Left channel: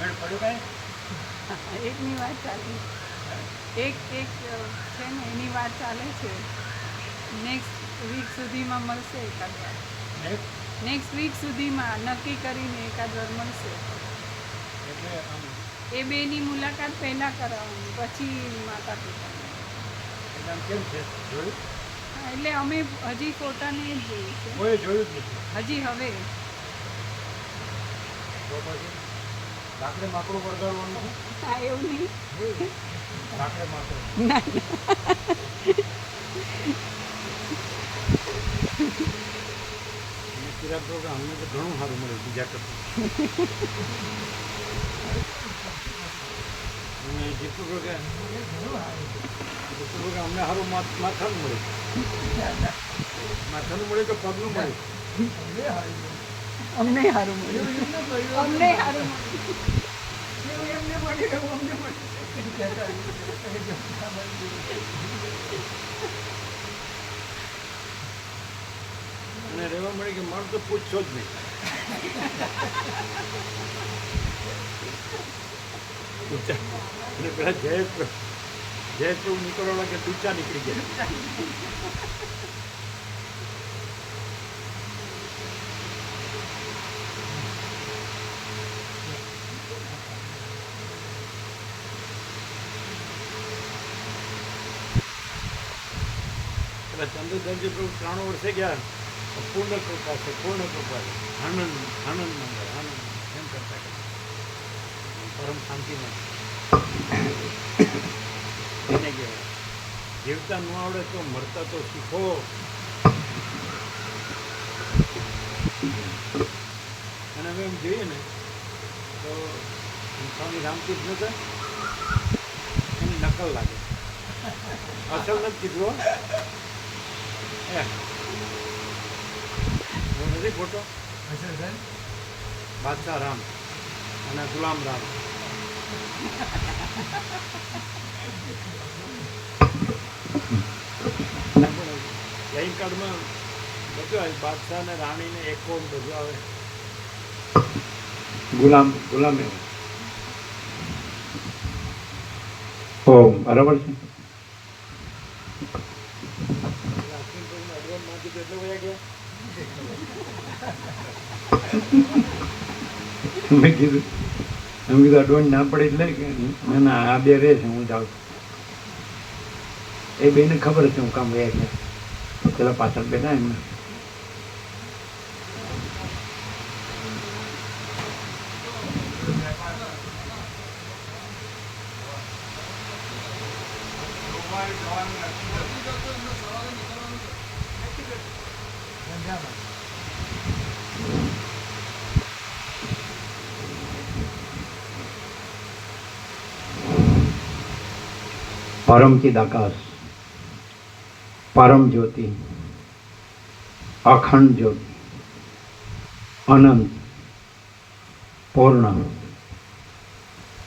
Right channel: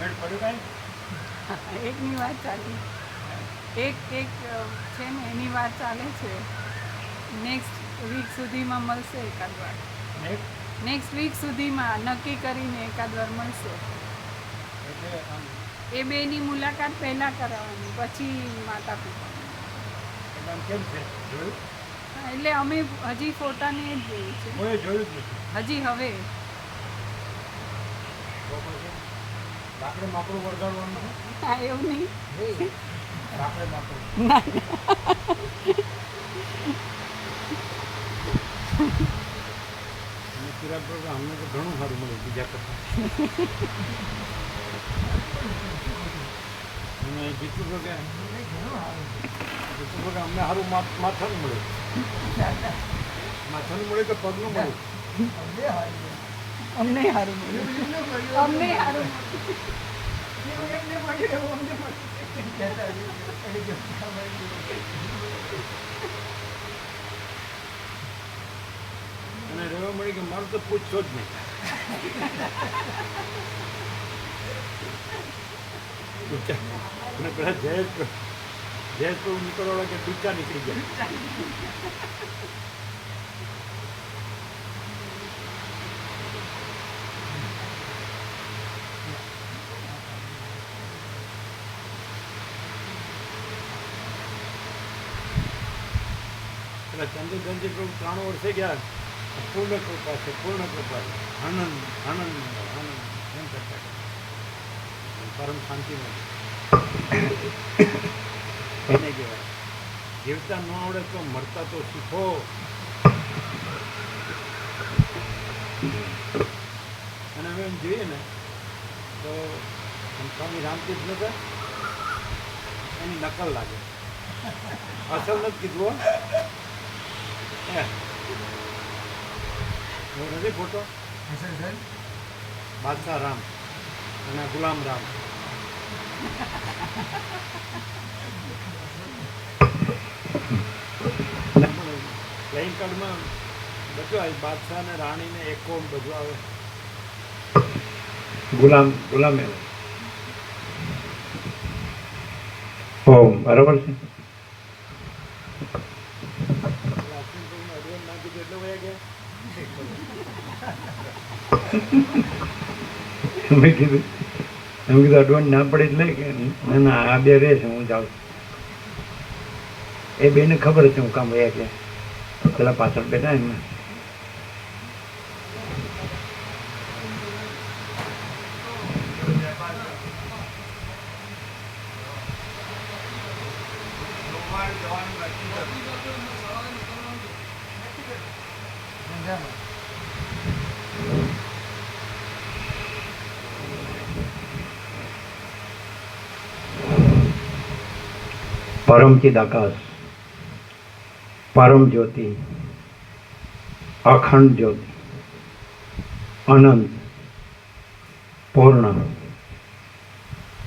મેળ પડ્યું કાંઈ? એકની વાત ચાલે, એક છે ને એની વાત ચાલે છે. નેક્સ્ટ વીક સુધીમાં મળશે એકાદ વાર. નેક્સ્ટ વીક સુધીમાં નક્કી કરીને એકાદ વાર મળશે. એટલે આમ એ બેની મુલાકાત પહેલાં કરાવવાની, પછી માતા પિતાને. એટલે આમ કેમ છે જોયું? હા, એટલે અમે હજી ફોટાને જ જોયું છે, કોઈ જોયું જ નથી. હજી હવે. તો પછી લાકડે માકડું વળગાડવાનું છે? હા, એવું નહીં. લાકડે માકડું અને કિરાક કરો કે અમને તો ઘણું સારું મળ્યું બીજા કરતાં. અને જેટલું કહો કે અમને સારું માથાનું મળ્યું. માથાનું મળ્યું કે પગનું મળ્યું? અમને સારું મળ્યું. અમને સારું અને રહેવા મળી કે મારું તો પૂછશો જ નહીં. અને પેલા જયેશ પ્રભુ નીકળવા કે ડૂચા નીકળી ગયા. પેલા ચંદ્રધનજી પ્રભુ 3 વર્ષે ગયા. પૂર્ણ કૃપા છે, પૂર્ણ કૃપા છે, આનંદ આનંદ મંગળ આનંદ એમ કરતા પરમ શાંતિમાં એને કહેવાય જીવતા ન આવડે તો મરતા તો શીખો. અને હવે એમ જોઈએ ને તો સ્વામી રામતીર્થ નતા એની નકલ લાગે, અસલ નથી કીધું. એવો નથી ફોટો? બાદશાહ રામ અને ગુલામ રામ. પ્લેઇંગ કાર્ડમાં બધું આવે, બાદશાહ ને રાણી ને એકો બધું આવે. ગુલામ ઓ બરાબર છે. અશ્વિન પ્રભુને એડવાન્સ ના કીધું એટલે વયા ગયા. મેં કીધું એડવાન્સ ના પડે એટલે કે ના ના આ બે રહે છે, હું જાઉં. એ બેને ખબર છે હું કામ વયા ગયા, પેલા પાછળ બેઠા એમને. परम चिदाकाश, परम ज्योति, अखंड ज्योति, अनंत, पूर्ण,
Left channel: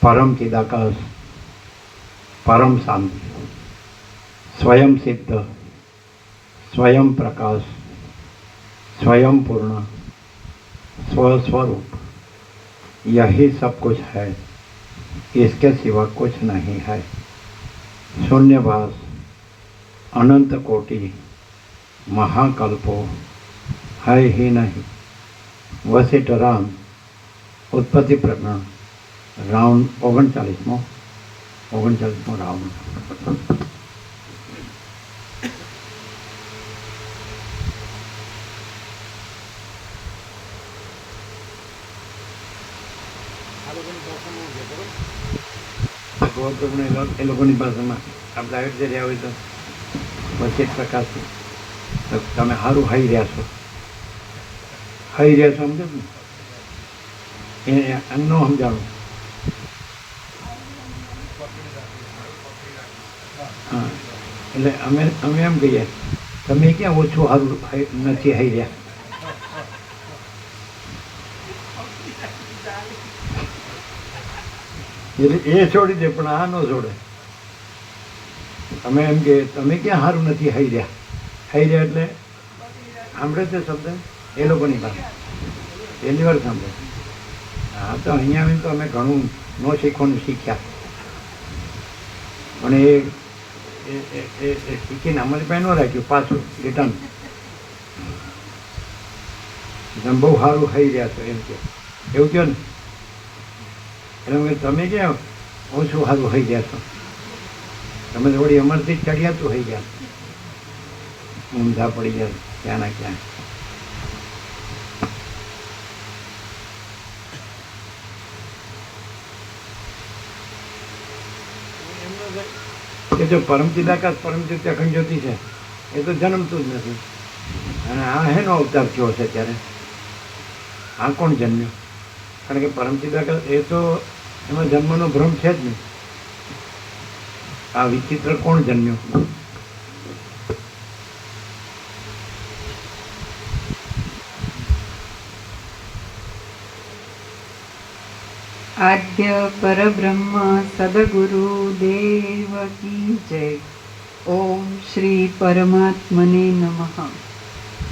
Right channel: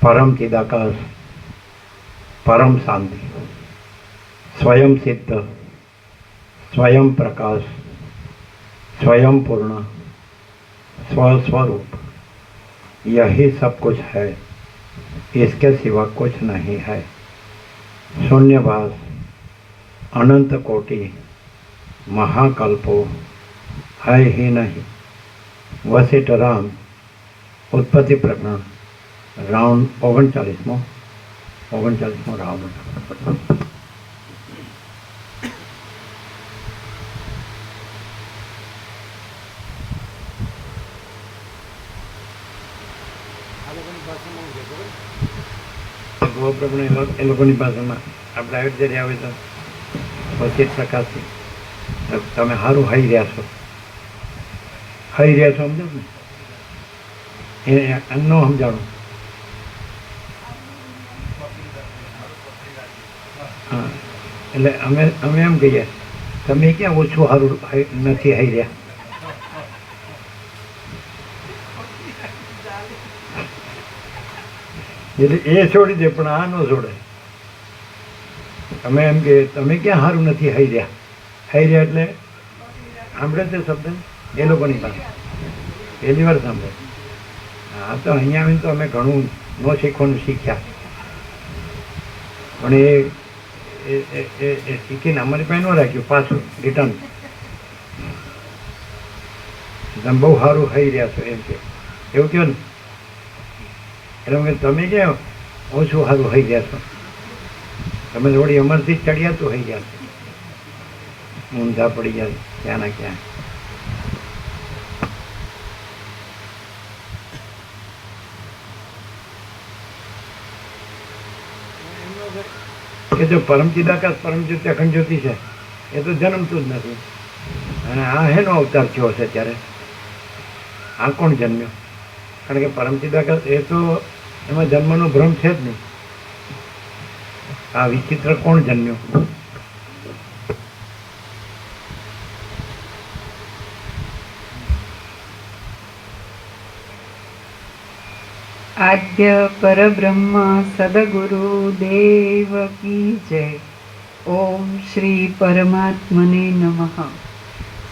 परम चिदाकाश, परम शांति, स्वयं सिद्ध, स्वयं प्रकाश, स्वयं पूर्ण, स्वस्वरूप, यही सब कुछ है, इसके सिवा कुछ नहीं है. शून्यवास, अनंत कोटि, महाकल्पो है ही नहीं. वशिष्ठ राम उत्पत्ति प्रकरण राउंड 39 राउंड. આ લોકોની ભાષામાં શું છે ખબર? ગૌપ્રભુને એ લોકોની ભાષામાં આ પ્રાઇવેટ જયારે આવે તો પછી પ્રકાશ તમે સારું હાઈ રહ્યા છો, સમજો ને એમ ન સમજાણું. હા, એટલે અમે એમ કહીએ તમે ક્યાં ઓછું સારું નથી હાઈ રહ્યા. એટલે એ છોડી દે પણ આ ન છોડે. તમે એમ કે તમે ક્યાં સારું નથી હાઈ રહ્યા એટલે સાંભળે છે શબ્દ એ લોકોની પાસે પહેલી વાર સાંભળે. હા હા તો અહીંયા આવીને તો અમે ઘણું ન શીખવાનું શીખ્યા, પણ એ શીખીને અમારી પાસે ન રાખ્યું, પાછું રિટર્ન. તમે બહુ સારું ખાઈ રહ્યા છો એમ કે, એવું કહો ને. એટલે કે તમે ક્યાં ઓછું સારું ખાઈ ગયા છો, તમે થોડી અમરથી ચડિયા તો થઈ ગયા છો, ઊંધા પડી ગયા ક્યાં ના ક્યાં. એમનો છે કે જો પરમચિદાકાશ પરમજ્યોતિ અખંડ જ્યોતિ છે એ તો જન્મતું જ નથી, અને આ હેનો અવતાર થયો છે ત્યારે આ કોણ જન્મ્યો? કારણ કે પરમચિદાકાશ એ તો એમાં જન્મનો ભ્રમ છે જ નહીં. આ વિચિત્ર કોણ જન્મ્યો? આદ્ય પરબ્રહ્મ સદગુરુ દેવ કી જય. ઓમ શ્રી પરમાત્મને નમઃ.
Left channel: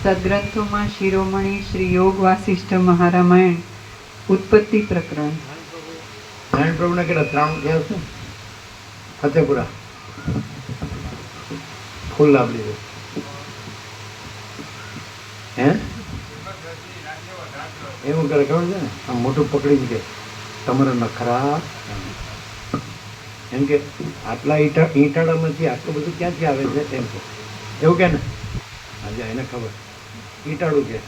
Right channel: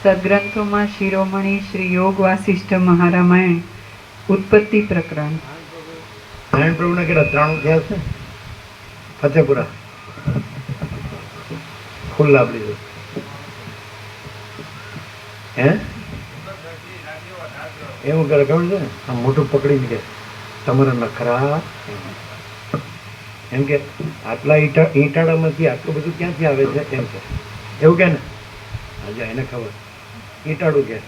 સદગ્રંથોમાં શિરોમણી શ્રી યોગ વાસિષ્ઠ મહારામાયણ ઉત્પત્તિ પ્રકરણ. નારાયણ પ્રભુના કેટલા 93 થયા છે? ફતેપુરા ફૂલ લાભડી છે હે એવું કરે ખબર છે? આમ મોટું પકડીને કે તમારા નખરા, એમ કે આટલા ઈટાળામાંથી આટલું બધું ક્યાંથી આવે છે એમ કે, એવું કે ને. આજે એને ખબર ઈટાળું કે,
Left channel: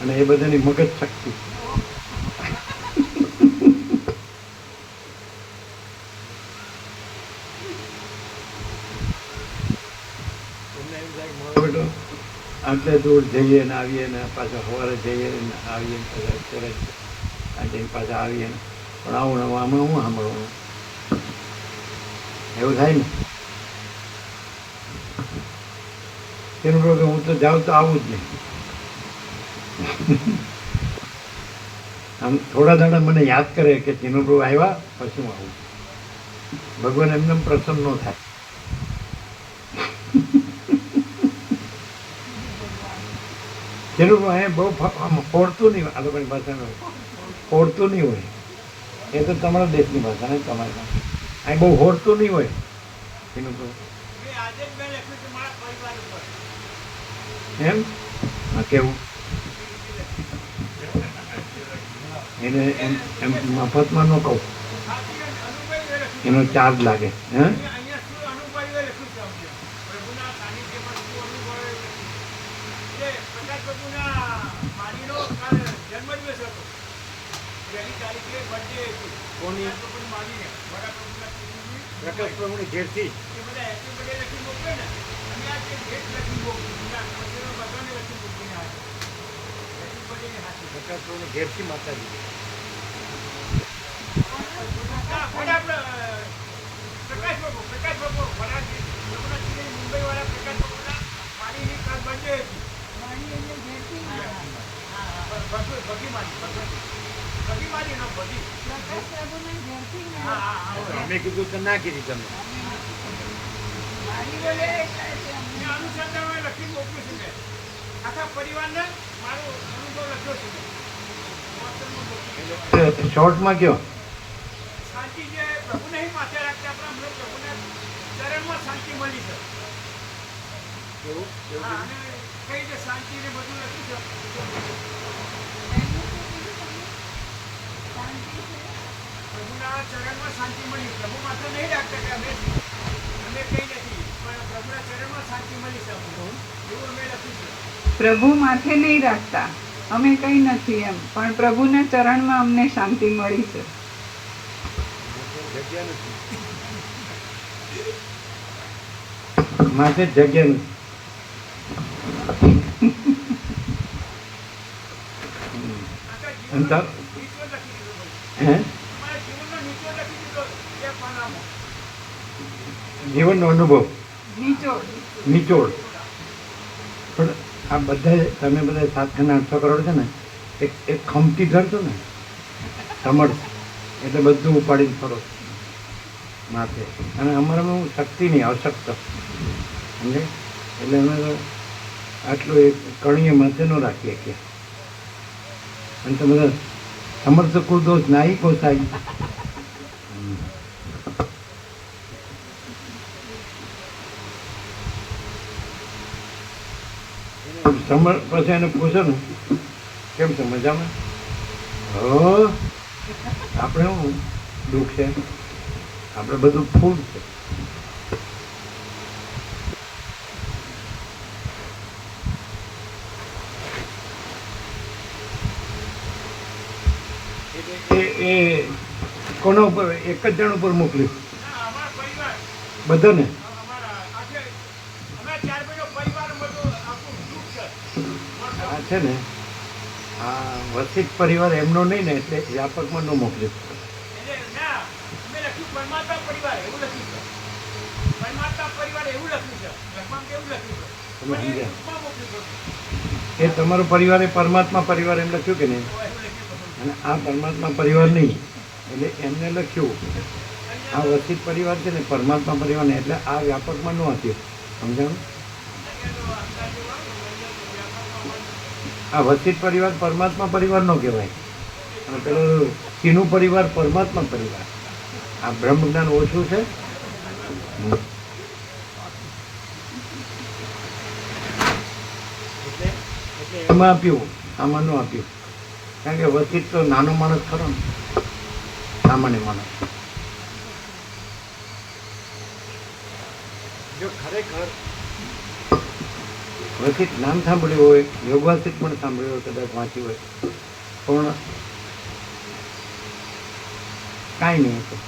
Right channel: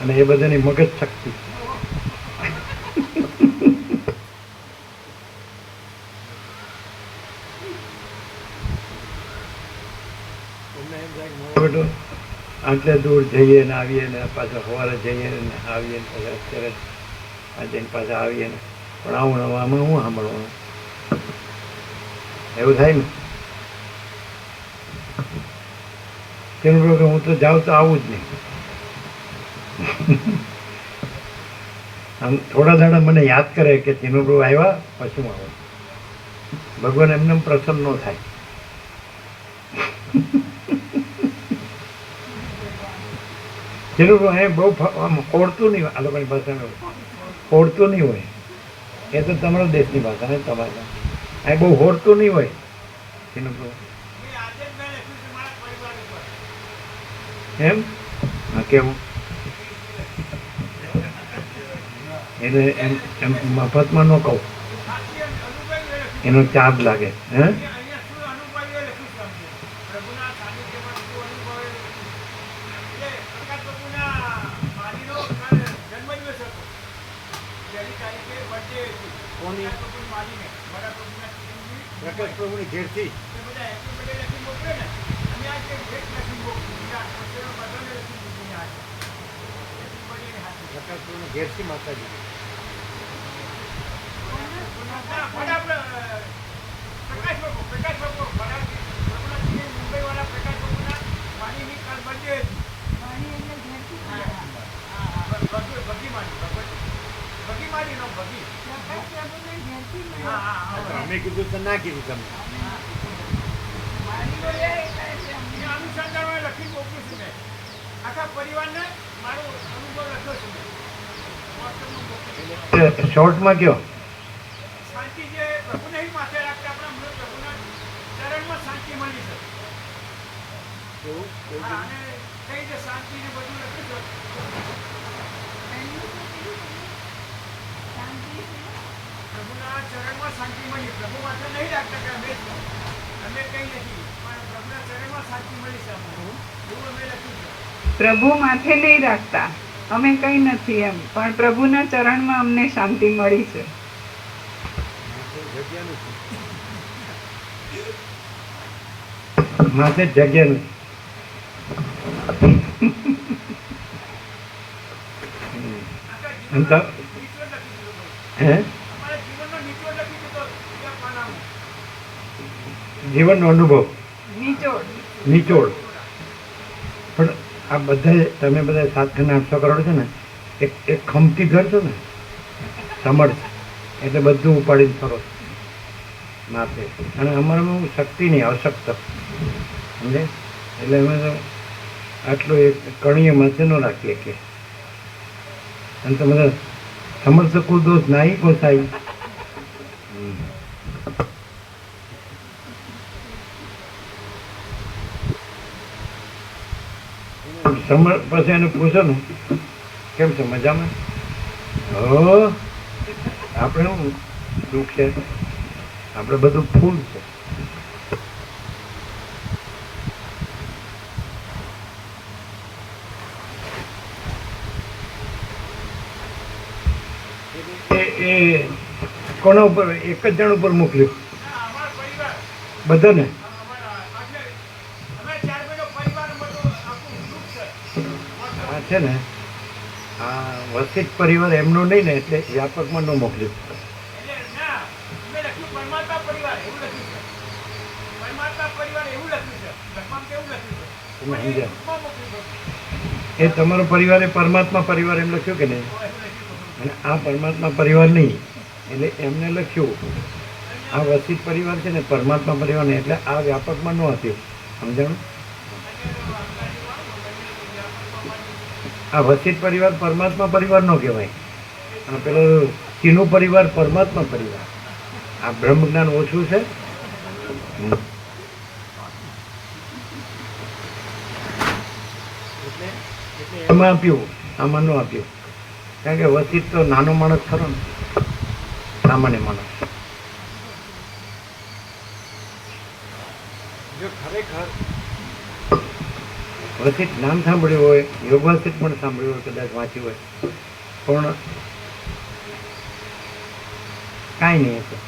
અને એ બધાની મગજ શક્તિ. તમને એમ થાય કે મારો બેટો આટલે દૂર જઈએ ને આવીએ ને પાછા સવારે જઈએ ને આવીએ ને પાછા અત્યારે આ જઈને પાછા આવીએ ને, પણ આવું આમાં હું સાંભળવાનું એવું થાય ને. તેનું પ્રભુ હું તો જાઉં તો આવું જ નહીં. આમ થોડા દાડા મને યાદ કરે કે તેનું પ્રભુ આવ્યા પછી હું આવું. ભગવાન એમને પ્રસન્ન ન થાય. તેનું એ બહુ આમ કોડતું નહીં, આ લોકોની ભાષામાં કોડતું નહીં હોય. એ તો તમારા દેશની ભાષા નહીં, તમારા અહીં બહુ હોડતું નહીં હોય તેનું એમ. કેવું એટલે એમ એમ મફતમાં ન કહું, એનો ચાર્જ લાગે. હે કોની પ્રકાશ પ્રભુની ઘેરથી પ્રકાશ પ્રભુની ઘેરથી માતાજી અમે કીધું તો ના કીધી તમે. શોર્ટમાં કયો એવું એવું પ્રભુ માથે નહીં રાખતા, અમે કંઈ નથી એમ, પણ પ્રભુના ચરણમાં અમને શાંતિ મળી છે. જગ્યા નથી. માથે જગ્યા નથી. એમ તો હે જીવનનો અનુભવ નિચોડ. પણ આ બધા તમે બધા 7-800 કરોડ છે ને, એક ખમતી ધરશો ને સમર્થ, એટલે બધું ઉપાડીને ફરો માથે. અને અમારામાં શક્તિ નહીં, અશક્ત સમજે. એટલે અમે આટલું એક કણીએ માથે ન રાખીએ કે અને તમે સમર્થ કુદોસ નાઈ કોસાઈ. પછી એને પૂછો ને કેમ છો મજામાં? આપણે શું દુઃખ છે? આપણે બધું ફૂલ છે. એ કોના ઉપર? એક જ જણ ઉપર મોકલ્યું બધાને? આ છે ને આ વસિત પરિવાર એમનો નહીં ને એટલે વ્યાપકમાં ન મોકલ્યું. તમે સમજ્યા? એ તમારો પરિવાર એ પરમાત્મા પરિવાર એમ લખ્યું કે નહીં? અને આ પરમાત્મા પરિવાર નહીં એટલે એમને લખ્યું આ વસિત પરિવાર છે ને પરમાત્મા પરિવાર ને એટલે આ વ્યાપકમાં ન હતું. સમજાણું? આ વસિત પરિવાર પરમાત્મા પરિવાર નો કહેવાય અને પેલો તીનો પરિવાર પરમાત્મા પરિવાર. આ બ્રહ્મ જ્ઞાન ઓછું છે. એમાં આપ્યું, આમાં ન આપ્યું. કારણ કે વસિત તો નાનો માણસ ખરો ને, સામાન્ય માણસ. જો ખરેખર વસિત નામ સાંભળ્યું હોય, યોગવાસિત પણ સાંભળ્યું હોય, કદાચ વાંચ્યું હોય, પણ કાંઈ નહીં હતું.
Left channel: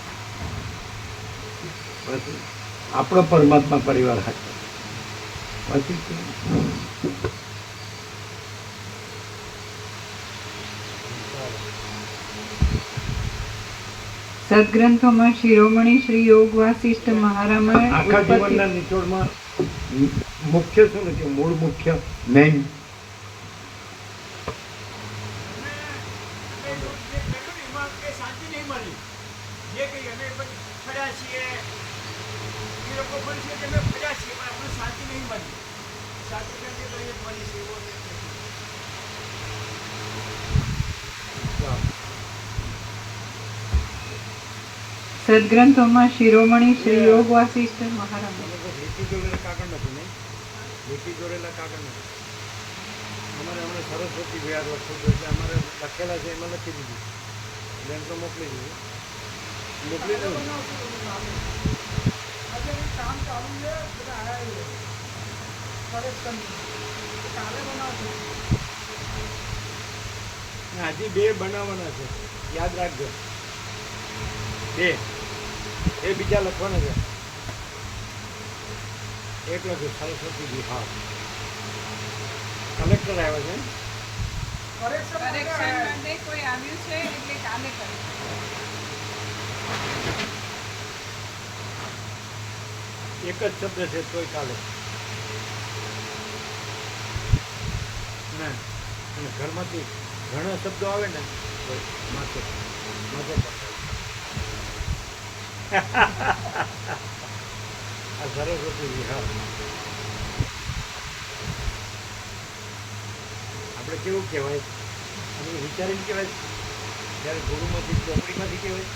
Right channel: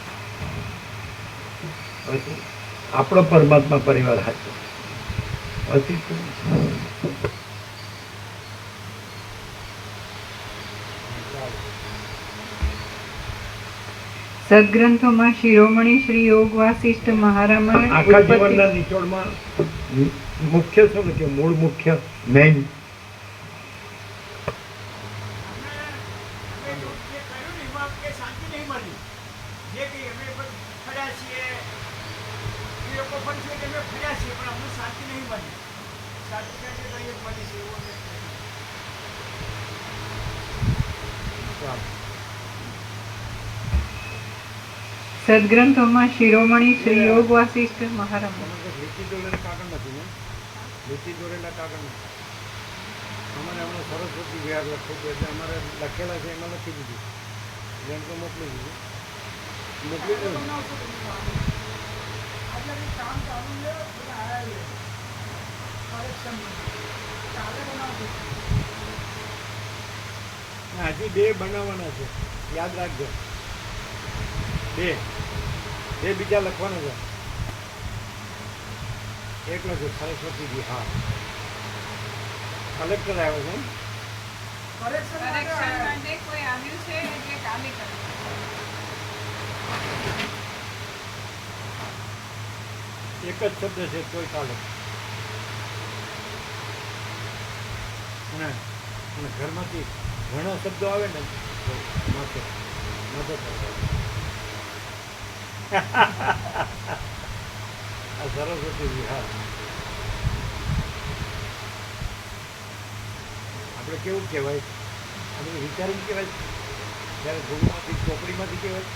પછી આપણો પરમાત્મા પરિવાર હતો વસિત. સદગ્રંથોમાં શિરોમણી શ્રી યોગ વાસિષ્ઠ મહારામાયણ આખા જીવનના નિચોડમાં મુખ્ય શું લખ્યું? મૂળ મુખ્ય મેઇન સદગ્રંથોમાં શિરોમણી શ્રી યોગ વાસિષ્ઠ મહારામાયણ. લીટી દોરેલા કાગળ નથી ને? લીટી દોરેલા કાગળ નથી. અમારે હમણાં સરસ્વતી વ્યાજ લખવું એટલે અમારે લખેલા છે એમાં લખી દીધું એટલે એમ તો મોકલી દીધું. હજી 2 બનાવવાના છે, યાદ રાખજો. 2 બીજા લખવાના છે. એક લખ્યું સરસ્વતી વિહાર. કલેક્ટર આવ્યો છે. કરેક્શન માટે કોઈ આવ્યું છે એટલે કાલે કરીશું. એક જ શબ્દ છે તોય કાલે. અને ઘરમાંથી ઘણા શબ્દો આવે ને તો માથો આ સરસ્વતી વિહાર. આપણે કેવું કહેવાય? આપણે વિચારીને કહેવાય જ્યારે ગુરુમાંથી ચોપડીમાંથી કહેવાય.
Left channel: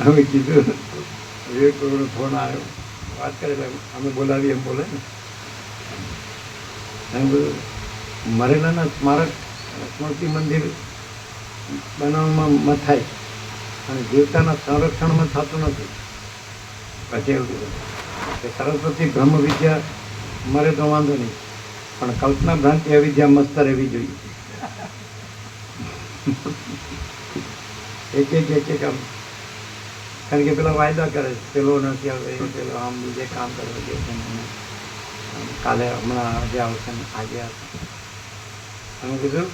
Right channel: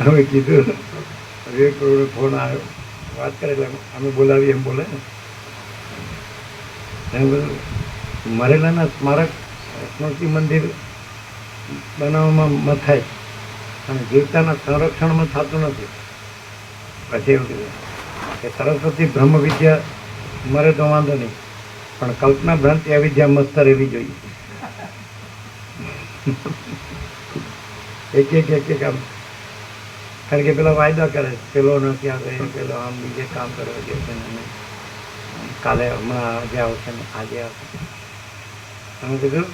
હવે કીધું વિવેક પ્રભુનો ફોન આવ્યો, વાત કરે એટલે અમે બોલાવીએ એમ બોલે ને. અને બધું મરેલાના સ્મારક સ્મૃતિ મંદિર બનાવવામાં મથાય અને જીવતાના સંરક્ષણમાં થતું નથી. પછી એવું કે સરસ્વતી બ્રહ્મ વિદ્યા મરે તો વાંધો નહીં, પણ કલ્પના ભ્રાંતિ અવિદ્યા મસ્ત રહેવી જોઈએ. એક આમ, કારણ કે પેલા વાયદા કરે પેલો નથી આવે, પેલો આમ બીજે કામ કરવા ગયો છે ને કાલે હમણાં આજે આવશે ને આજે આવશે. તમે કીધું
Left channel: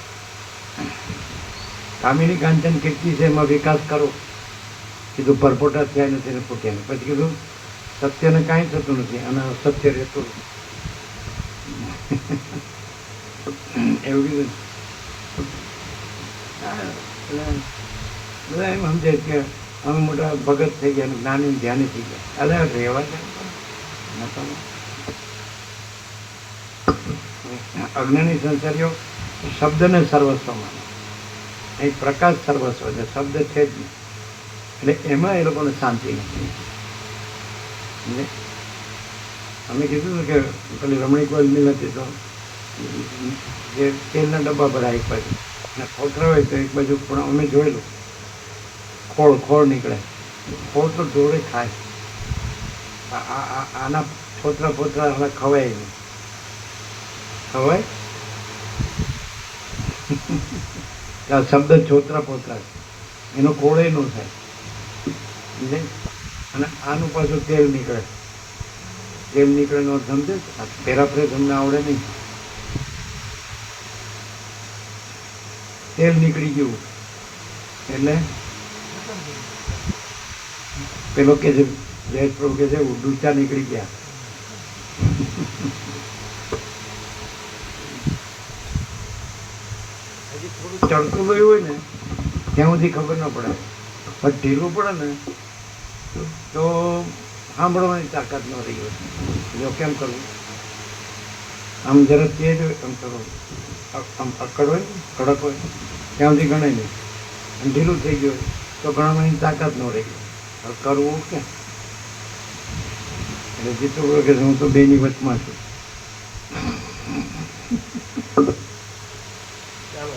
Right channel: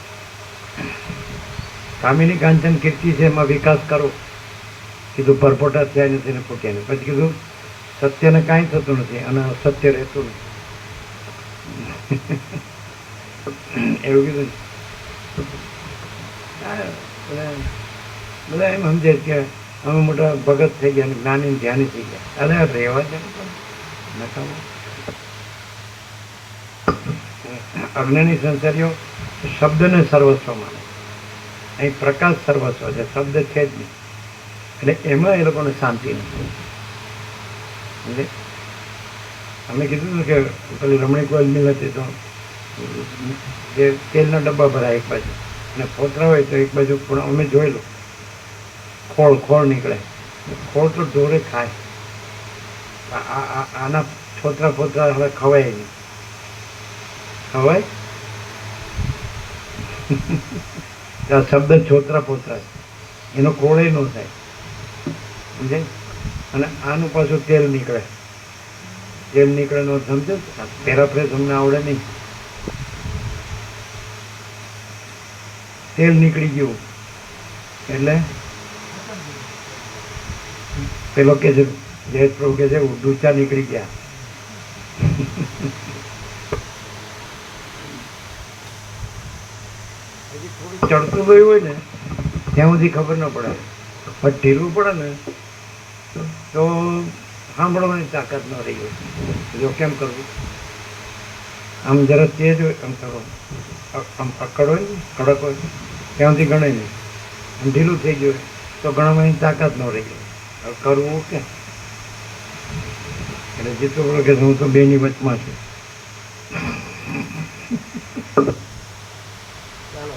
કામિની કાંચન કીર્તિ છે એમાં વિકાસ કરો. કીધું પરપોટા થયા નથી ને ફૂટ્યા નથી. પછી કીધું સત્યને કાંઈ થતું નથી અને અસત્ય રહેતું નથી. એવું કીધું. બધા એમ સમજે કે અમે મોટા ભગત થઈ ગયા અને જ્ઞાની ધ્યાની થઈ ગયા. અરે રહેવા દે. અજ્ઞાની સંસારીઓ શબ્દને સર્વસ્વ માને. અહીં પ્રકાશ સર્વસ્વ છે, શબ્દ છે જ નહીં. એટલે એમાં એ લોકોને શાંતિ નથી. એટલે અમે કીધું ને કે પેલી રમણીક મિલ હતી તો જે તેલના ડબ્બા ભરાય એક બાજુ અને ફોતરા હોય તો એક બાજુ, પણ અમે જોયેલું ખોળ નીકળે. ખોળ તો ઢોરે ખાય. આના ફોતરા હવે ખવાય નહીં. ખવાય આ શબ્દ છોતરા એનો ખોળે ન થાય, સમજે. અને આનું પાછું તેલ નીકળે નો સમજે. પેરાફ્રેઝ અમને આવડે નહીં. તેલ નીકળી ગયું એટલે પેલો કે છે જય પ્રભુ કે છે ડૂચા નીકળી ગયા. હજી થોડુંક ચડતું ગયું હોય ને ત્યાં સુધી ખબર ન પડે, પણ ઢીલું પડે ને તો સાંભળવાની તાકાત ન રહી હોય. જો કેમ કરવું, આમ જરા તેજ હોય આમ કરવું, આમ અકડ હોય ને કડક હોય ત્યાં સુધી ગણાય નહીં. ઢીલું થઈ ગયું હોય તો ગણવાની તાકાત ન રહી હોય. હવે કરવું ક્યાં? એટલે જીતું કે હું તો બેની વચમાં છું. ચાલો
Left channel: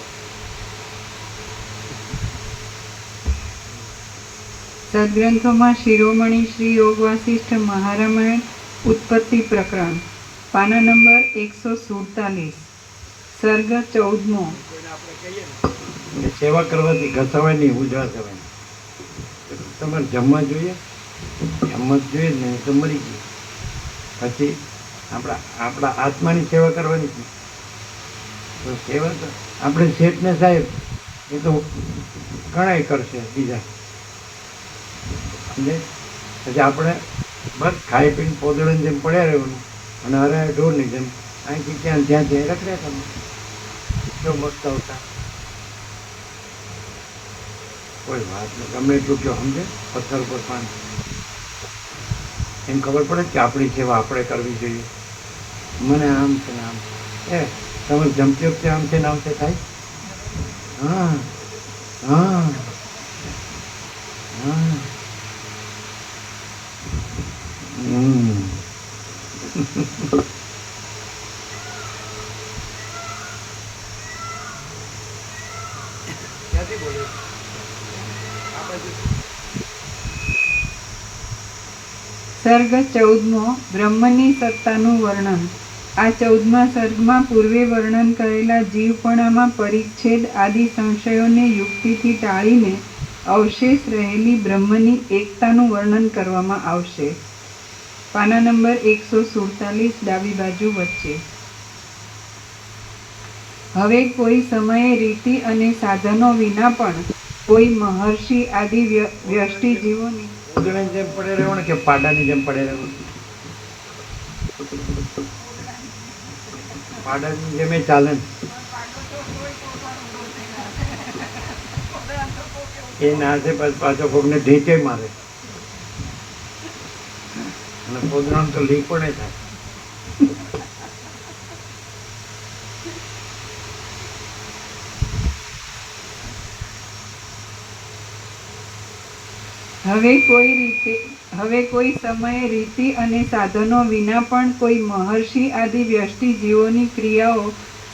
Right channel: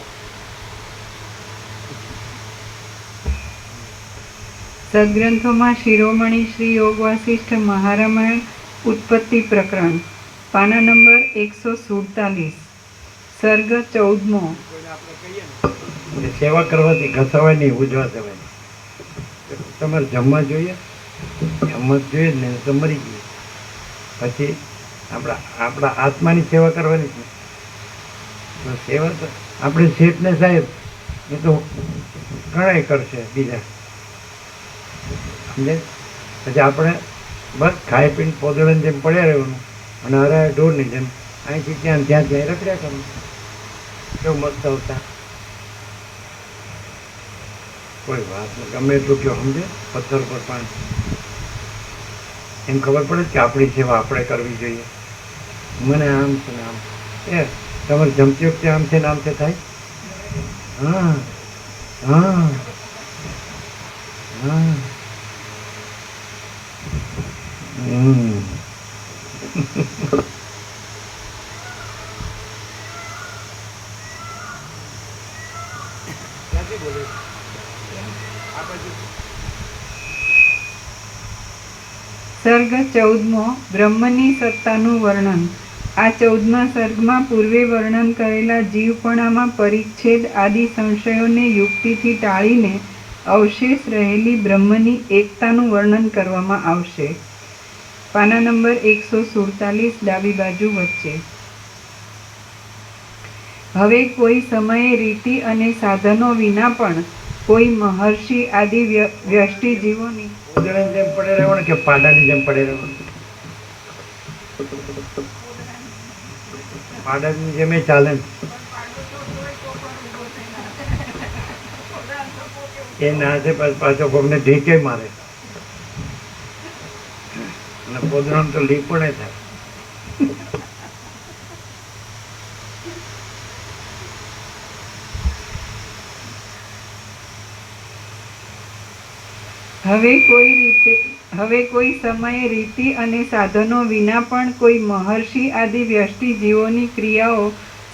સદગ્રંથોમાં શિરોમણી શ્રી યોગ વાસિષ્ઠ મહારામાયણ ઉત્પત્તિ પ્રકરણ પાના નંબર 147 સર્ગ 14મો. કોઈને આપણે કહીએ ને એ સેવા કરવાથી ઘસાવાય નહીં, ઉજવા દેવાય. તમારે જમવા જોઈએ જ ને, તો મરી ગયું. પછી આપણા આત્માની સેવા કરવાની જ નહીં. તો સેવા તો આપણે શેઠને સાહેબ એ તો ઘણાય કરશે બીજા, સમજે. પછી આપણે બસ ખાઈ પીને પોદળાની જેમ પડ્યા રહેવાનું અને અરે ઢોરની જેમ અહીંથી ત્યાં રખડ્યા કરવાનું. કેવું મસ્ત આવતા કોઈ વાત નહીં. ગમે એટલું કયો સમજે, પથ્થર પર પાણી. એમ ખબર પડે કે આપણી સેવા આપણે કરવી જોઈએ. મને આમ છે ને આમ એ તમારે જમતી વખતે આમ છે ને આમ છે થાય. હા હા હા ક્યાંથી બોલે આ બાજુ? સર્ગ 14મો બ્રહ્મની સત્તાનું વર્ણન. આ 14મા સર્ગમાં પૂર્વે વર્ણન કરેલા જીવપણામાં પરિચ્છેદ આદિ સંશયોને યુક્તિથી ટાળીને અવશેષ રહેલી બ્રહ્મની એકતાનું વર્ણન કરવામાં આવશે. પાના નંબર 147 ડાબી બાજુ વચ્ચે. હવે કોઈ સમયે રીતિ અને સાધનો વિના પણ કોઈ મહર્ષિ આદિ વ્યષ્ટિ જીવોની પોદળાની જેમ પડે રહેવાનું કે પાડાની જેમ પડે રહેવાનું? પાડાની જેમ એ ચાલે ને. એ ના છે પાછો કોકને ઢીકે મારે અને પોદળામાં તો લીક પણ થાય. હવે કોઈ સમયે રીતિ અને સાધનો વિના પણ કોઈ મહર્ષિ આદિ વ્યષ્ટિ જીવોની ક્રિયાઓ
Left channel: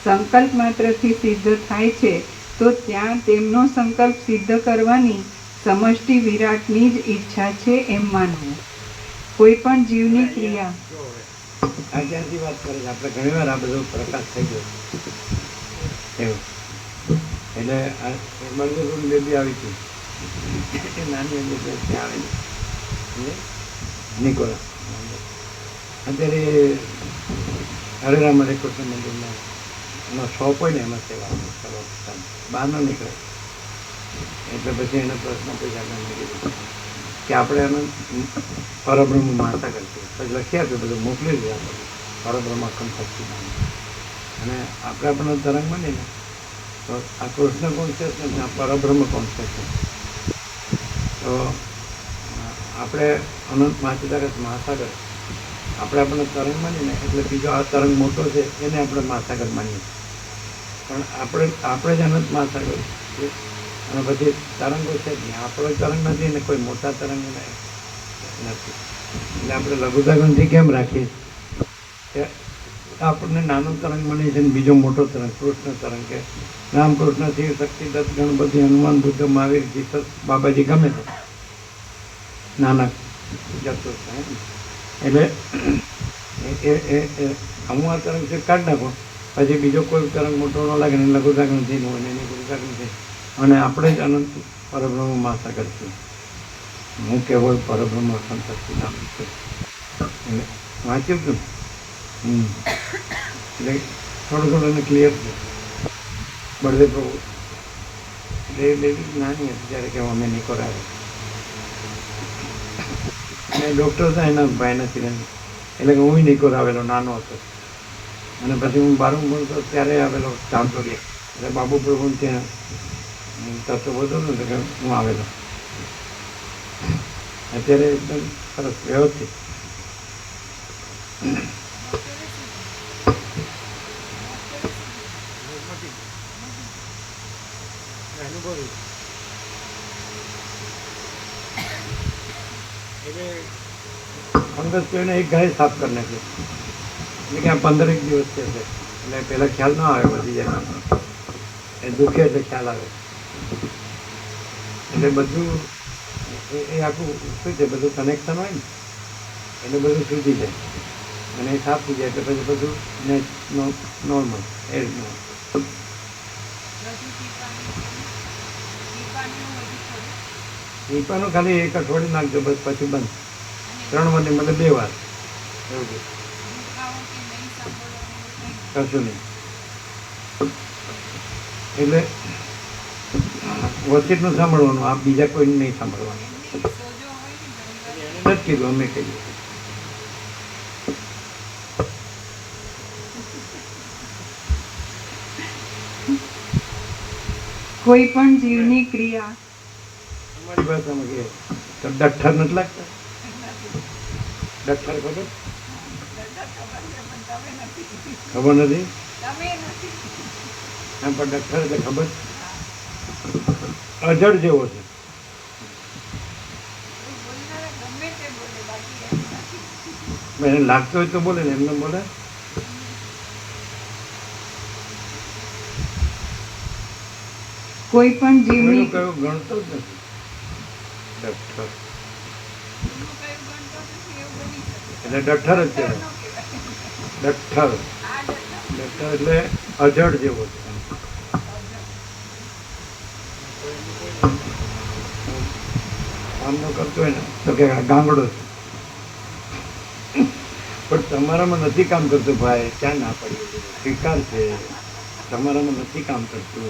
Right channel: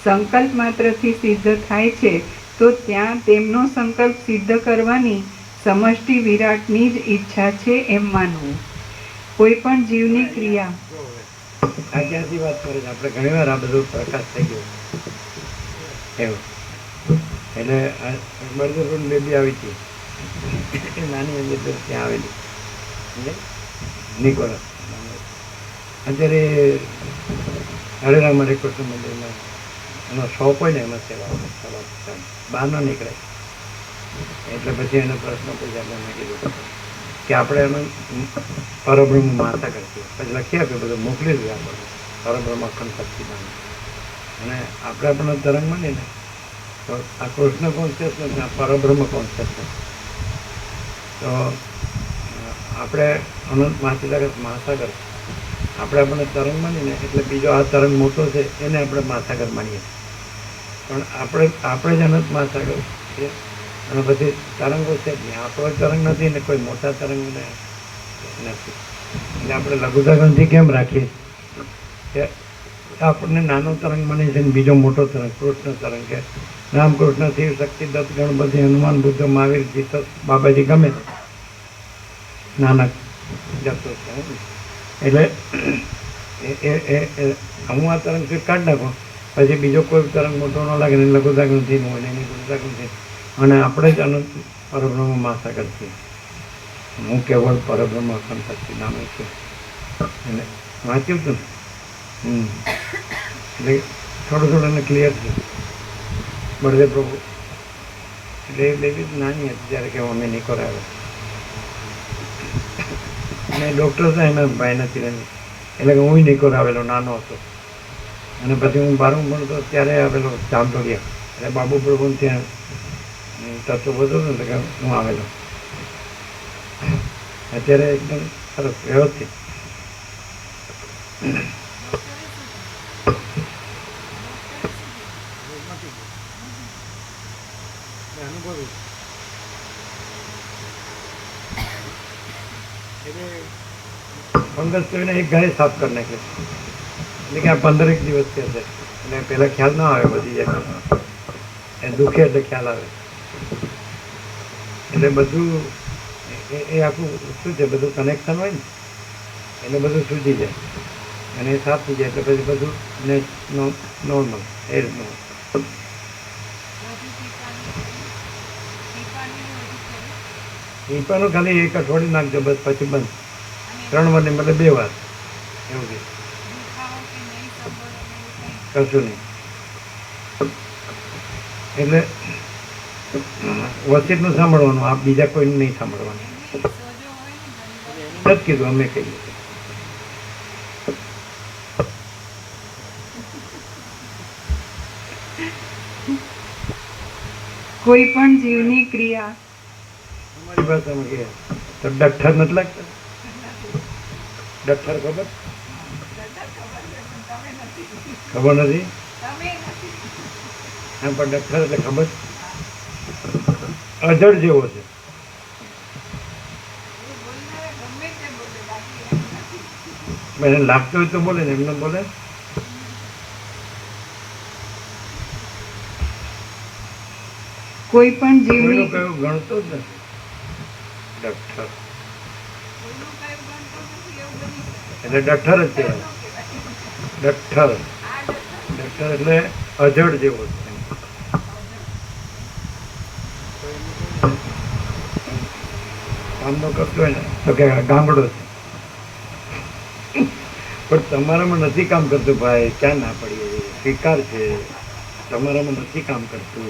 સંકલ્પ માત્રથી સિદ્ધ થાય છે, તો ત્યાં તેમનો સંકલ્પ સિદ્ધ કરવાની સમષ્ટિ વિરાટની જ ઈચ્છા છે એમ માનવું. કોઈ પણ જીવની ક્રિયા જો હવે આ ક્યાંથી વાત કરે છે? આપણે ઘણી વાર આ બધું પ્રકાશ થઈ ગયો એવું. એટલે મળતું બેબી આવી હતી એ નાની અંદર ત્યાં આવેલી એટલે નિકોલસ. અત્યારે હરેરામ હરે કૃષ્ણ મંદિરમાં એનો શોપ હોય ને એમાં સેવા બહાર ન નીકળે. એટલે પછી એને પ્રશ્ન પૂછ્યા, મેં કીધું કે આપણે એનું પરબ્રહ્મ માતા કરતી પછી લખી આપ્યું, બધું મોકલી દીધું પરબ્રહ્મ અખંડ સચ્ચિદાનંદ. અને આપણે આપણને તરંગ મળીએ ને તો આ કૃષ્ણ કોન્શિયસનેસ, આ પરબ્રહ્મ કોન્શિયસનેસ. તો આપણે અનંત મહાસાગર આપણે આપણને તરંગ માનીએ ને એટલે બીજો આ તરંગ મોટો છે એને આપણે મહાસાગર માનીએ પણ આપણે જ અનંત મહાસાગર છે અને પછી તરંગો છે જ નહીં. આપણો તરંગ નથી ને કોઈ મોટા તરંગ નથી. એટલે આપણે લઘુતા ગ્રંથિ કેમ રાખીએ કે આપણને નાનો તરંગ બની છે ને બીજો મોટો તરંગ કૃષ્ણ તરંગ કે રામકૃષ્ણ શિવ શક્તિ દત્ત ગણપતિ હનુમાન બુદ્ધ મહાવીર જીસસ બાબાજી ગમે તે નાનક જતો છે એટલે હું આ તરંગ છે કાઢી નાખું પછી બીજો કોઈ તરંગ મોટો ન લાગે ને લઘુતા ગ્રંથિનું હોય ને એની લઘુતા ગ્રંથિ અને આપણે જ અનંત પરબ્રહ્મ મહાસાગર છીએ. હું કેવળ પરબ્રહ્મ સંપત્તિ નામે છું એટલે વાંચ્યું હતું ને એટલે થોડું એને ક્લિયર છે. બળદેવ પ્રભુ એટલે એ બેબી નાની હતી જ્યારે કે અમે નહીં કરાવે અને ડૉક્ટર હતા એના ભાઈ નથી એટલે કે હું નહીં કરાવેલો નાનો હતો અને પછી હું 12મું ભણતો ત્યારે આવેલો જામતોડિયા એટલે બાબુ પ્રભુ ત્યાં તત્વ બધું ને એટલે કે હું આવેલો. અત્યારે એકદમ સરસ વ્યવસ્થિત અનુભવી એટલે ફંગસ તો એને એક ગાય સાફ કરી નાખે એટલે કે આ 15 દિવસથી હશે એટલે પહેલાં ખ્યાલ ન આવે બધી જાય એ દુખે એટલે ખ્યાલ આવે એટલે બધું એ આખું શું છે બધું કનેક્શન હોય ને એટલે બધું સૂજી જાય અને એ સાફ થઈ જાય એટલે પછી બધું નોર્મલ એ રીતનું. ટીપાનું ખાલી એક અઠવાડિયું નાખજો બસ પછી બંધ 3 વાર મતલબ 2 વાર એવું કે કશું નહીં. એટલે વસીતનું સાંભળવાનું આ બીજા કોઈને નહીં સાંભળવાનું. એને નથી કીધું અમે કહીએ. કોઈ પણ જીવની ક્રિયા અમારી ભાષામાં કહે તો ડઠ્ઠર નથી લાગતા. ડઠ્ઠર ખબર નથી હા પણ ડઠ્ઠર એટલે ખબર અજડ જેવો છે. એને લાગતું હોય તો બોલે ને એમને બોલે. કોઈ પણ જીવની કયો ગણતો જ નથી. ડઠ્ઠર એટલે ડઠ્ઠર જ કહેવાય. ડઠ્ઠર એટલે અજડ જેવો છે. કામ ન કરતો હોય ને તો કે ગામડો છે પણ તમારામાં નથી કામ કરતું ભાઈ ક્યાં ના પડીએ સ્વીકાર છે તમારામાં નથી કામ કરતું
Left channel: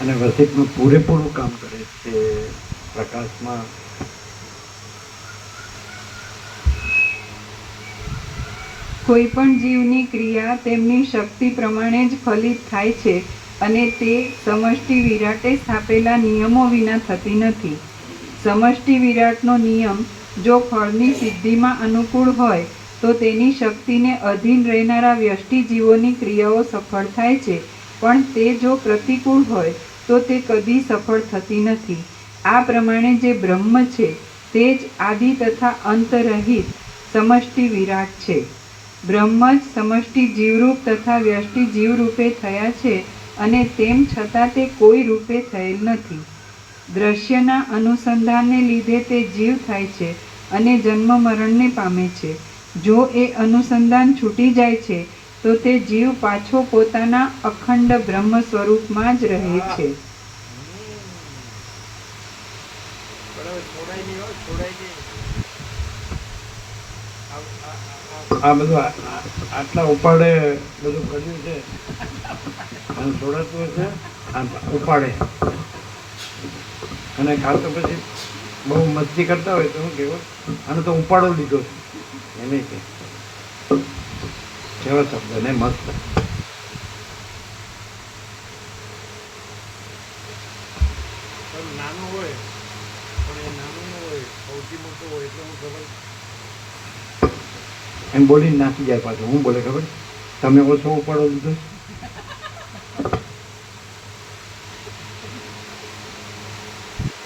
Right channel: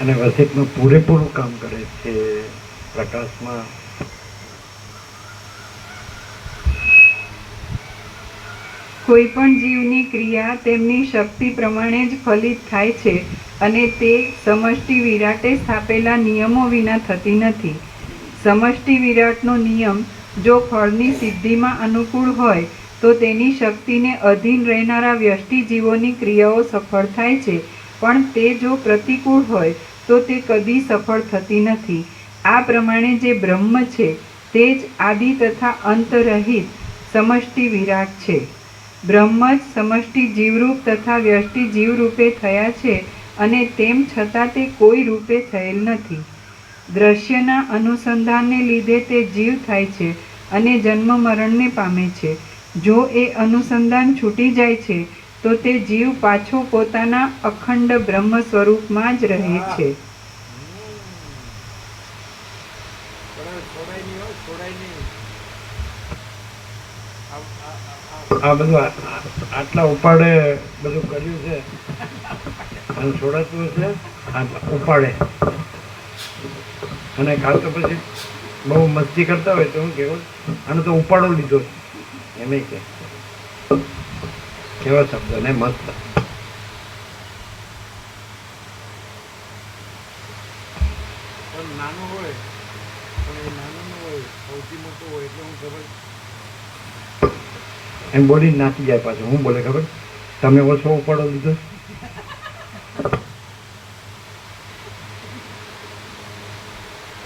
અને વસિતમાં પૂરેપૂરું કામ કરે છે પ્રકાશમાં. કોઈ પણ જીવની ક્રિયા તેમની શક્તિ પ્રમાણે જ ફલિત થાય છે અને તે સમષ્ટિ વિરાટે સ્થાપેલા નિયમો વિના થતી નથી. સમષ્ટિ વિરાટનો નિયમ જો ફળની સિદ્ધિમાં અનુકૂળ હોય તો તેની શક્તિને અધીન રહેનારા વ્યષ્ટિ જીવોની ક્રિયાઓ સફળ થાય છે પણ તે જો પ્રતિકૂળ હોય તો તે કદી સફળ થતી નથી. આ પ્રમાણે જે બ્રહ્મ છે તે જ આદિ તથા અંતરહિત સમષ્ટિ વિરાટ છે. બ્રહ્મ જ સમષ્ટિ જીવરૂપ તથા વ્યષ્ટિ જીવરૂપે થયા છે અને તેમ છતાં તે કોઈ રૂપે થયેલ નથી. દ્રશ્યના અનુસંધાનને લીધે તે જીવ થાય છે અને જન્મ મરણને પામે છે. જો એ અનુસંધાન છૂટી જાય છે તો તે જીવ પાછો પોતાના અખંડ બ્રહ્મ સ્વરૂપમાં જ રહે છે. આ બધું આટલા ઉપાડે બધું કર્યું છે અને છોડાતું હશે ઉપાડે અને કાલ તો પછી બહુ મસ્તી કરતા હોય તો હું કહેવાય આનો તો ઉપાડો લીધો છે એમ કે કેવા શબ્દ ને મસ્ત. પણ નાનો હોય પણ એ નાનો ન હોય સૌથી મોટો હોય એટલે હું ખબર એમ બોલીને નાચી જાય પાછું. હું બોલે ખબર, તમે ઓછો ઉપાડો દીધો.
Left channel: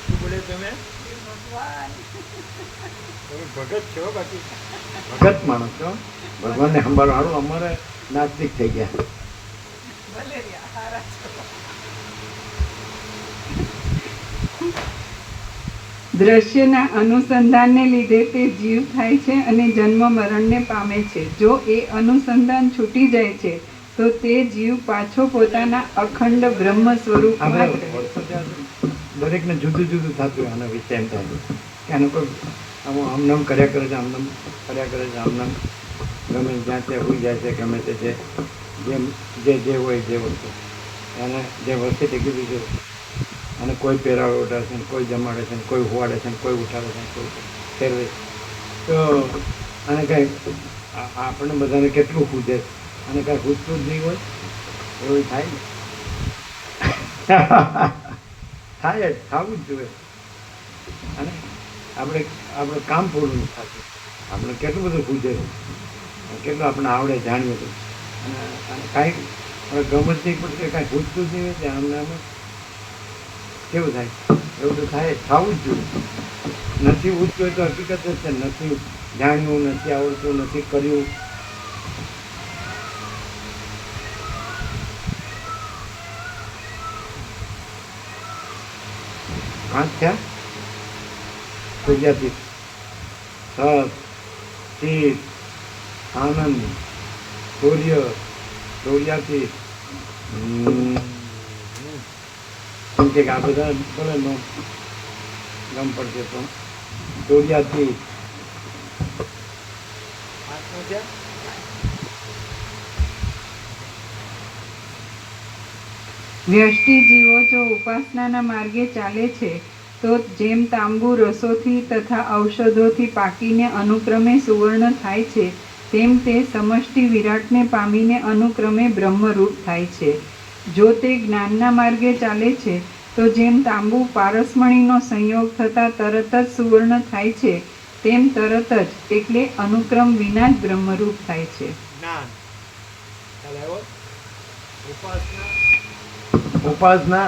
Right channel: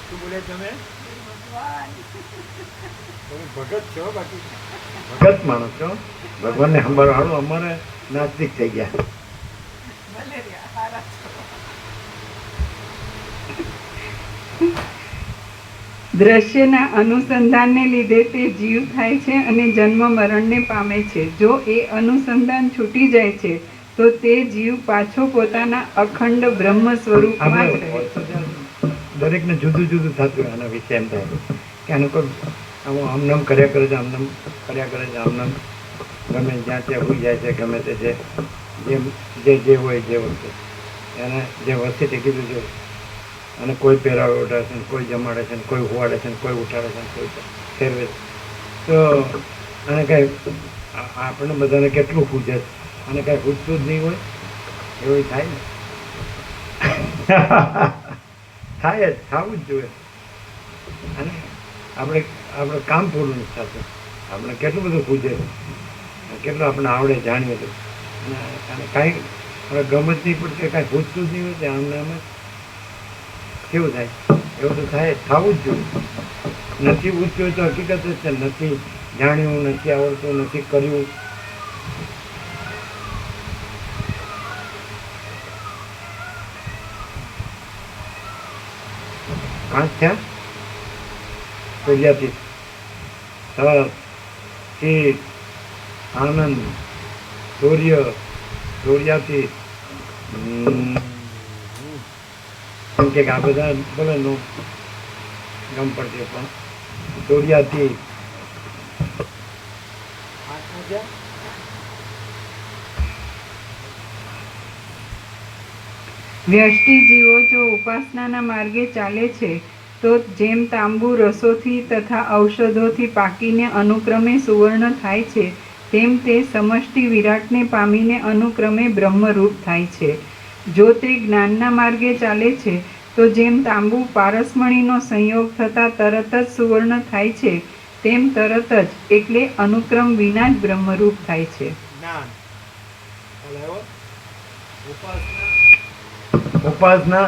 શું બોલે તમે? તમે ભગત છો, બાકી ભગત માણસ છો, ભગવાનને સંભાળવાળું. અમારે નાસ્તિક થઈ ગયા. ભલે રહ્યા સારા દ્રશ્યના અનુસંધાનને લીધે તે જીવ થાય છે અને જન્મ મરણને પામે છે. જો એ અનુસંધાન છૂટી જાય છે તો તે જીવ પાછો પોતાના અખંડ બ્રહ્મ સ્વરૂપમાં જ રહે છે. દરેકને જુદું જુદું થતું હોય. આના વિશે એમ થાય કે આનું કોઈ આમનામ કર્યા કરે છે, આમનામ કર્યા કરે છે, આમનામ ગમે જ્યાં ત્યાં હોઈ જાય છે, ગમે તે છે જે હોય જે વસ્તુ એને જે વસ્તુ તે કીધું છે. અને કોઈ પહેરાવે ઉઠાડે છે, કોઈ જમાડે છે, કોઈ હોવાડે છે, કોઈ ઉઠાડે છે, કોઈ ફેરવે છે. તો આને કાંઈ આપણે બધાને કેટલું પૂછે છે, અને કાંઈ પૂછતું જ નહીં હોય એવું થાય ને. થાય જ, થવું જ જોઈએ. અને આપણે કામ પૂરું નથી થતું. આપણે કેટલું બધું પૂછે, કેટલું આપણે આવડે જાણીએ તો, અને કાંઈ આપણે ગમે જ નહીં પડતું, કાંઈ પૂછતું જ નહીં હોય. આમને અમે કેવું થાય? એવું તો થાય, થવું જ જોઈએ. નથી પૂછ્યું તો હકીકત જ છે. નથી જાણ્યું, નથી આવડતું, નથી કર્યું. પાંચ થયા. સૂર્યાતીત, સત, ચિત, આનંદ, સૂર્ય, સૂર્યાતીત. એમ કે આ બધા બોલે નો ગમ પડશે, પણ સૂર્યાતીત. પાંચમું છે વ્યષ્ટિ જીવો જો ઉપાસનાના માર્ગે ચાલે છે તો જેમ તાંબુ રસોથી તથા ઔષધોથી પાકીને અનુક્રમે સુવર્ણ થાય છે, તેમ તે સમષ્ટિ વિરાટને પામીને અનુક્રમે બ્રહ્મરૂપ થાય છે. જો તે જ્ઞાનના માર્ગે ચાલે છે તો જેમ તાંબુ પારસમણીનો સંયોગ થતાં તરત જ સુવર્ણ થાય છે, તેમ તરત જ એટલે અનુક્રમ વિના જ બ્રહ્મરૂપ થાય છે. જ્ઞાન. ખ્યાલ આવ્યો? ઉપાસના ઉપાસના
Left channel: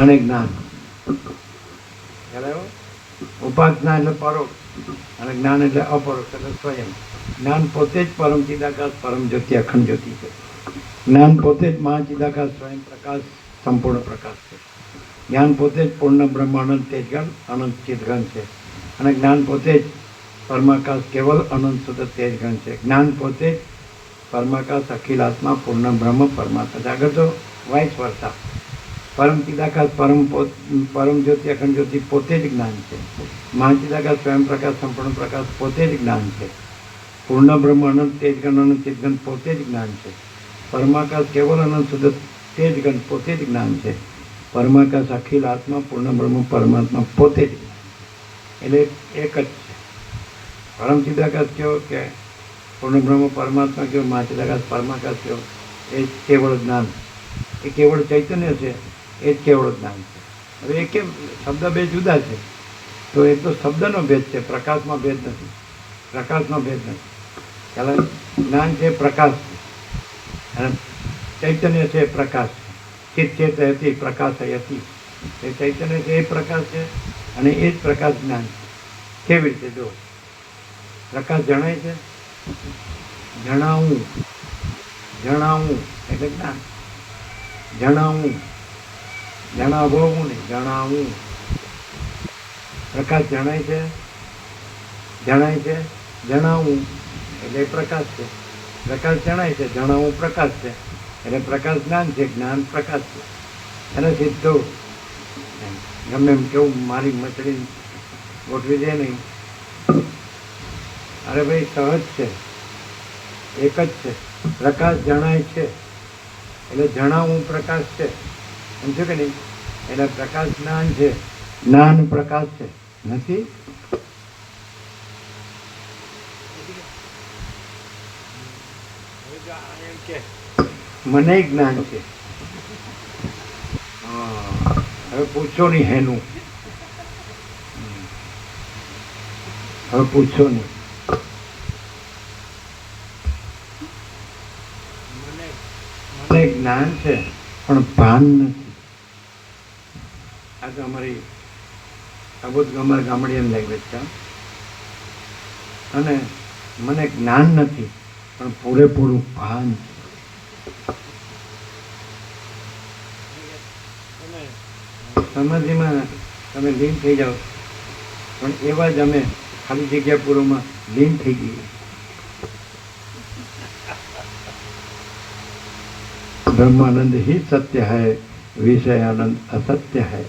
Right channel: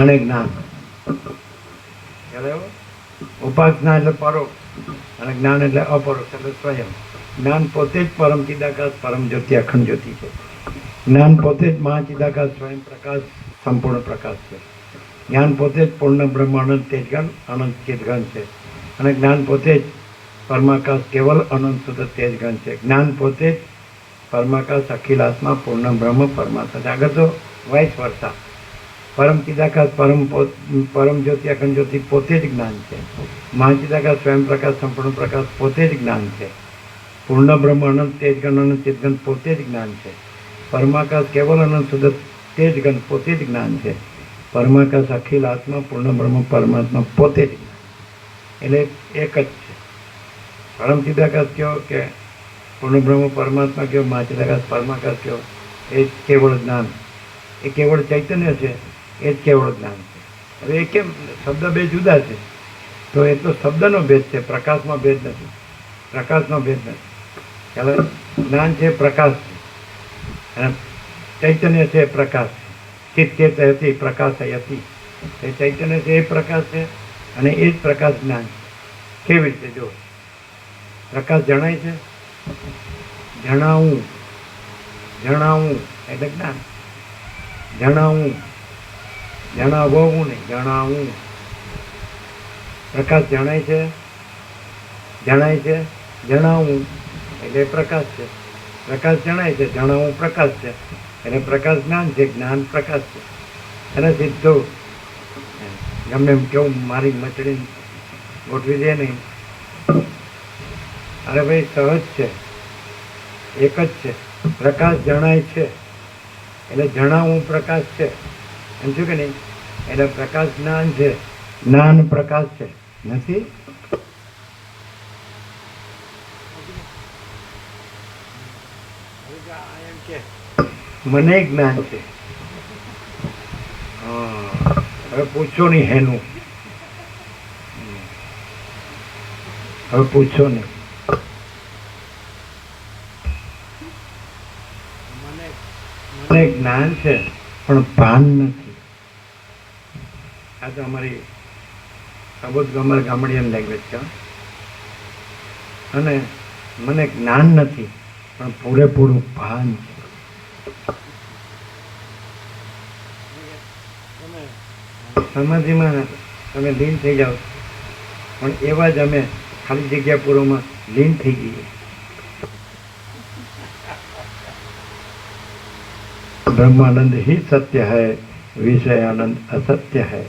અને જ્ઞાન. ખ્યાલ આવ્યો? ઉપાસના એટલે પરોક્ષ અને જ્ઞાન એટલે અપરોક્ષ, એટલે સ્વયં. જ્ઞાન પોતે જ પરમ ચિદાકાશ, પરમ જ્યોતિ, અખંડ જ્યોતિ છે. જ્ઞાન પોતે જ મહાચિદાકાશ, સ્વયં પ્રકાશ, સંપૂર્ણ પ્રકાશ છે. જ્ઞાન પોતે જ પૂર્ણ બ્રહ્મ અનંત તેજગણ, અનંત ચિદગણ છે. અને જ્ઞાન પોતે જ પરમાકાશ, કેવલ અનંત શુદ્ધ તેજગણ છે. જ્ઞાન પોતે જ પરમાકાશ, અખિલ આત્મા, પૂર્ણ બ્રહ્મ, પરમાત્મા છે. આગળ તો વાઇસ વર્સા. પરમ ચિદાકાશ, પરમ જ્યોતિ, અખંડ જ્યોતિ પોતે જ જ્ઞાન છે. મહાચિદાકાશ, સ્વયં પ્રકાશ, સંપૂર્ણ પ્રકાશ પોતે જ જ્ઞાન છે. પૂર્ણ બ્રહ્મ, અનંત તેજગણ, અનંત ચિદગણ પોતે જ જ્ઞાન છે. પરમાકાશ, કેવલ અનંત શુદ્ધ તેજગણ પોતે જ જ્ઞાન છે. પરમાકાશ, અખિલ આત્મા, પૂર્ણ બ્રહ્મ, પરમાત્મા પોતે જ જ્ઞાન. એટલે એક જ છે. પરમ ચિદાકાશ કયો કે પૂર્ણ બ્રહ્મ પરમાત્મા કયો, મહાચિદાકાશ પરમાકાશ કયો, એ કેવળ જ્ઞાન, એ કેવળ ચૈતન્ય છે. એ જ કેવળ જ્ઞાન છે. હવે એ કેમ શબ્દ બે જુદા છે? તો એ તો શબ્દનો ભેદ છે, પ્રકાશમાં ભેદ નથી. પ્રકાશનો ભેદ નથી. ખ્યાલ આવે? જ્ઞાન છે પ્રકાશ છે, અને ચૈતન્ય છે પ્રકાશ છે. ચિત્ત ચેત હતી, પ્રકાશ હતી. એ ચૈતન્ય છે, એ પ્રકાશ છે, અને એ જ પ્રકાશ જ્ઞાન છે. કેવી રીતે? જો પ્રકાશ જણાય છે, જણાવું, જણાવું એટલે જ્ઞાન. જણાવું, જણાવવું નહીં, જણાવું. પ્રકાશ જણાય છે, જણાય છે, જણાવું એટલે પ્રકાશ છે. પ્રકાશ જણાય છે, જણાવું પ્રકાશ છે. એટલે પ્રકાશ જ્ઞાન છે, જ્ઞાન પ્રકાશ છે. અને સીધું ગમે એમ કેવું મારી મચડી ગોઠવી દે નહીં. અરે ભાઈ સહજ છે, એક જ છે. પ્રકાશ જણાય છે એટલે જણાવું પ્રકાશ છે. એમ થયું કે નહીં? એટલે પ્રકાશ જ્ઞાન છે, જ્ઞાન પ્રકાશ છે. નથી? હવે જો આ એમ કે મને જ્ઞાન છે. હા, હવે પૂછો નહીં હેનું. હવે પૂછો નહીં. જ્ઞાન છે પણ ભાન નથી. આ તો અમારી અમારી ગામડિયન લેંગ્વેજ છે. અને મને જ્ઞાન નથી પણ પૂરેપૂરું ભાન છે. તમે સમાધિમાં તમે લીન થઈ જાઓ, પણ એવા જ અમે ખાલી જગ્યા પૂરોમાં લીન થઈ જઈએ. ब्रह्मानंद ही सत्य है, विषयानंद असत्य है.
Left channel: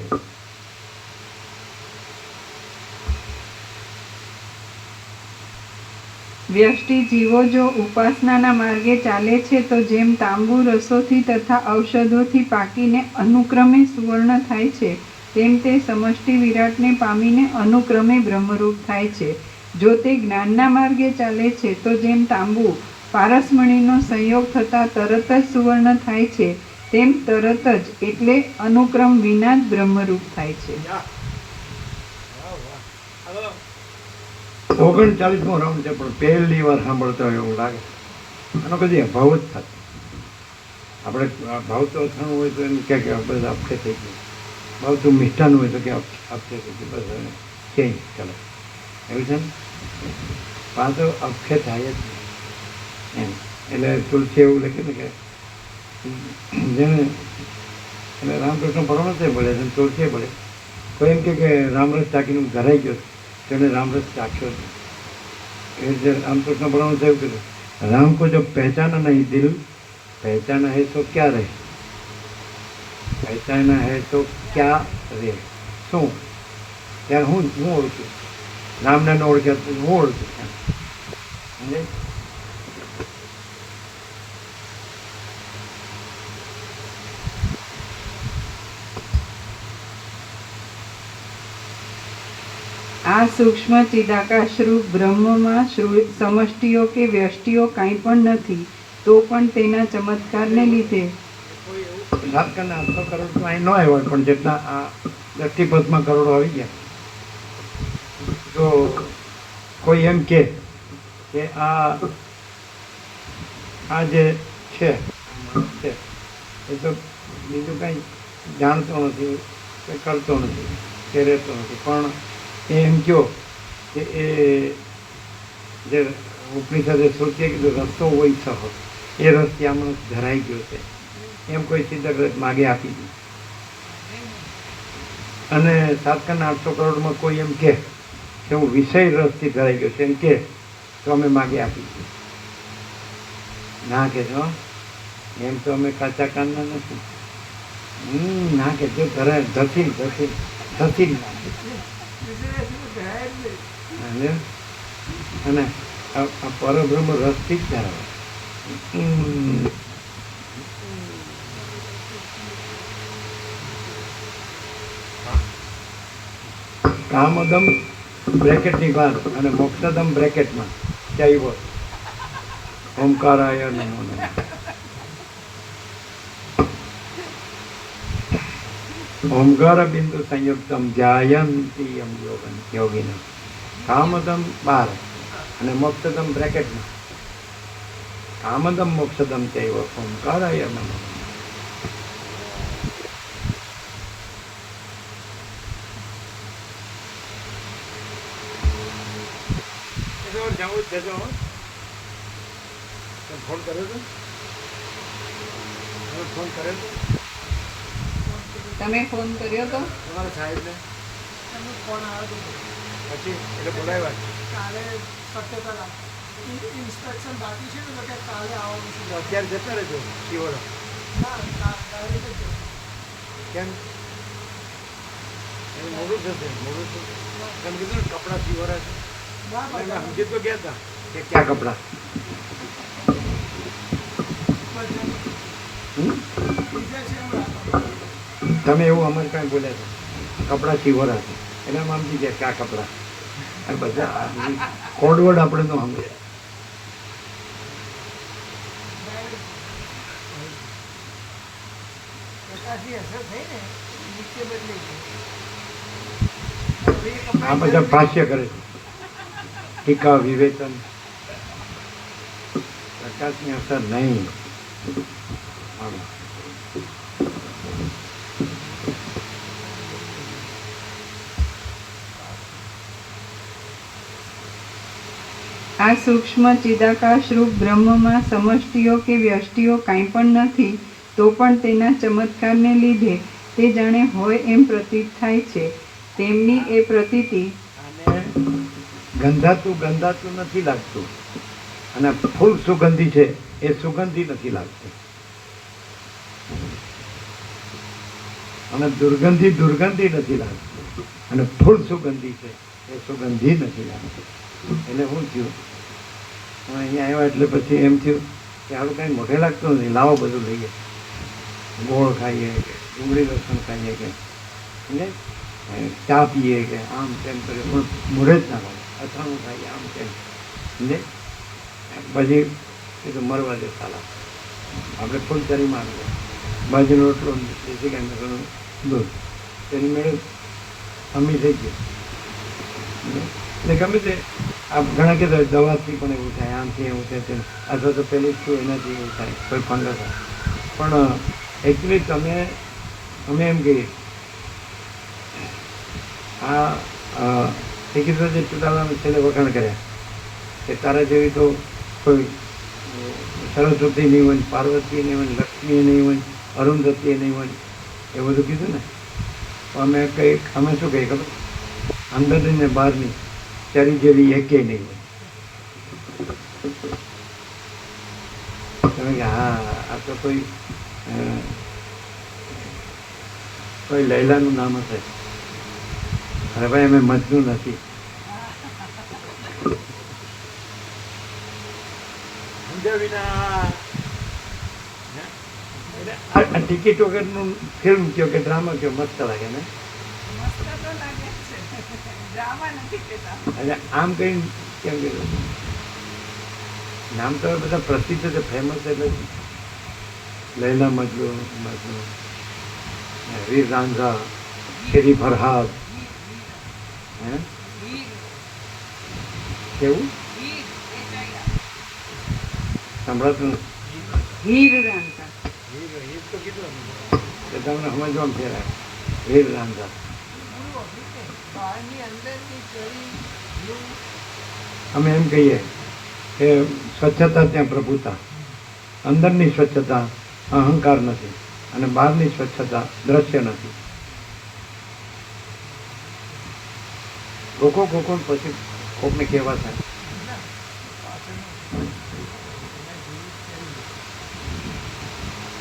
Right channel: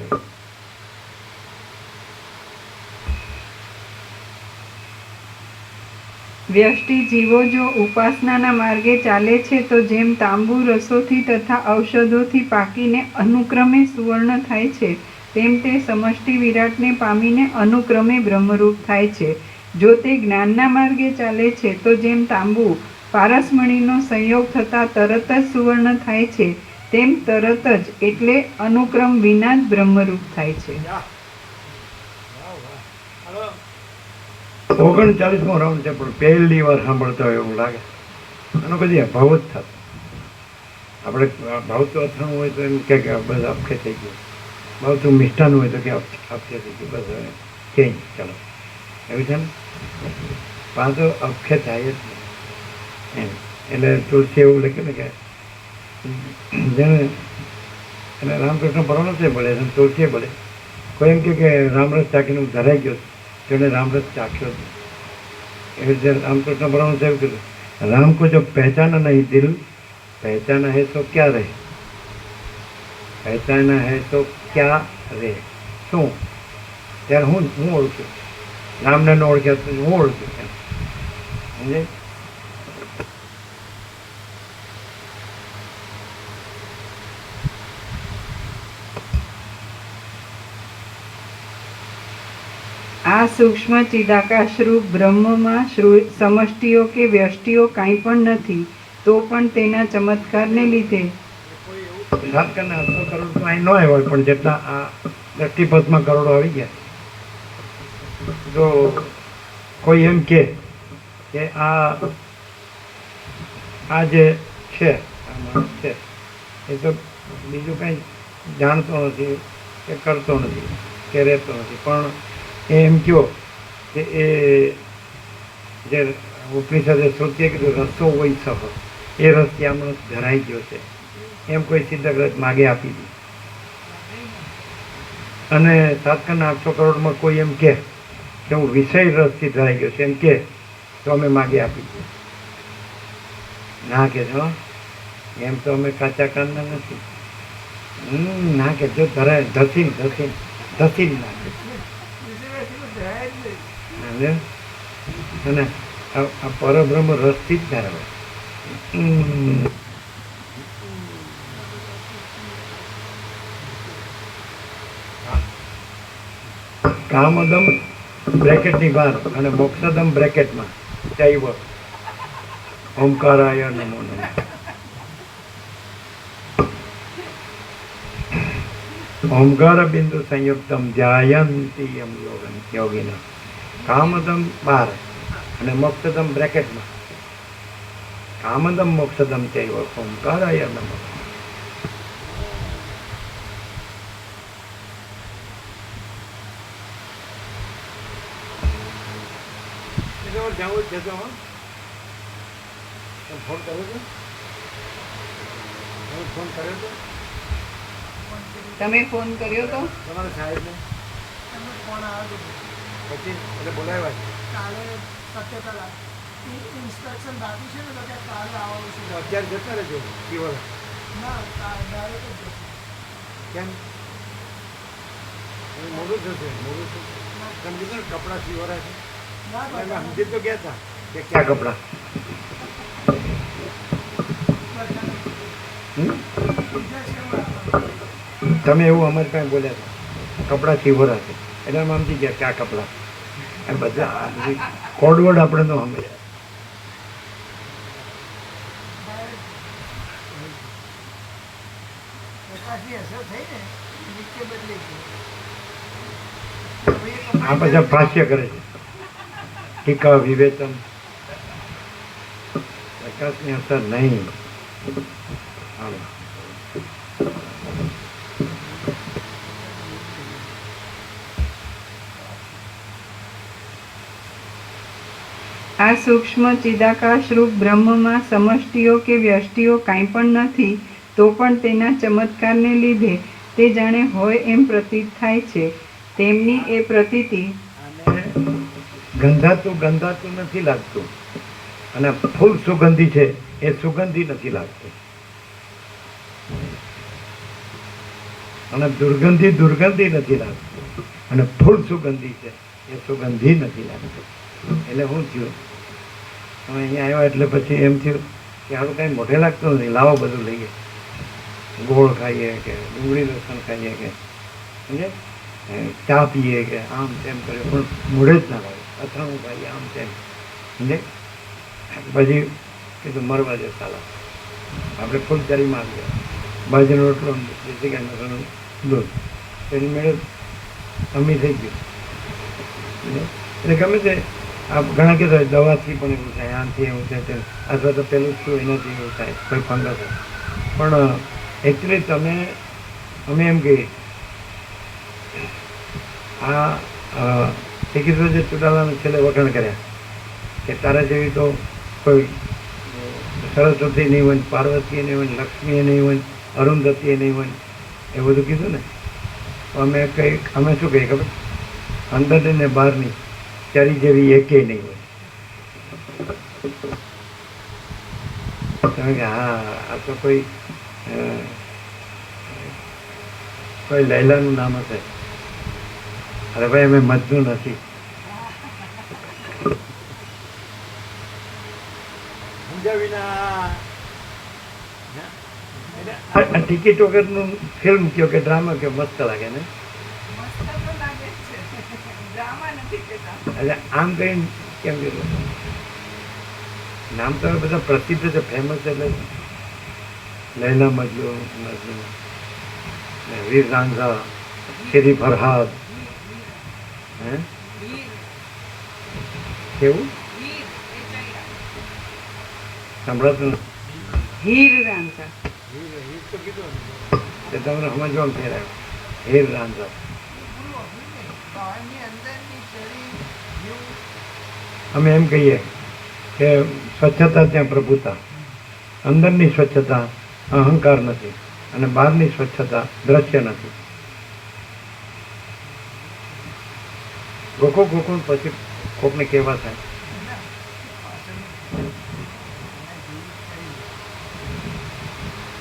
વ્યષ્ટિ જીવો જો ઉપાસનાના માર્ગે ચાલે છે તો જેમ તાંબુ રસોથી તથા ઔષધોથી પાકીને અનુક્રમે સુવર્ણ થાય છે, તેમ તે સમષ્ટિ વિરાટને પામીને અનુક્રમે બ્રહ્મરૂપ થાય છે. જો તે જ્ઞાનના માર્ગે ચાલે છે તો જેમ તાંબુ પારસમણીનો સંયોગ થતાં તરત જ સુવર્ણ થાય છે, તેમ તરત જ એટલે અનુક્રમ વિના જ બ્રહ્મરૂપ થાય છે. વાહ વાહ. હાલો 39મો રાઉન્ડ છે, પણ પહેલી વાર સાંભળતો હોય એવું લાગે. આનો કદી અભાવ જ થતો. આપણે ભાવતું અથાણું હોય તો એમ કે બસ અપખે થઈ ગયું, ભાવતું મિષ્ટાન હોય તો કે અપખે થઈ ગયું, બસ હવે કંઈ ચાલો એવું છે. પણ તો અપખે થાય જ નહીં એમ. એટલે તુલસી એવું લખ્યું ને કે જેને એટલે રામકૃષ્ણ પરમહંસે બોલે છે, તુલસીએ બોલે. કોઈ એમ કે રામરસ ચાખીને ધરાઈ ગયો तो એને રામરસ ચાખ્યો જ. એવી રીતે રામકૃષ્ણ પરમહંસે એવું કીધું, રામ को जो पहचाना नहीं दिल, पहचाना है तो क्या रहे, पहचाना है तो क्या रहे. શું ત્યારે હું ઓળખું રામને ન ઓળખ્યા તો હું ઓળખું એમ સમજે. આ સૂક્ષ્મ ચિદાકાશરૂપ બ્રહ્મમાં સમષ્ટિઓ કે વ્યષ્ટિઓ કાંઈ પણ નથી, તો પણ તેના ચમત્કારને લીધે કોઈ એવું ઝારખંડના 800 કરોડ તો અહીં ન આવ્યા, પણ જેટલા આ દ્રષ્ટિપથમાં કરોડો આવી ગયા. જો કોઈ એમ કે આ જે છે આ માણસ છે એ તો બીજું કાંઈ જાણતો નથી કે કરતો નથી કે રહેતો નથી, પણ એમ કહો કે એ જે ઉપનિષદે શ્રુતિએ કીધું રસ્તો હોય સહો, એ રસ્તે આ માણસ ધરાઈ ગયો છે એમ કોઈ સિદ્ધગ્રજ માગે આપી દીધું. અને ઝારખંડના 800 કરોડમાં કોઈ એમ કે હું વિષય રસથી ધરાઈ ગયો છે એમ કે તો અમે માગે આપી દીધું. ના કે છો એમ તો અમે કાચા કાનના નથી. ના કે જો ધરાય ધસીન નાખે. અને આ પરબ્રહ્મ રસથી જ ધરાવે. કામદમ બ્રેકેટની બહાર અને મોક્ષદમ બ્રેકેટમાં ચૈવ ઓમકારાય નમો નમઃ. ઓમકાર બિંદુ સંયુક્તમ ધ્યાયંતિ યમ યોગિના. કામદમ બહાર અને મોક્ષદમ બ્રેકેટમાં. કામદમ મોક્ષદમ ચૈવ ઓમકારાય નમઃ. જવું જ જજો. તમે ફોન કર્યો હતો? તમે ફોન કર્યો હતો તમે ફોન કર્યો તો તમારા સાહેબને? પછી એટલે બોલાવ્યા છે. તો અત્યારે જતા રહેજો શિવરા. કેમ એનું મોડું થશે? મોડું થશે તમે કીધું ને કપડાં શિવરા છે. એટલે મેં સમજી તો ગયા હતા કે ક્યાં કપડાં? તમે એવું અમારી પાસે બોલ્યા હતા કપડાં શિવરા છે, એટલે અમે સમજી ગયા ક્યાં કપડાં. એ બધા કોડવર્ડ આપણે તો સમજ્યા. આ બધા ભાષ્ય કરે છે ટીકા વિવેચન. પ્રકાશની અસર નહીં. આ સૂક્ષ્મ ચિદાકાશ રૂપ બ્રહ્મમાં સમષ્ટિઓ કે વ્યષ્ટિઓ કાંઈ પણ નથી, તો પણ તેના ચમત્કારને લીધે તે જાણે હોય એમ પ્રતીત થાય છે. તેમની એ પ્રતીતિ આને ગંધાતું નથી લાગતું, અને ફૂલ સુગંધી છે એ સુગંધી નથી લાગતું, અને દુર્ગંધી નથી લાગતું, અને ફૂલ સુગંધી છે એ સુગંધી નથી લાગતી. એટલે શું થયું, અમે અહીંયા આવ્યા એટલે પછી એમ થયું કે હવે કાંઈ મોઢે લાગતું નથી, લાવો બધું લઈએ, ગોળ ખાઈએ કે ડુંગળી લસણ ખાઈએ કે એટલે ચા પીએ કે આમ તેમ કરીએ, પણ મોઢે જ ના લાગે, અથાણું ખાઈએ આમ તેમ. એટલે પછી કીધું મરવા દે સાલા, આપણે ફૂલચારીમાં આવ્યા, બાજુનો રોટલો દેશી ગાયનું ઘણું દૂધ, એની મેળે અમી થઈ ગયું. એટલે ગમે તે આ ઘણા કીધું દવાથી પણ એવું થાય, આમથી એવું થાય, અથવા તો પેલું શું એનાથી એવું થાય, કોઈ ફંગસ હોય. પણ એકચ્યુઅલી અમે એમ કહીએ આ શ્રીકૃષ્ણ જે ચુડાલાને છેલ્લે વખાણ કર્યા કે તારા જેવી તો કોઈ સરસ્વતી નહીં હોય, પાર્વતી નહીં હોય, લક્ષ્મી નહીં હોય, અરુંધતી નહીં હોય, એ બધું કીધું ને. અમે શું કહીએ ખબર, અંદરની ને બહારની ચારી જેવી એકેય નહીં હોય. તમે કે હા આ તો કોઈ લૈલાનું નામ હશે. અરે ભાઈ અમે મજનુ નથી. સમજ્યા વિના ટિકિટ વગરનું ફિલ્મ કયો કે ડ્રામા કયો મસ્ત લાગે ને. એટલે આમ કઈ કેમ કે નામ તો બધા પ્રસિદ્ધ છે, ફેમસ, એટલે લૈલા મજનુ, વીર રાંઝા, શેરી ફરહાદ, હે કેવું સંભળાતું હીર રાંઝા. હીર તો કીધું તમને સમજવામાં ફેરાય. હીર રાંઝા અમે એમ કહીએ કે સ્વચ્છતા ત્યાં પ્રભુતા, અંદરની સ્વચ્છતા અહંકાર નથી, અને બહારની સ્વચ્છતા દ્રશ્ય નથી. ગોખો પછી કોકને કહેવા થાય.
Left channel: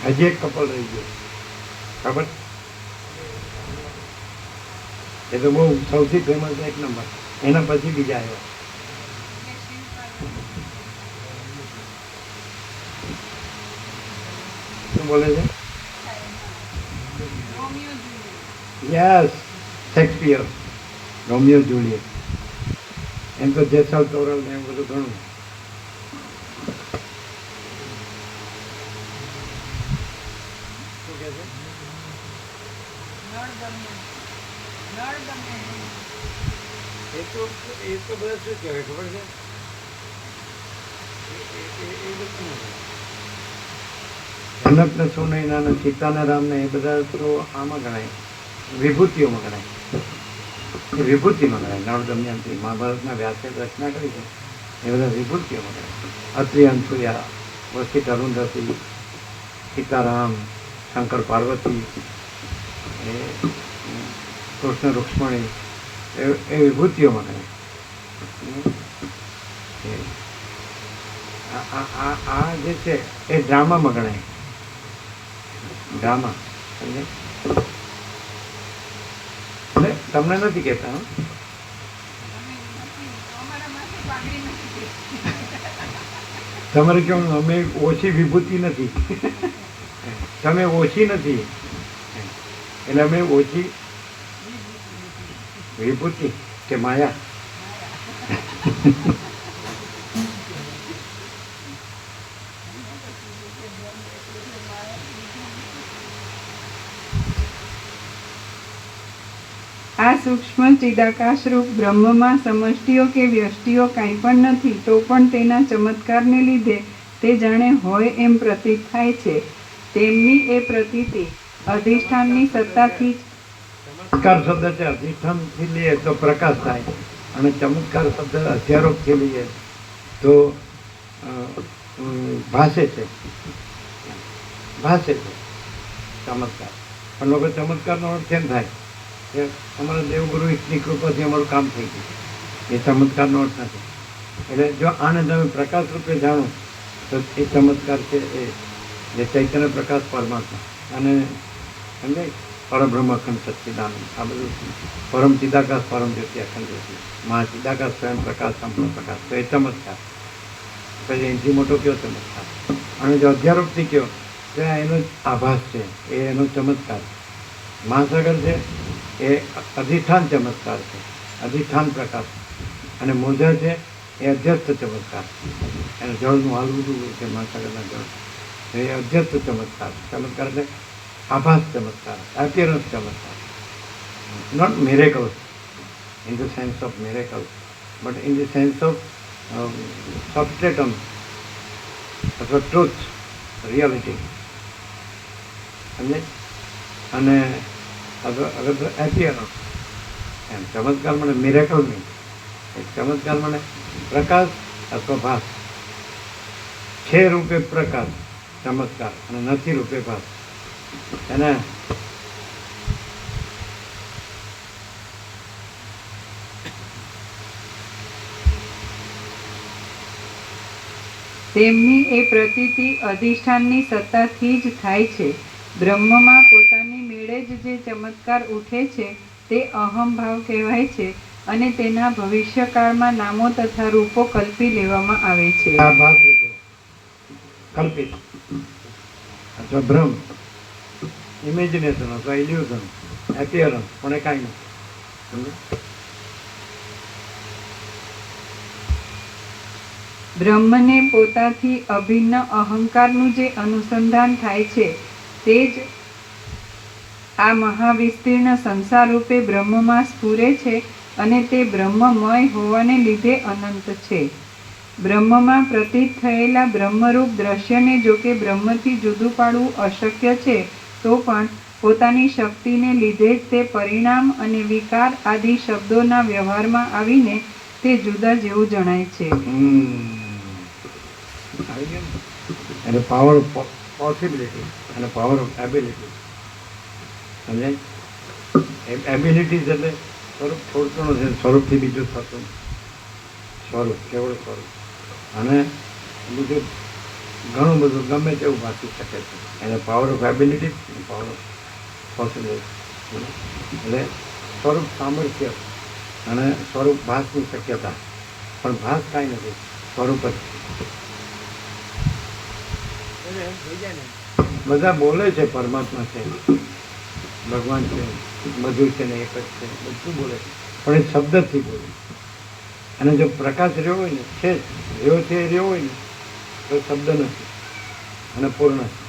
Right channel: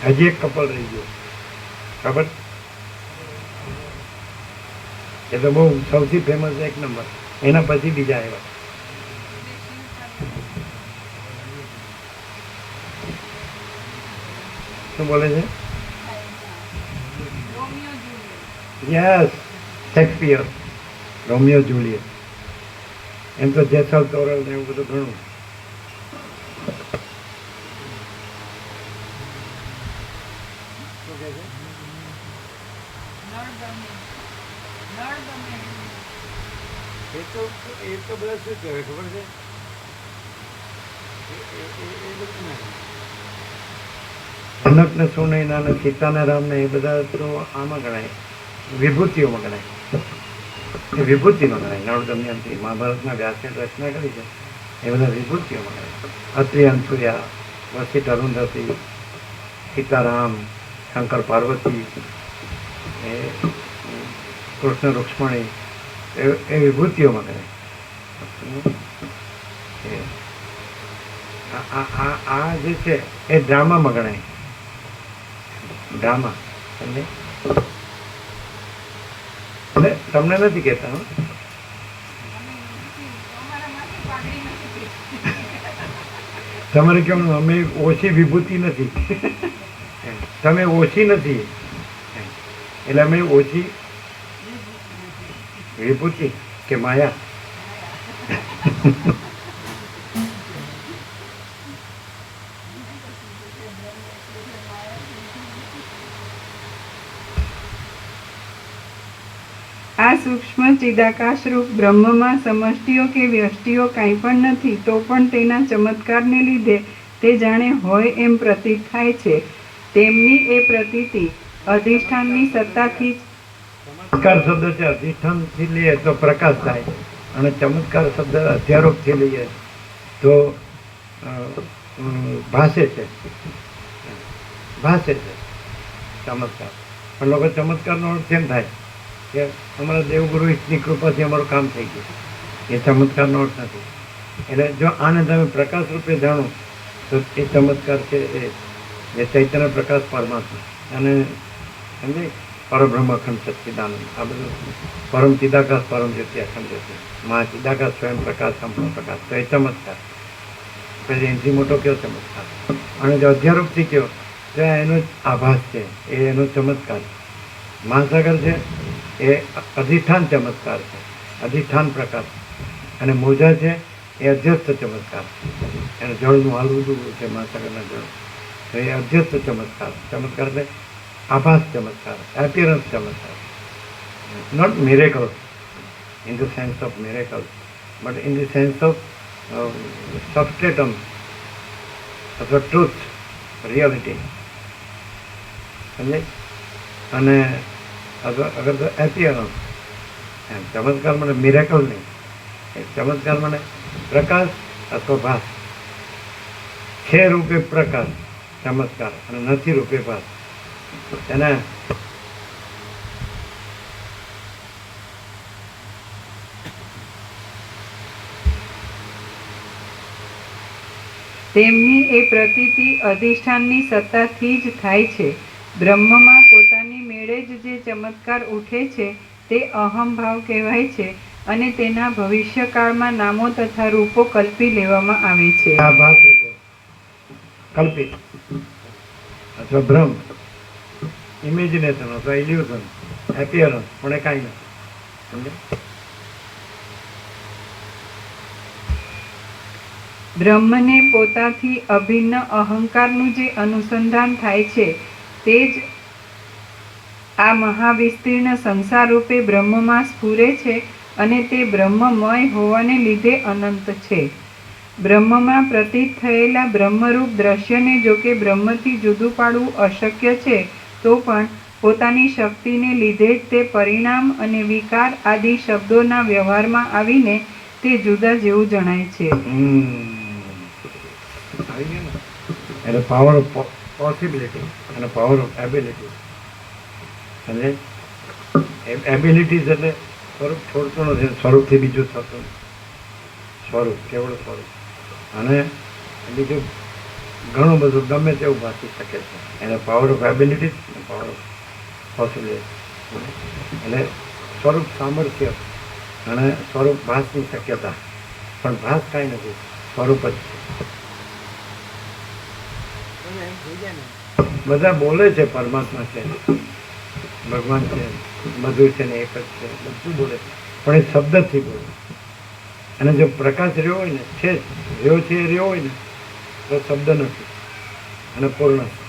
હજી એક કપલ રહી ગયો ખબર, એ તો બહુ સૌથી ફેમસ એક નંબર, એના પછી બીજા આવ્યા. શું બોલે છે? Yes, Shakespeare, Romeo Juliet. એમ તો જેસલ તોરલ ને એવું બધું ઘણું. શું કહે છે? એ તો બધા શું કહેવાય ખબર છે, એ બધું ના કહેવાય. જનક ને સુનૈના ને સીતા ને રામ ને એ બધા તો આમાં ગણાય, વિભૂતિઓમાં ગણાય, એ વિભૂતિમાં ગણાય. નળ દમયંતી મહાભારતના વ્યાસે રચના કરી છે, એ બધા વિભૂતિઓમાં ગણાય. અત્રિ અંસુર્યા, વસિષ્ઠ અરુંધતી, સીતારામ, શંકર પાર્વતી, એ કૃષ્ણ રૂક્ષ્મણી, એ વિભૂતિઓમાં ગણાય. આ જે છે એ ડ્રામામાં ગણાય. ડ્રામા એટલે તમને નથી કહેતા, તમારે કેવું અમે ઓછી વિભૂતિ નથી, તમે ઓછી નથી, એટલે અમે ઓછી વિભૂતિ કે માયા. આ સૂક્ષ્મ ચિદાકાશ રૂપ બ્રહ્મમાં સમષ્ટિઓ કે વ્યષ્ટિઓ કાંઈ પણ નથી, તો પણ તેના ચમત્કારને લીધે તે જાણે હોય એમ પ્રતીત થાય છે. તેમની એ પ્રતીતિ અધિષ્ઠાનની સત્તાથી ચમત્કાર શબ્દ છે અધિષ્ઠાનથી લઈએ તો પ્રકાશ થાય, અને ચમત્કાર શબ્દ અધ્યારોપથી લઈએ તો ભાષે છે ચમત્કાર. પણ લોકો ચમત્કારનો અર્થ એમ થાય કે અમારા દેવગુરુ ઈષ્ટની કૃપાથી અમારું કામ થઈ ગયું, એ ચમત્કારનો અર્થ નથી. એટલે જો આને તમે પ્રકાશ રૂપે જાણો તો એ ચમત્કાર છે, એ ચૈતન્ય પ્રકાશ પરમાત્મા અને સમજાય પરબ્રહ્મ અખંડ સચ્ચિદાનંદ, આ બધું પરમ ચિદાકાશ પરમ જ્યોતિ અખંડ જ્યોતિ મહા ચિદાકાશ સ્વયં પ્રકાશ સંપૂર્ણ પ્રકાશ, તો એ ચમત્કાર. પછી એનાથી મોટો કયો ચમત્કાર? અને જો અધ્યારૂપથી કયો તો એનો જ આભાસ છે, એ એનો ચમત્કાર. મહાસાગર છે એ અધિષ્ઠાન ચમત્કાર છે, અધિષ્ઠાન પ્રકાશ. અને મોજા છે એ અધ્યસ્થ ચમત્કાર, એને જળનું હાલવું જોવું છે મહાસાગરના જળ, તો એ અધ્યસ્થ ચમત્કાર. ચમત્કાર એટલે આભાસ ચમત્કાર, એપિયરન્સ ચમત્કાર. Not miracles in the sense of miracles, but in the sense of substratum of a truth, reality. અને અગર તો એપિયરન્સ એમ ચમત્કાર મને મિરેકલ નહીં, એ ચમત્કાર મને પ્રકાશ અથવા ભાસ છે રૂપે પ્રકાશ ચમત્કાર, અને નથી રૂપે ભાસ. એને તેમની એ પ્રતીતિ અધિષ્ઠાનની સત્તાથી જ થાય છે. બ્રહ્મમાં પોતાની મેળે જ જે ચમત્કાર ઉઠે છે તે અહંભાવ કહેવાય છે, અને તેના ભવિષ્યકાળમાં નામો તથા રૂપો કલ્પી લેવામાં આવે છે. આ ભાસ રૂપે કલ્પિત અથવા ભ્રમ, ઇમેજિનેશન અથવા ઇલ્યુઝન, એપિયરન્સ, પણ એ કાંઈ નથી. સમજે? બ્રહ્મને પોતાથી અભિન્ન અહંકારનું જે અનુસંધાન થાય છે તે જ આ મહાવિસ્તીર્ણ સંસાર રૂપે બ્રહ્મમાં સ્ફુરે છે, અને તે બ્રહ્મમય હોવાને લીધે અનંત છે. બ્રહ્મમાં પ્રતીત થયેલા બ્રહ્મરૂપ દ્રશ્યને જો કે બ્રહ્મથી જુદું પાડવું અશક્ય છે, તો પણ પોતાની શક્તિને લીધે જ તે પરિણામ અને વિકાર આદિ શબ્દોના વ્યવહારમાં આવીને તે જુદા જેવું જણાય છે. આવી ગયા ને? એટલે પાવર ઓફ પોસિબિલિટી અને પાવર ઓફ એબિલિટી. અને એબિલિટીઝ એટલે સ્વરૂપ છોડતો નથી, સ્વરૂપથી બીજું થતું સ્વરૂપ, કેવળ સ્વરૂપ. અને બીજું ઘણું બધું ગમે તેવું ભાસી શકે છે. એને પાવર ઓફ એબિલિટી અને પાવર ઓફ પોસિબિલિટી. એટલે સ્વરૂપ સામર્થ્ય અને સ્વરૂપ ભાસની શક્યતા, પણ ભાસ કાંઈ નથી, સ્વરૂપ જ. એમ થઈ જાય ને બધા બોલે છે પરમાત્મા છે, ભગવાન છે, બધું છે ને એક જ છે, બધું બોલે, પણ એ શબ્દથી બોલે. અને જો પ્રકાશ રહ્યો હોય ને, છે રહ્યો છે એ રહ્યો હોય ને, તો શબ્દ નથી અને પૂર્ણ છે,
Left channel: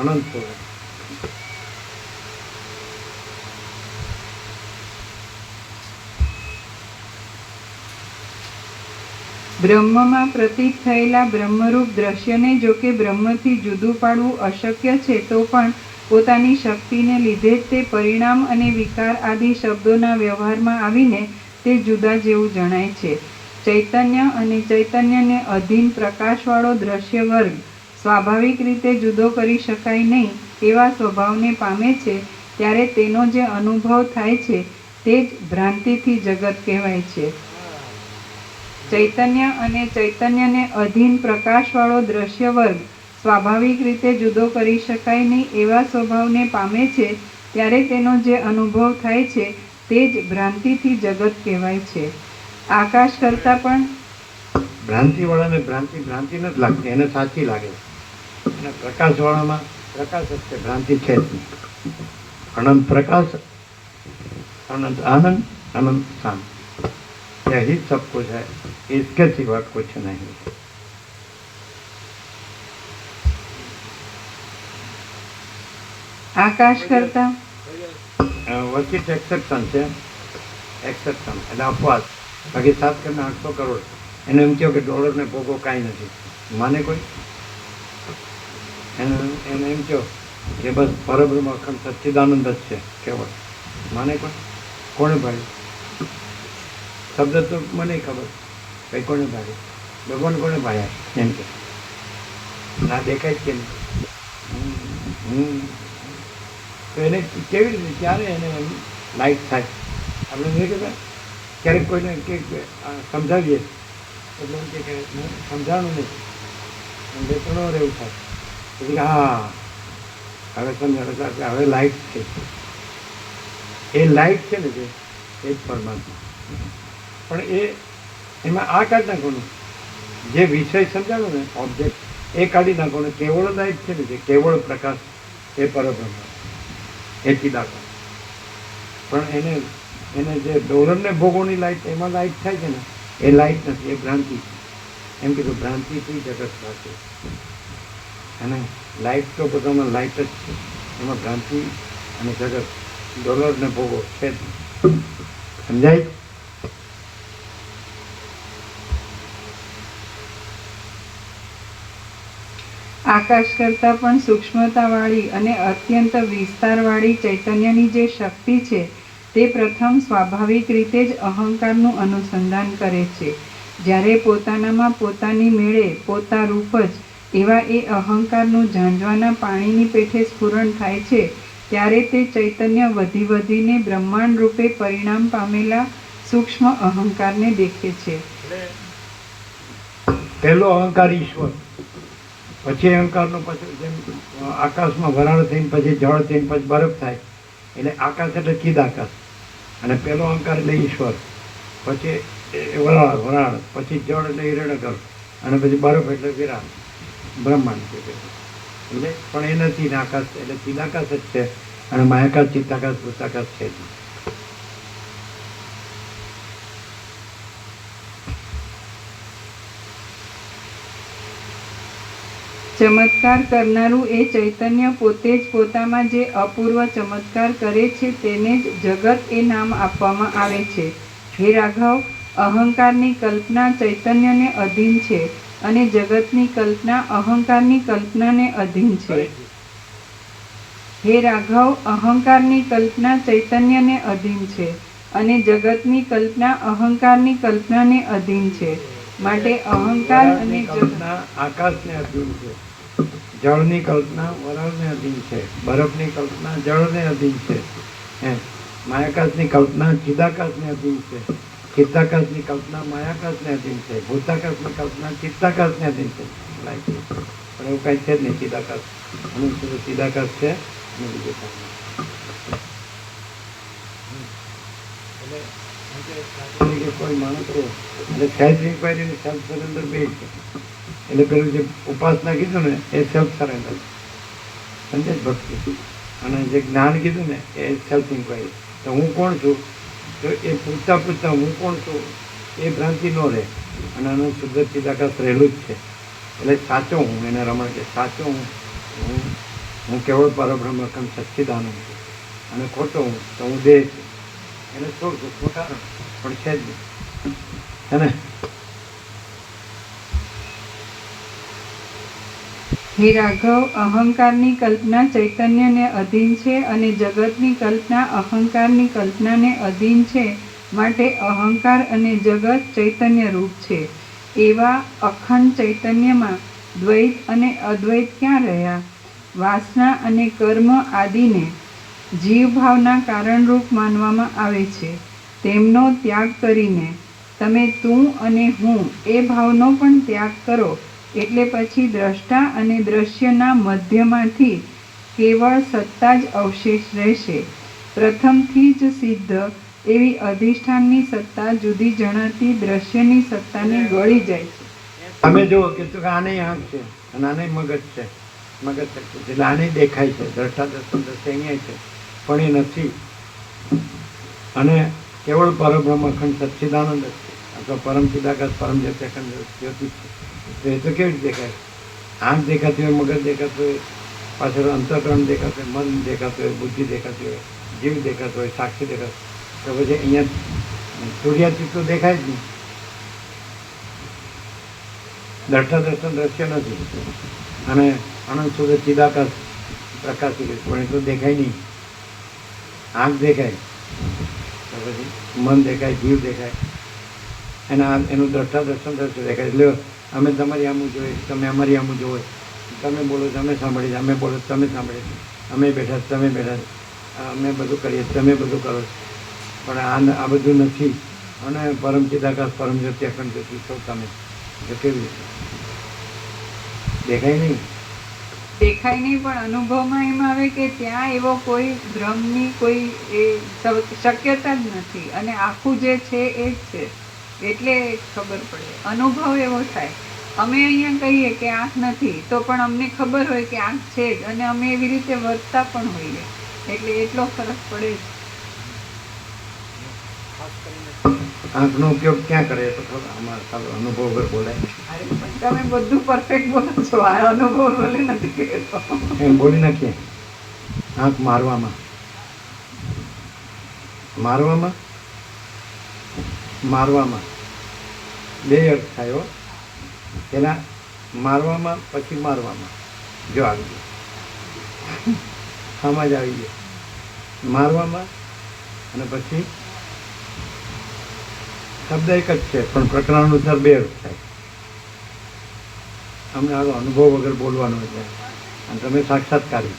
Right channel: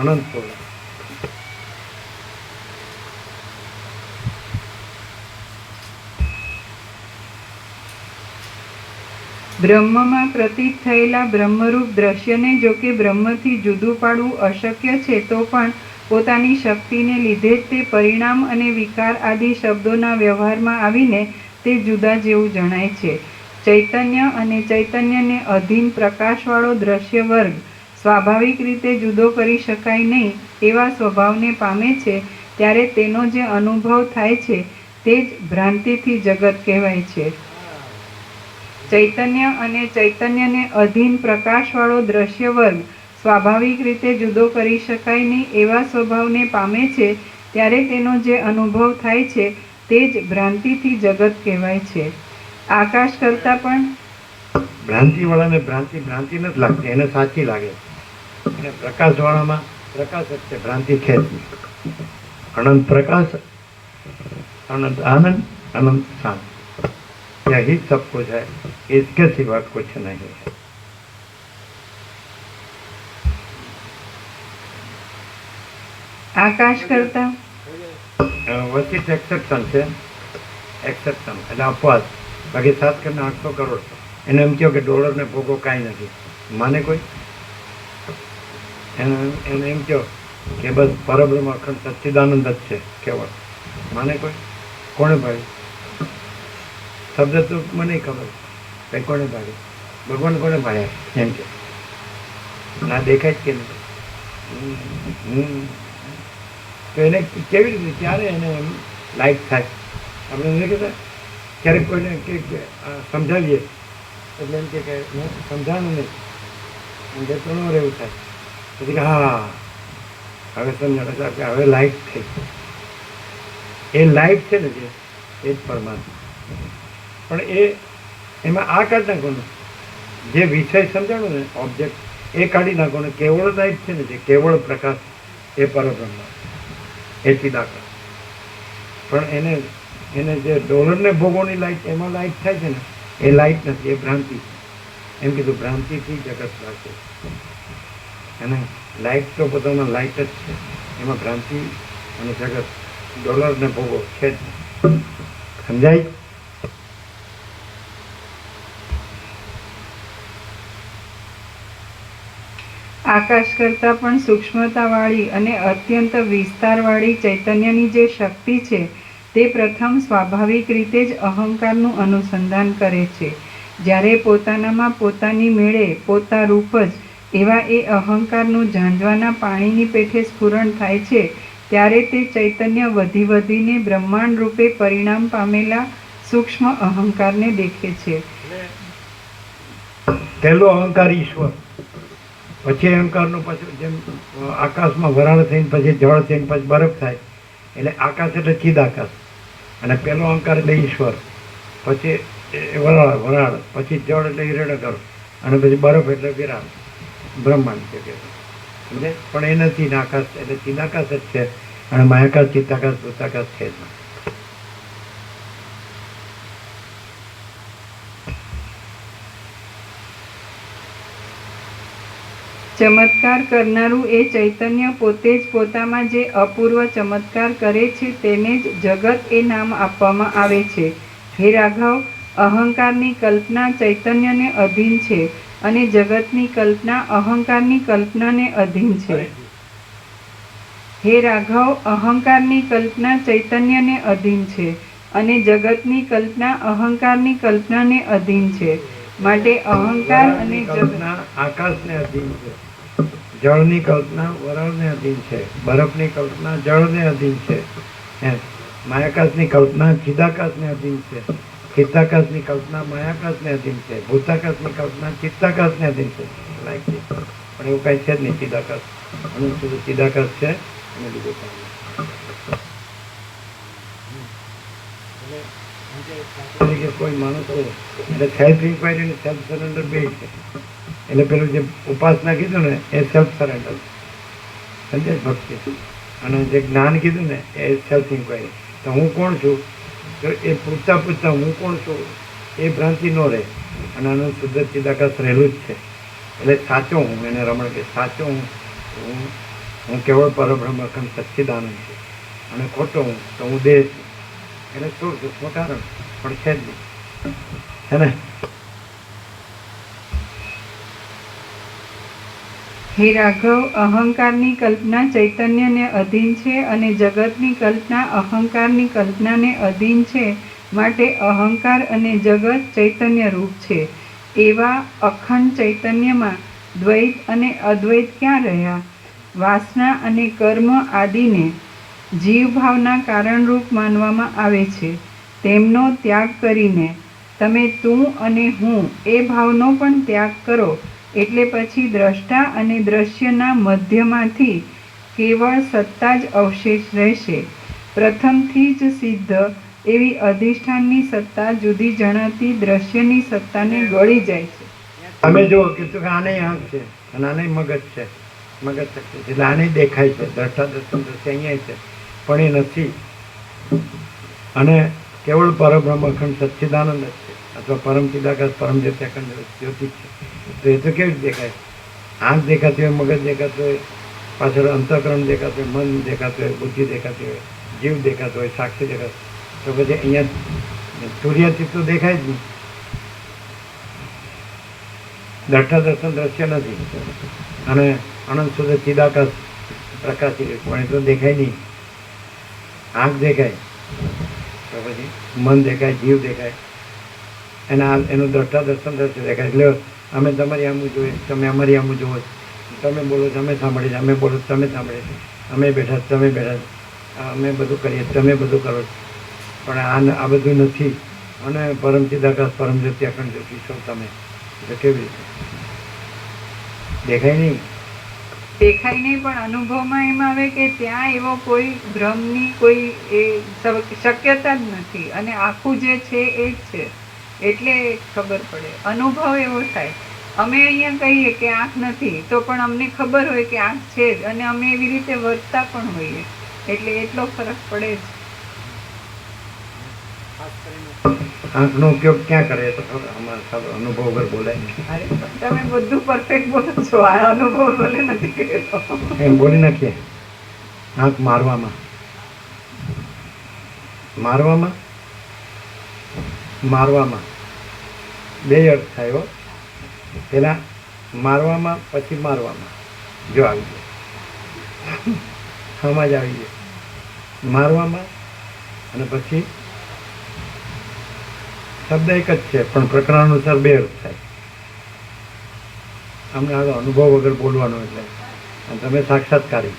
અનંત પૂર્ણ. બ્રહ્મમાં પ્રતીત થયેલા બ્રહ્મરૂપ દ્રશ્યને જો કે બ્રહ્મથી જુદું પાડવું અશક્ય છે, તો પણ પોતાની શક્તિને લીધે જ તે પરિણામ અને વિકાર આદિ શબ્દોના વ્યવહારમાં આવીને તે જુદા જેવું જણાય છે. ચૈતન્ય અને ચૈતન્યને અધીન પ્રકાશવાળો દ્રશ્ય વર્ગ સ્વાભાવિક રીતે જુદો કરી શકાય નહીં એવા સ્વભાવને પામે છે, ત્યારે તેનો જે અનુભવ થાય છે તે જ ભ્રાંતિથી જગત કહેવાય છે. ચૈતન્ય અને ચૈતન્યને અધીન પ્રકાશવાળો દ્રશ્ય વર્ગ સ્વાભાવિક રીતે જુદો કરી શકાય નહીં એવા સ્વભાવને પામે છે, ત્યારે તેનો જે અનુભવ થાય છે તે જ ભ્રાંતિથી જગત કહેવાય છે. આકાશ કરતાં પણ ભ્રાંતિવાળાને ભ્રાંતિ નથી લાગતી, એને સાચી લાગે. અને પ્રકાશવાળામાં પ્રકાશ જ છે, ભ્રાંતિ છે જ નહીં. અનંત પ્રકાશ, अनंत आनंद, अनंत शांति, यही सब कुछ है, इसके सिवा कुछ नहीं है. આકાશ કરતા વચિત એક્સેપ્શન છે, એક્સેપ્શન એટલે અપવાદ. બાકી 7 કરોડ 800 કરોડ એને એમ કહો કે ડોલરને ભોગો કાંઈ નથી, માને કોઈ? એને એમ કહો કે બસ પરબ્રહ્મ અખંડ સચ્ચિદાનંદ જ છે કેવળ. માને કોઈ? કોણે પાડી? શબ્દ તો મને ખબર, કંઈ કોણે પાડી? ભગવાન કોણે પાડ્યા એમ કે ના દેખાય જ કે નહીં. તો એને કેવી રીતે ક્યારે એને એમ લાઈટ થાય? આપણે નથી કહેતા ક્યારેક કોઈને કે સમજાવીએ એટલે એમ કે મેં સમજાણું નહીં, એમ 2-3 વાર એવું થાય પછી કે હા હવે સમજાણ કે હવે લાઈટ થઈ. એ લાઈટ છે ને જે એ જ પરમાત્મા. પણ એમાં આ કાઢી નાખવાનું, જે વિષય સમજાણું ને ઓબ્જેક્ટ એ કાઢી નાખવાનું. કેવળ લાઈટ છે ને જે કેવળ પ્રકાશ એ પરબ્રહ્મ, એ ચિદાકાશ. પણ એને જે ડોલરને ભોગોની લાઈટ એમાં લાઈટ થાય છે ને એ લાઈટ નથી, એ ભ્રાંતિ છે. એમ કીધું ભ્રાંતિથી જગત લાગે. અને લાઈટ તો બધામાં લાઈટ જ છે, એમાં ભ્રાંતિ અને જગત ડોલરને ભોગો છે જ. સમજાય? આકાશ કરતાં પણ સૂક્ષ્મતાવાળી અને અત્યંત વિસ્તારવાળી ચૈતન્યની જે શક્તિ છે તે પ્રથમ સ્વાભાવિક રીતે જ અહંકારનું અનુસંધાન કરે છે. જ્યારે પોતાનામાં પોતાની મેળે પોતા રૂપ જ એવા એ અહંકારનું ઝાંઝવાના પાણીની પેઠે સ્ફુરણ થાય છે ત્યારે તે ચૈતન્ય વધી વધીને બ્રહ્માંડ રૂપે પરિણામ પામેલા સૂક્ષ્મ અહંકારને દેખે છે. પહેલો અહંકાર ઈશ્વર, પછી અહંકારનો પછી જેમ આકાશમાં વરાળ થઈને પછી જળ થઈને પછી બરફ થાય એટલે આકાશ એટલે ચિદાકાશ. અને પહેલો અહંકાર એટલે ઈશ્વર, પછી વરાળ, પછી જળ એટલે હિરણ્યગર્ભ, અને પછી બરફ એટલે વિરાટ બ્રહ્માંડ છે. સમજે? પણ એ નથી ને આકાશ એટલે ચિદાકાશ જ છે. અને માયાકાશ, ચિત્તાકાશ, ભૂતાકાશ છે જ. ચમત્કાર કરનારું એ ચૈતન્ય પોતે જ પોતામાં જે અપૂર્વ ચમત્કાર કરે છે તેને જ જગત એ નામ આપવામાં આવે છે. હે રાઘવ, અહંકારની કલ્પના ચૈતન્યને અધીન છે અને જગતની કલ્પના અહંકારની કલ્પનાને અધીન છે. હે રાઘવ, અહંકારની કલ્પના ચૈતન્યને અધીન છે અને જગતની કલ્પના અહંકારની કલ્પનાને અધીન છે. માટે અહંકાર અને કલ્પના આકાશને અધીન છે, જળની કલ્પના વરાળને અધીન છે, બરફની કલ્પના જળને અધીન છે, માયાકાશની કલ્પના ચિદાકાશને અધીન છે, ચિત્તાકાશની કલ્પના માયાકાશને અધીન છે, ભૂતાકાશની કલ્પના ચિત્તાકાશને અધીન છે. પણ એવું કાંઈ છે જ નહીં. ચિદાકાશ અને ચિદાકાશ છે અને બીજું કાંઈ. કોઈ માણસ એટલે સેલ્ફ ઇન્ક્વાયરી અને સેલ્ફ સરેન્ડર બે છે. એટલે પેલું જે ઉપાસના કીધું ને એ સેલ્ફ સરેન્ડર, સમજે ભક્તિ. અને જે જ્ઞાન કીધું ને એ સેલ્ફ ઇન્ક્વાયરી. તો હું કોણ છું? તો એ પૂછતા પૂછતા હું કોણ છું એ ભ્રાંતિ ન રહે. અને આનું શુદ્ધ ચિદાકાશ રહેલું જ છે. એટલે સાચો હું, એને રમણ કે સાચો હું કેવળ પરબ્રહ્મ અખંડ સચ્ચિદાનંદ છું. અને ખોટો હું તો હું દેહ છું. એને છોડ દુઃખનું કારણ પણ છે જ નહીં. છે ને? હે રાઘવ, અહંકારની કલ્પના ચૈતન્યને અધીન છે અને જગતની કલ્પના અહંકારની કલ્પનાને અધીન છે. માટે અહંકાર અને જગત ચૈતન્ય રૂપ છે. એવા અખંડ ચૈતન્યમાં દ્વૈત અને અદ્વૈત ક્યાં રહ્યા? વાસના અને કર્મ આદિને જીવભાવના કારણરૂપ માનવામાં આવે છે. તેમનો ત્યાગ કરીને તમે તું અને હું એ ભાવનો પણ ત્યાગ કરો એટલે પછી દ્રષ્ટા અને દ્રશ્યના મધ્યમાંથી કેવળ સત્તા જ અવશેષ રહેશે. પ્રથમથી જ સિદ્ધ એવી અધિષ્ઠાનની સત્તા જુદી જણાતી દ્રશ્યની સત્તાને ગળી જાય છે. તમે જુઓ કે આને આંખ છે અને આને મગજ છે, મગજ શક્તિ છે એટલે આને દેખાય છે. દ્રષ્ટા દર્શન દ્રશ્ય અહીંયા છે પણ એ નથી. અને કેવળ પરબ્રહ્મ અખંડ સચ્ચિદાનંદ જ છે, અથવા પરમ ચિદાકાશ પરમ જ્યોતિ અખંડ જ્યોતિ છે. તો એ તો કેવી રીતે દેખાય? આંખ દેખાતી હોય, મગજ દેખાતું હોય, પાછળ અંતઃકરણ દેખાતું હોય, મન દેખાતું હોય, બુદ્ધિ દેખાતી હોય, જીવ દેખાતો હોય, સાક્ષી દેખાતો, તો પછી અહીંયા સૂર્યાતીત તો દેખાય જ નહીં. દ્રષ્ટા દર્શન દ્રશ્ય નથી, અને અનંત સુધી ચિદાકાશ પ્રકાશી પણ એ તો દેખાય નહીં. આંખ દેખાય તો પછી મન દેખાય, જીવ દેખાય, એનું દ્રષ્ટા દર્શન દ્રશ્ય દેખાય. એટલે અમે તમારી આમું જોઈએ, તમે અમારી આમું જોવો, તમે બોલો તમે સાંભળીએ, અમે બોલો તમે સાંભળીએ, અમે બેઠા તમે બેઠા, અમે બધું કરીએ તમે બધું કરો. પણ આ બધું નથી. અને પરમ ચિદાકાશ પરમ જ્યોતિ અખંડ જ્યોતિ છો તમે, એટલે કેવી રીતે દેખાય નહીં? દેખાય નહીં, પણ અનુભવમાં એમ આવે કે ત્યાં એવો કોઈ ભ્રમની કોઈ એ શક્યતા જ નથી, અને આખું જે છે એ જ છે, એટલે ખબર પડે, અનુભવ એવો થાય. અમે અહીંયા કહીએ કે આંખ નથી, તો પણ અમને ખબર હોય કે આંખ છે જ, અને અમે એવી રીતે વર્તતા પણ હોઈએ, એટલે એટલો ફરક પડે જ. ખાસ કરીને આંખનો ઉપયોગ ક્યાં કરે તો અમારા અનુભવ વગર બોલાય તમે બધું પરફેક્ટ બોલો છો, આ અનુભવ બોલે નથી કહેતો. એમ બોલી નાખીએ. આંખ મારવામાં મારવામાં મારવામાં બે અર્થ થાય હો. તેના મારવામાં પછી મારવામાં જો આવી ગયો સમજ આવી ગયો. મારવામાં અને પછી શબ્દ એક જ છે, પણ પ્રકરણ અનુસાર બે અર્થ થાય. અમને આનો અનુભવ વગર બોલવાનો એટલે, અને તમે સાક્ષાત્કારી.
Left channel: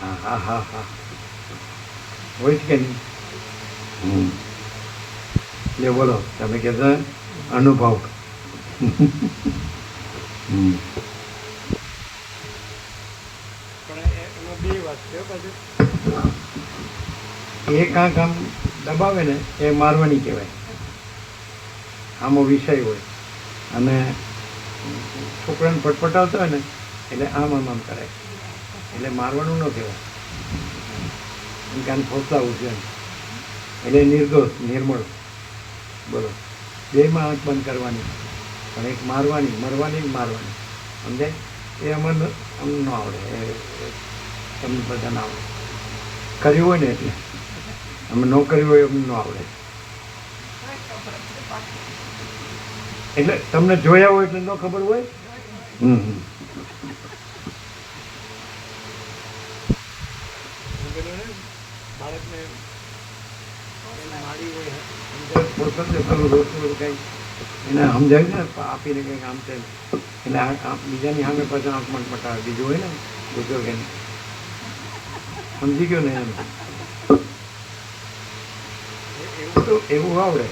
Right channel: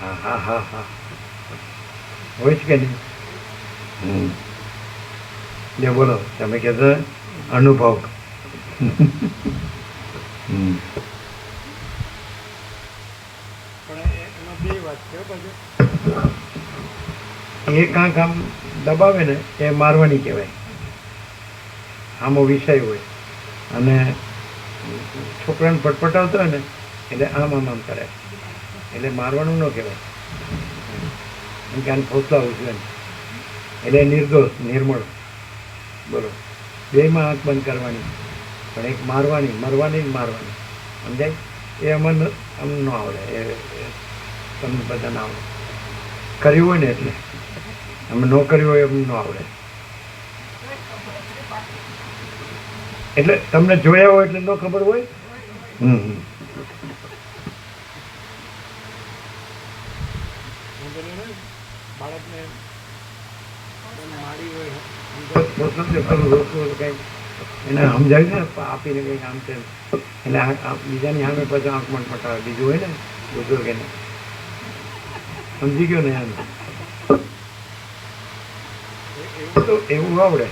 હા હા હા હા હોય જ કે નહીં? જે બોલો તમે કહેતા અનુભવ. પણ એમાં બે વાત છે પાછું. એક આંખ આમ દબાવે ને એ મારવાની કહેવાય. આમો વિષય હોય અને છોકરાને પટપટાવતો હોય ને એટલે આમ આમ આમ કરે, એટલે મારવાનું ન કહેવાય. એમ કે આને ફોસલાવું છે એટલે નિર્દોષ નિર્મળ. બોલો, બેમાં આંખ બંધ કરવાની, પણ એક મારવાની, મરવાની જ મારવાની. સમજાય? એ અમને અમને ન આવડે, એ તમને બધા ના આવડે. કર્યું હોય ને એટલે, અમે ન કર્યું હોય એમ ન આવડે. એટલે તમને જોયા હોય એટલે ન ખબર હોય. હું પેલું ને બાળકને માડી હોય એને સમજાવી ને આપીને કંઈક આમ તેમ, એટલે બીજાની સામે પછી આંખ મટમટાવે. બીજું હોય ને બુઝુર્ગ એને સમજી ગયો ને એમ તો એવું આવડે,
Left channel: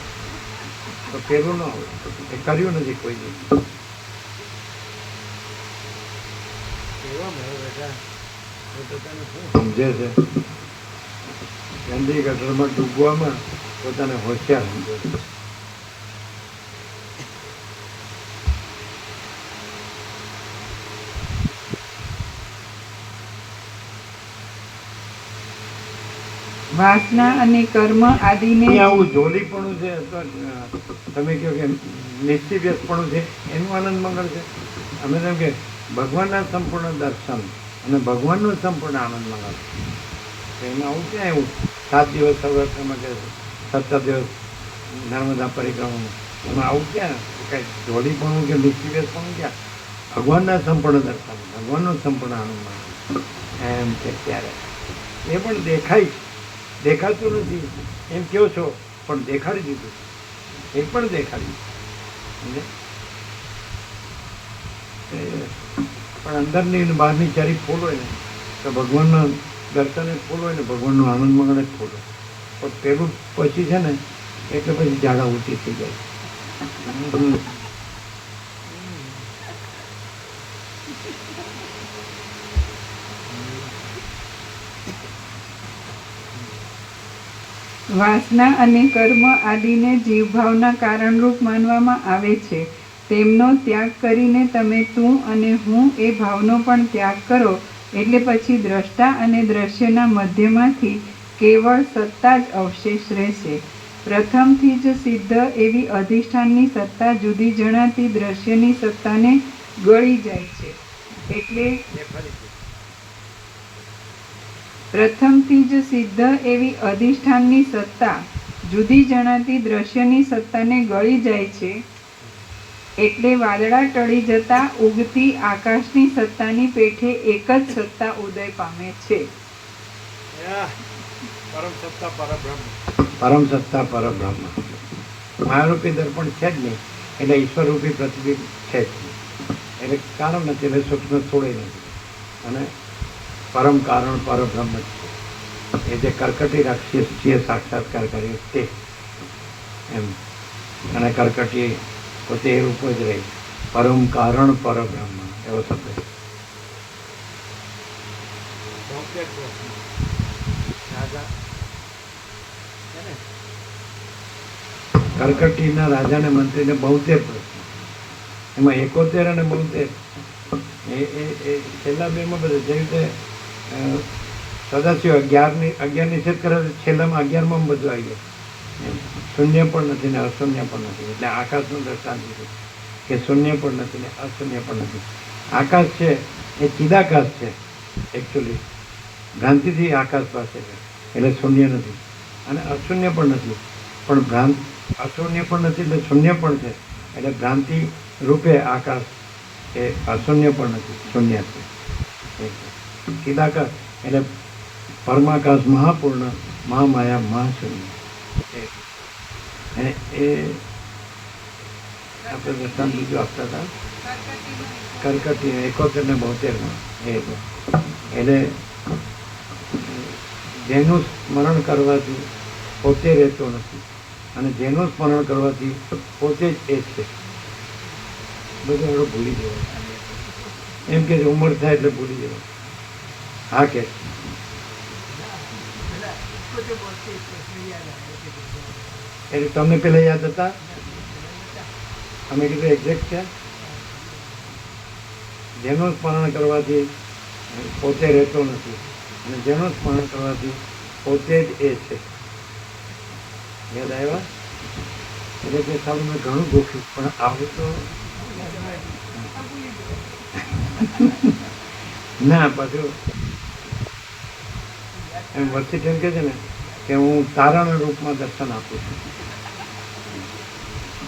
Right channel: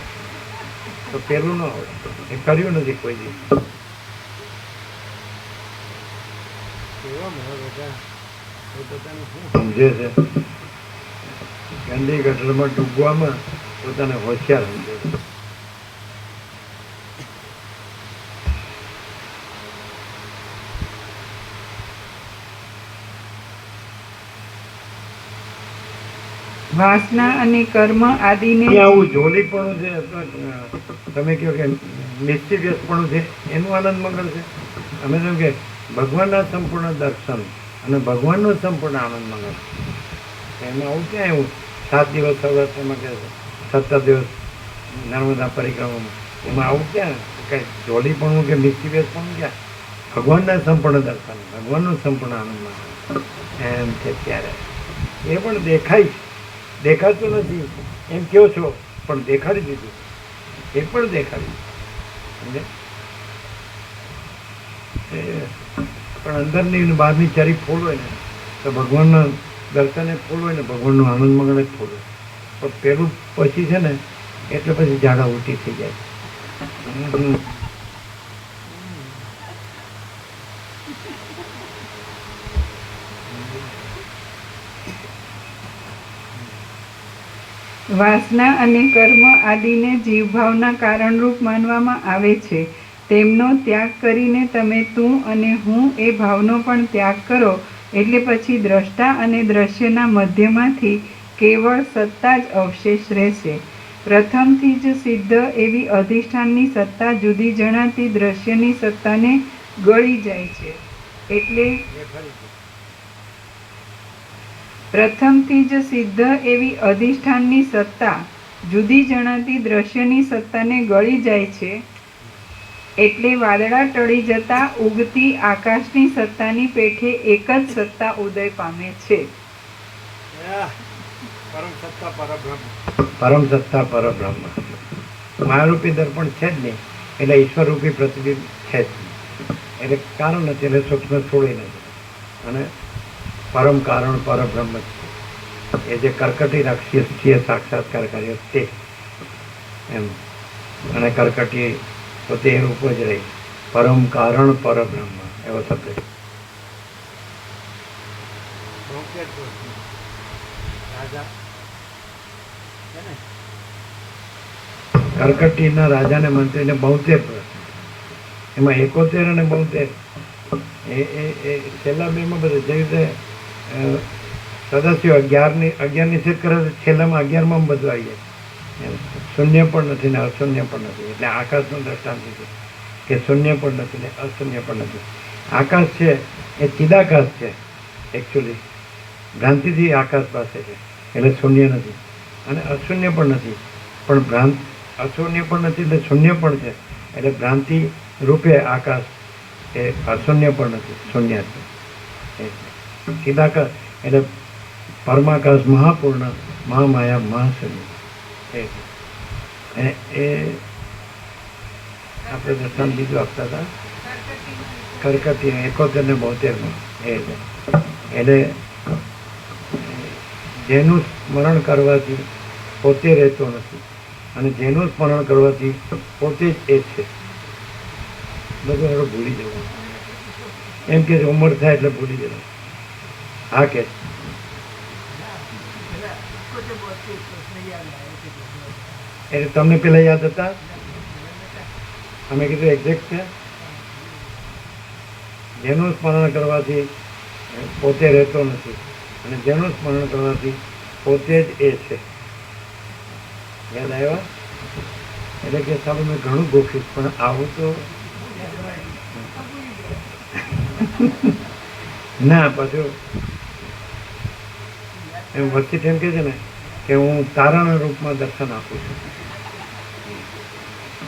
તો પેલું ન આવડે. એ કર્યું નથી કોઈ દિવસ. કેવા મળે બેટા પોતાને શું સમજે છે ગાંધી ગટરમાં ડૂબવામાં પોતાને હોશિયાર સમજે છે. વાસના અને કર્મ આદિને આવું જોલીપણું છે, તમે કહો કે નિશ્ચિવ્યસપણું છે, એનું આનંદ મંગળ છે. અમે તેમ કે ભગવાનના સંપૂર્ણ દર્શન અને ભગવાનનો સંપૂર્ણ આનંદ મંગળ. એમાં આવું ક્યાં એવું 7 દિવસ સૌરાષ્ટ્રમાં કે 17 દિવસ નર્મદા પરિક્રમામાં, એમાં આવું ક્યાં કાંઈ જોલીપણું કે નિશ્ચિવ્યસપણું ક્યાં? ભગવાનના સંપૂર્ણ દર્શન, ભગવાનનો સંપૂર્ણ આનંદ મંગળ એમ છે. ત્યારે એ પણ દેખાય, દેખાતું નથી એમ કહો છો, પણ દેખાડી દીધું. એ પણ દેખાડી પણ અંદરની અને બહારની ચારી ફૂલ હોય ને તો ભગવાનના દર્શને ફૂલ હોય ને ભગવાનનું આનંદ મંગળ જ ફૂલ હોય. પણ પેલું પછી છે ને એટલે પછી ઝાડા ઉલટી થઈ જાય. વાસના અને કર્મ આદિને જીવભાવના કારણરૂપ માનવામાં આવે છે. તેમનો ત્યાગ કરીને તમે તું અને હું એ ભાવનો પણ ત્યાગ કરો, એટલે પછી દ્રષ્ટા અને દ્રશ્યના મધ્યમાંથી કેવળ સત્તા જ અવશેષ રહેશે. પ્રથમથી જ સિદ્ધ એવી અધિષ્ઠાનની સત્તા જુદી જણાતી દ્રશ્યની સત્તાને ગળી જાય છે. એટલે પ્રથમથી જ સિદ્ધ એવી અધિષ્ઠાનની સત્તા જુદી જણાતી દ્રશ્યની સત્તાને ગળી જાય છે. એટલે વાદળા ટળી જતા ઉગતી આકાશની સત્તાની પેઠે એક જ સત્તા ઉદય પામે છે. આહ, પરમ સત્તા પરબ્રહ્મ. પરમ સત્તા પરબ્રહ્મ. માયારૂપી દર્પણ છે જ નહીં, એટલે ઈશ્વરરૂપી પ્રતિબિંબ છે જ નહીં. એટલે કારણ નથી, એટલે સૂક્ષ્મ થોડી નથી. અને પરમ કારણ પરબ્રહ્મ જ છે. એ જે કર્કટી રાક્ષસીએ સાક્ષાત્કાર કર્યો તે એમ. અને કર્કટી પોતે એ રૂપ જ રહી. પરમ કારણ પરબ્રહ્મ એવો શબ્દ છે. ભૌંકેર પ્રશ્ન. રાજા છે ને, કર્કટીના રાજાને મંત્રીને 72 પ્રશ્ન, એમાં 71 અને 72 એ છેલ્લા બેમાં બધે જે રીતે સદાશિવ 11ની સિદ્ધ કરે તો છેલ્લામાં 11માં બધું આવી જાય. શૂન્ય પણ નથી ને અશૂન્ય પણ નથી. એટલે આકાશનું દ્રષ્ટાંત છે કે શૂન્ય પણ નથી ને અશૂન્ય પણ નથી. આકાશ છે એ ચિદાકાશ છે, એકચ્યુઅલી ભ્રાંતિથી આકાશ પાસે છે, એટલે શૂન્ય નથી. અને અશૂન્ય પણ નથી, પણ અશૂન્ય પણ નથી એટલે શૂન્ય પણ છે. એટલે ભ્રાંતિ રૂપે આકાશ એ અશૂન્ય પણ નથી, શૂન્ય છે. ચિદાકાશ એટલે પરમાકાશ, મહાપૂર્ણ, મહામાયા, મહાશૂન્ય. એ આપણે દર્શન બીજું આપતા હતા કર્કટી 71 ને 72. એટલે જેનું સ્મરણ કરવાથી પોતે રહેતો નથી, અને જેનું સ્મરણ કરવાથી પોતે જ એ છે. લોકો હવે ભૂલી જવાય એમ કે ઉંમર થાય એટલે ભૂલી જવાય. હા કે એટલે તમને પેલા યાદ હતા? અમે કીધું એક્ઝેક્ટ છે. જેનું સ્મરણ કરવાથી પોતે રહેતો નથી, અને જેનું સ્મરણ કરવાથી પોતે જ એ છે. યાદ આવ્યા? એટલે કે સારું મેં ઘણું ગોખ્યું, પણ આવું તો ના. પાછું એમ વસ્તી એમ કે છે ને કે હું તારાના રૂપમાં દર્શન આપું છું.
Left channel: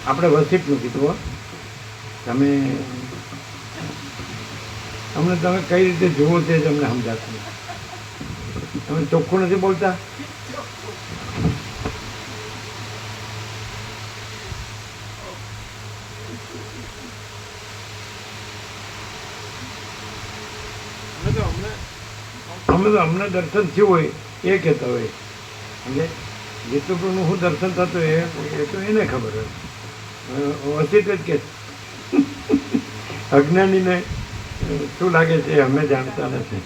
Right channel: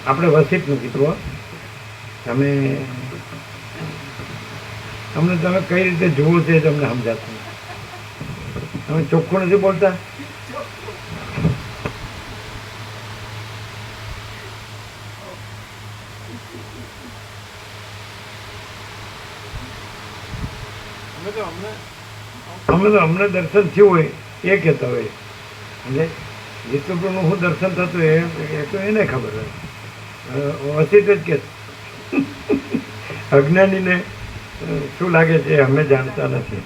આપણે વસીતનું કીધું. તમે તમે કઈ રીતે જુઓ છે તમને સમજાતું નથી. તમે ચોખ્ખું નથી બોલતા. અમને દર્શન થયું હોય એ કહેતા હોય. એટલે વિષ્ણુનું શું દર્શન થતું એ તો એને ખબર હોય. વસીત જ કે અજ્ઞાનીને શું લાગે છે અમે જાણતા નથી.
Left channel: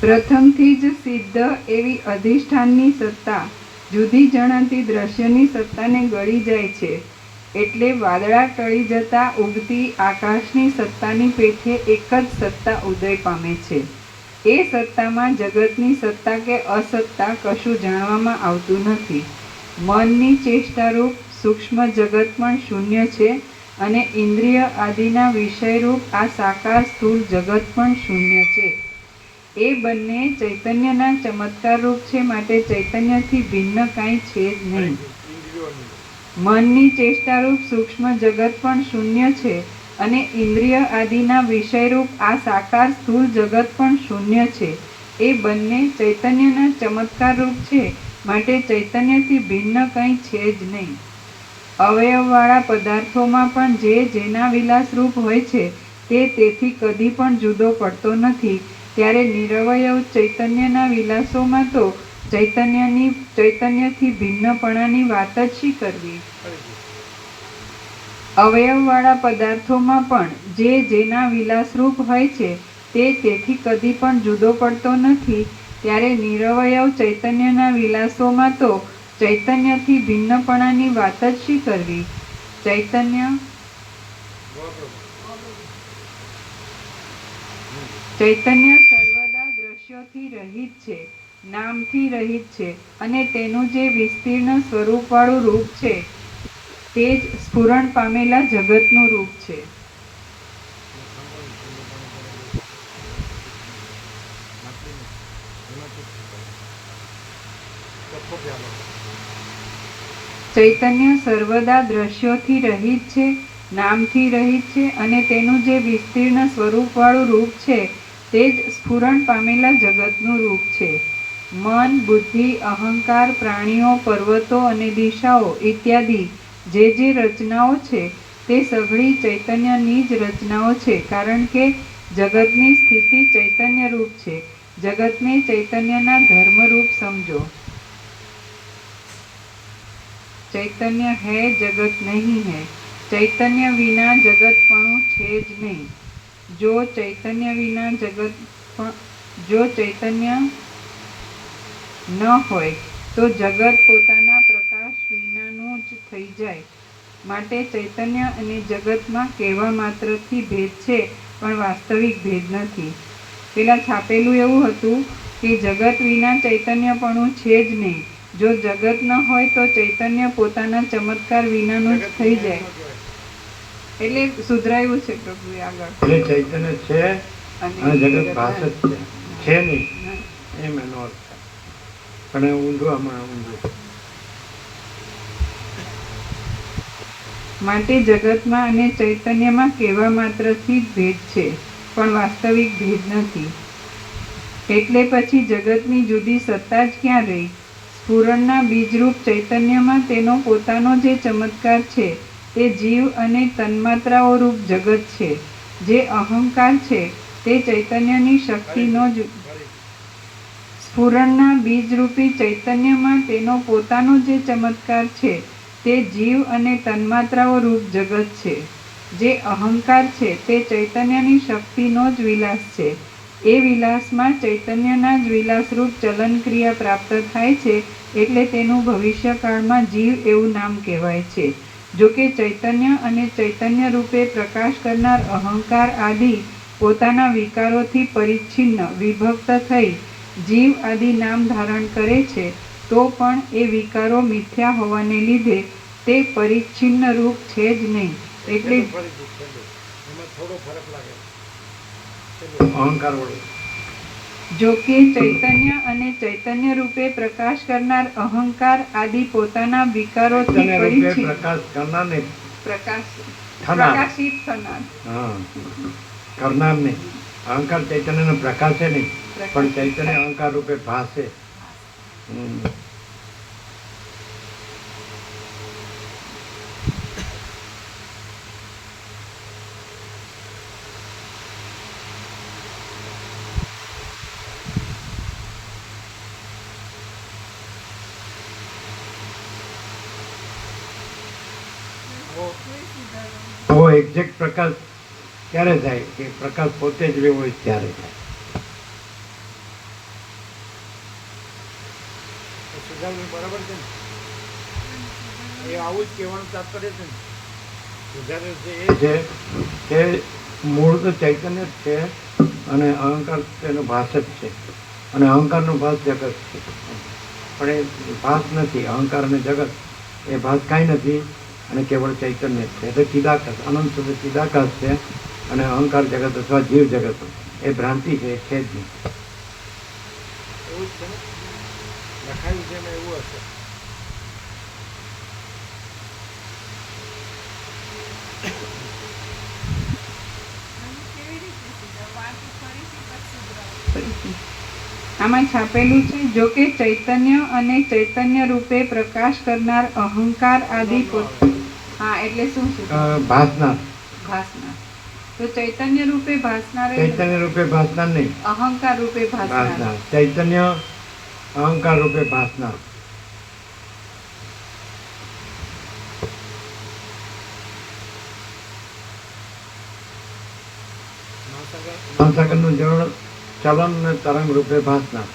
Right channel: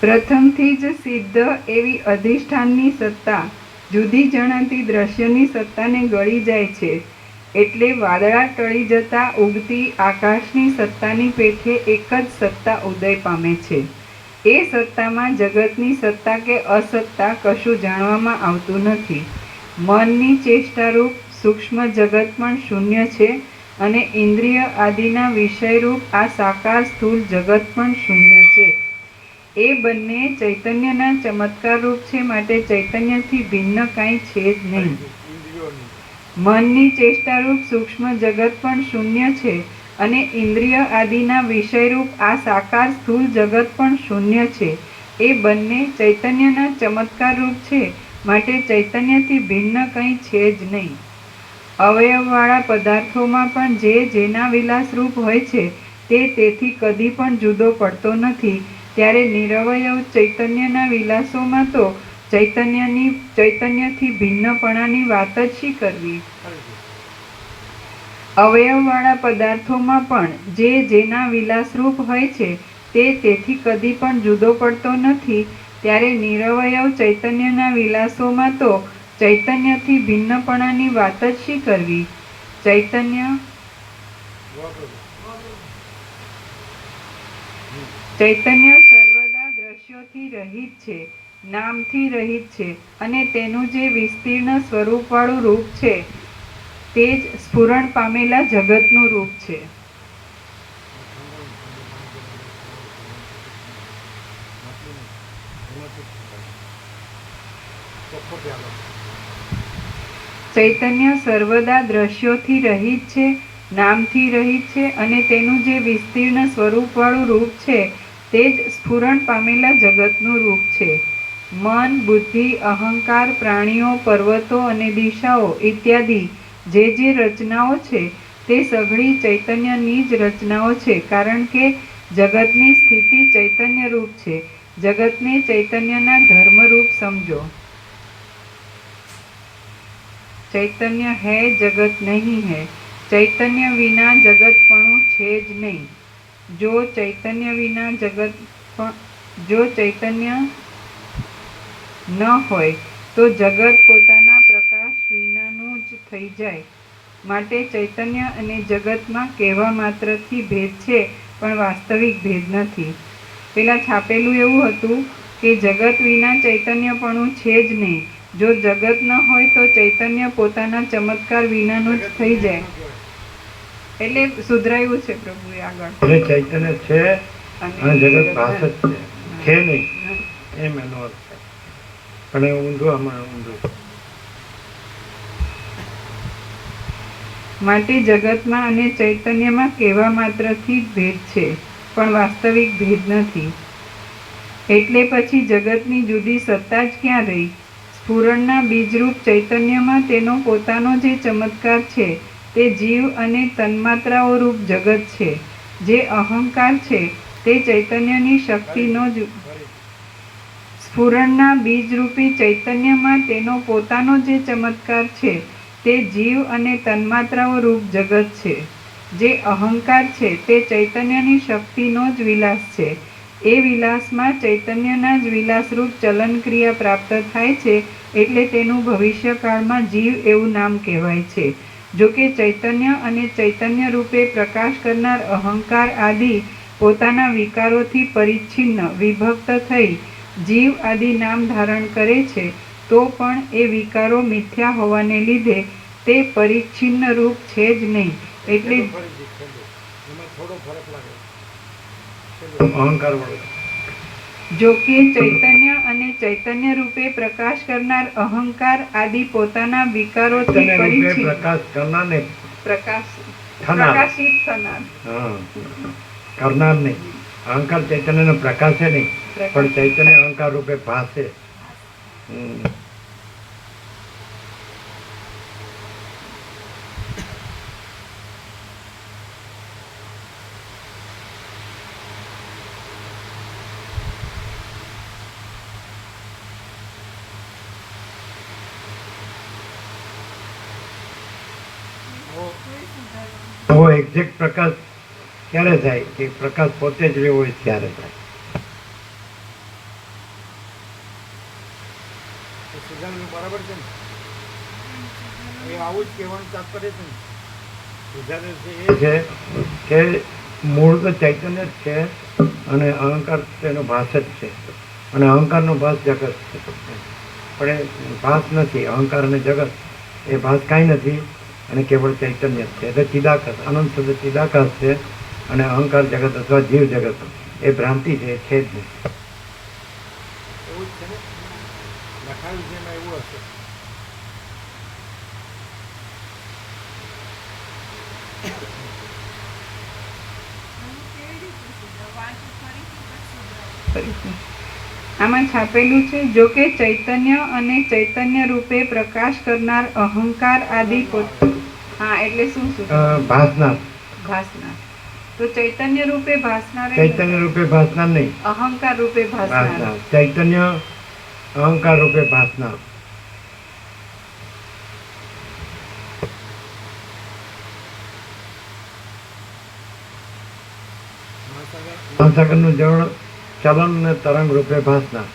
પ્રથમથી જ સિદ્ધ એવી અધિષ્ઠાનની સત્તા જુદી જણાતી દ્રશ્યની સત્તાને ગળી જાય છે. એટલે વાદળા ટળી જતા ઉગતી આકાશની સત્તાની પેઠે એક જ સત્તા ઉદય પામે છે. એ સત્તામાં જગતની સત્તા કે અસત્તા કશું જાણવામાં આવતું નથી. મનની ચેષ્ટારૂપ સૂક્ષ્મ જગત પણ શૂન્ય છે, અને ઇન્દ્રિય આદિના વિષયરૂપ આ સાકાર સ્થૂળ જગત પણ શૂન્ય છે. એ બંને ચૈતન્યના ચમત્કાર રૂપ છે, માટે ચૈતન્યથી ભિન્ન કાંઈ છે જ નહીં. મનની ચેષ્ટારૂપ સૂક્ષ્મ જગત પણ શૂન્ય છે, અને ઇન્દ્રિય આદિના વિષયરૂપ આ સાકાર સ્થૂળ જગત પણ શૂન્ય છે. એ બંને ચૈતન્યના ચમત્કાર રૂપ છે, માટે ચૈતન્યથી ભિન્ન કંઈ છે જ નહીં. અવયવવાળા પદાર્થોમાં પણ જે જેના વિલાસ રૂપ હોય છે તે તેથી કદી પણ જુદો પડતો નથી. ત્યારે નિરવયવ ચૈતન્યના વિલાસોમાં તો ચૈતન્યથી ભિન્નપણાની વાત જ શી કરવી. અવયવવાળા પદાર્થોમાં પણ જે જેના વિલાસરૂપ હોય છે તે તેથી કદી પણ જુદો પડતો નથી. ત્યારે નિરવયવ ચૈતન્યના વિલાસોમાં તો ચૈતન્યથી ભિન્નપણાની વાત જ શી કરવી. ચૈતન્ય સર્વદા દ્રશ્યોથી રહિત છે, નામથી રહિત છે, અને તેનું જે વિસ્તીર્ણ સ્વરૂપવાળું રૂપ છે તે જ સ્ફુરણ પામેલા જગતનું રૂપ છે. ચોખ્ખો પ્યાલો. ચૈતન્ય સર્વદા દ્રશ્યોથી રહિત છે, નામથી રહિત છે અને તેનું જે વિસ્તીર્ણ સ્વરૂપવાળું રૂપ છે તે જ સ્ફુરણ પામેલા જગતનું રૂપ છે. મન, બુદ્ધિ, અહંકાર, પ્રાણીઓ, પર્વતો અને દિશાઓ ઇત્યાદિ જે રચનાઓ છે તે સઘળી ચૈતન્યની જ રચનાઓ છે, કારણ કે જગતની સ્થિતિ ચૈતન્ય રૂપ છે. જગતને ચૈતન્યના ધર્મરૂપ સમજો. ચૈતન્ય હૈ, જગત નહીં હૈ. ચૈતન્ય વિના જગતપણું છે જ નહીં. જો ચૈતન્ય વિના જો ચૈતન્ય ન હોય તો જગત પોતાના પ્રકાશ વિનાનું જ થઈ જાય. માટે ચૈતન્ય અને જગતમાં કહેવા માત્રથી ભેદ છે, પણ વાસ્તવિક ભેદ નથી. પેલા છાપેલું એવું હતું કે જગત વિના ચૈતન્યપણું છે જ નહીં. જો જગત ન હોય તો ચૈતન્ય પોતાના ચમત્કાર વિનાનું જ થઈ જાય. એટલે સુધરાયું છે પ્રભુએ આગળ. એટલે ચૈતન્ય છે અને જગત ભાસ જ છે નહીં એમ એનો અર્થ છે. પણ ઊંધું આમાં ઊંધું. માટે જગતમાં અને ચૈતન્યમાં કહેવા માત્રથી જ ભેદ છે, પણ વાસ્તવિક ભેદ નથી. એટલે પછી જગતની જુદી સત્તા જ ક્યાં રહી? સ્ફુરણના બીજરૂપ ચૈતન્યમાં તેનો પોતાનો જે ચમત્કાર છે તે જીવ અને તન્માત્રાઓ રૂપ જગત છે. જે અહંકાર છે તે ચૈતન્યની શક્તિનો જ સ્ફુરણના બીજરૂપી ચૈતન્યમાં તેનો પોતાનો જે ચમત્કાર છે તે જીવ અને તન્માત્રાઓ રૂપ જગત છે. જે અહંકાર છે તે ચૈતન્યની શક્તિનો જ વિલાસ છે. એ વિલાસમાં ચૈતન્યના જ વિલાસરૂપ ચલન ક્રિયા પ્રાપ્ત થાય છે, એટલે તેનું ભવિષ્યકાળમાં જીવ એવું નામ કહેવાય છે. જો કે ચૈતન્ય અને ચૈતન્ય રૂપે પ્રકાશ કરનાર અહંકાર આદિ પોતાના વિકારોથી પરિચ્છિન્ન વિભક્ત થઈ જીવ આદિ નામ ધારણ કરે છે, તો પણ એ વિકારો મિથ્યા હોવાને લીધે તે પરિચ્છિન્ન રૂપ છે જ નહીં. એટલે એમાં થોડો ફરક લાગે. અહંકાર વાળો. જો કે ચૈતન્ય અને ચૈતન્ય રૂપે પ્રકાશ કરનાર અહંકાર આદિ પોતાના વિકારોથી ચૈતન્ય રૂપે પરિચ્છિન્ન પ્રકાશ કરનાર ને પ્રકાશિત થનાર કરનાર નહીં. અહંકાર ચૈતન્યનો પ્રકાશ છે નહીં, પણ ચૈતન્ય અહંકાર રૂપે ભાસે. તો એક્ઝેક્ટ પ્રકાશ ક્યારે થાય? કે પ્રકાશ પોતે જ રહ્યો હોય ત્યારે થાય. સિદ્ધાંત બરાબર છે ને? એ આવું જ કહેવાનું તાત્પર્ય છે ને? સિદ્ધાંત છે એ છે કે મૂળ તો ચૈતન્ય જ છે અને અહંકાર તેનો ભાસ જ છે, અને અહંકારનો ભાસ જગત છે. પણ એ ભાસ નથી. અહંકાર અને જગત એ ભાસ કાંઈ નથી અને કેવળ ચૈતન્ય જ છે. એટલે ચિદાકાશ, અનંત સુધી ચિદાકાશ છે, અને અહંકાર જગત અથવા જીવ જગત એ ભ્રાંતિ છે જ નહીં. એવું જ છે ને? લખાયું છે એમાં એવું હશે. આમાં છાપેલું છે, જો કે ચૈતન્ય અને ચૈતન્ય રૂપે પ્રકાશ કરનાર અહંકાર આદિ હા એટલે શું છે? ભાસનાર. ભાસનાર. તો ચૈતન્ય રૂપે ભાસનાર ચૈતન્ય રૂપે ભાસનાર નહીં, અહંકાર રૂપે ભાસનાર. ભાસનાર. ચૈતન્ય અહંકાર રૂપે ભાસનાર. મહાસાગરનું જળ ચલન અને તરંગ રૂપે ભાસનાર.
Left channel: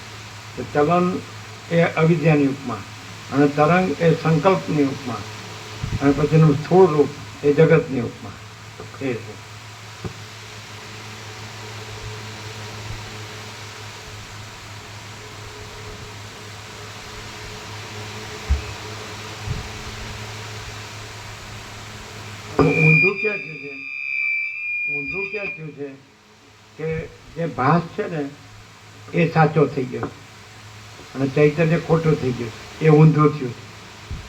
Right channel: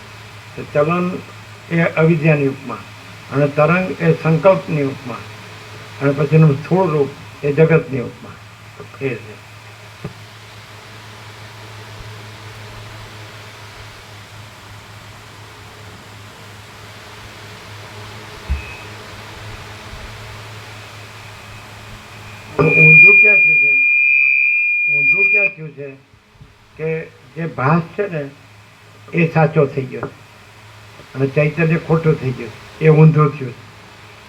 તો ચલન એ અવિદ્યાની ઉપમા, અને તરંગ એ સંકલ્પની ઉપમા, અને પછીનું સ્થૂળ રૂપ એ જગતની ઉપમા. એ છે. ઊંધું ક્યાં થયું છે? ઊંધું ક્યાં થયું છે કે જે ભાસ છે ને એ સાચો થઈ ગયો અને ચૈતન્ય ખોટું થઈ ગયું. એ ઊંધું થયું.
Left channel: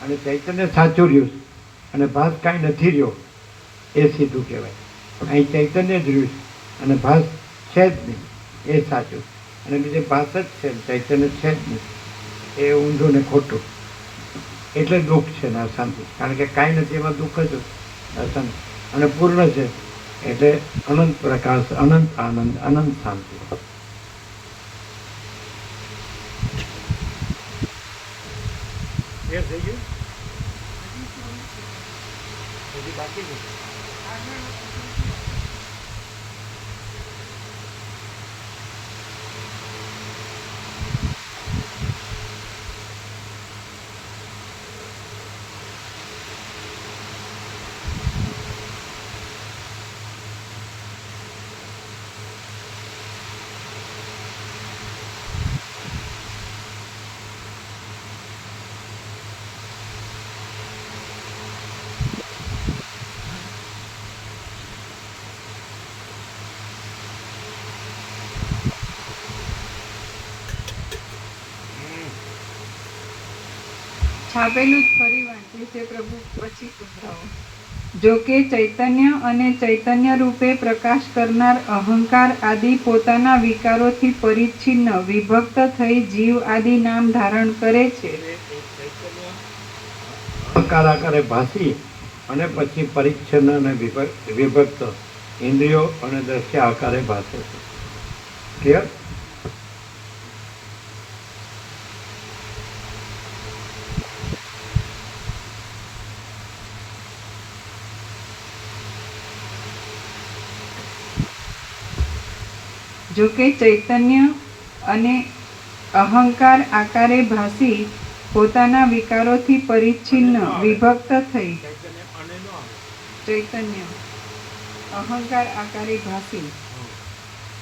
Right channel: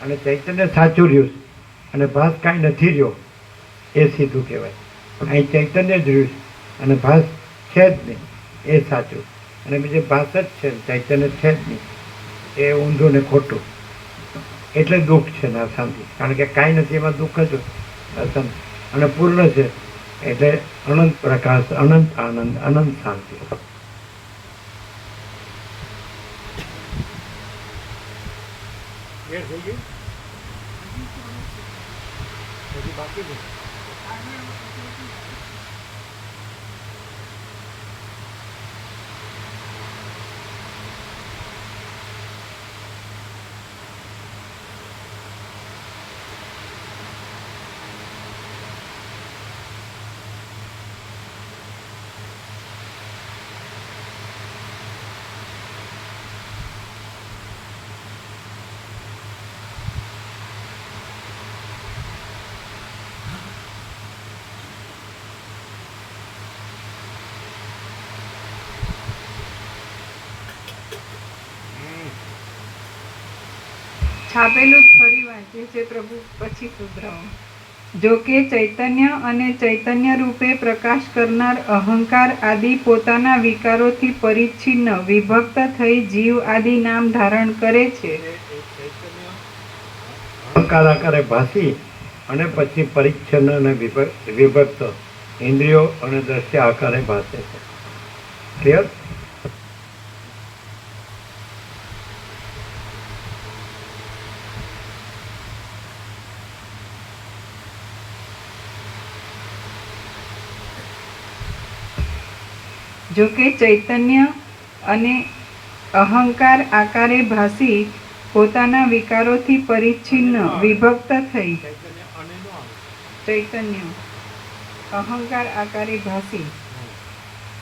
અને ચૈતન્ય સાચું રહ્યું છે અને ભાસ કાંઈ નથી રહ્યો એ સીધું કહેવાય. અહીં ચૈતન્ય જ રહ્યું છે અને ભાસ છે જ નહીં એ સાચું, અને બીજે ભાસ જ છે ને ચૈતન્ય છે જ નહીં એ ઊંધું ને ખોટું. એટલે દુઃખ છે ને અશાંતિ, કારણ કે કાંઈ નથી એમાં દુઃખ જ અશાંતિ, અને પૂર્ણ છે એટલે અનંત પ્રકાશ, અનંત આનંદ, અનંત શાંતિ. ક્લિયર થઈ ગયું? હજી બાકી છે? છાપેલું જ ફરી વાંચીએ છે પ્રભુ, પછી સુધરાવો. જો કે ચૈતન્ય અને ચૈતન્ય રૂપે પ્રકાશ કરનાર અહંકાર આદિ પોતાના વિકારોથી પરિચ્છિન્ન વિભક્ત થઈ જીવ આદિ નામ ધારણ કરે છે. અહંકાર આકારે ભાસી અને પછી પરિચ્છન્ન અને વિભક્ત ઇન્દ્રિયો અને દ્રશ્ય આકારે ભાસે છે. ક્લિયર? જો કે ચૈતન્ય અને અહંકાર આકારે ભાસી પોતાના વિકારોથી પરિચ્છિન્ન વિભક્ત થઈ ચૈતન્ય અને નો આવે. ચૈતન્ય અહંકાર આકારે ભાસી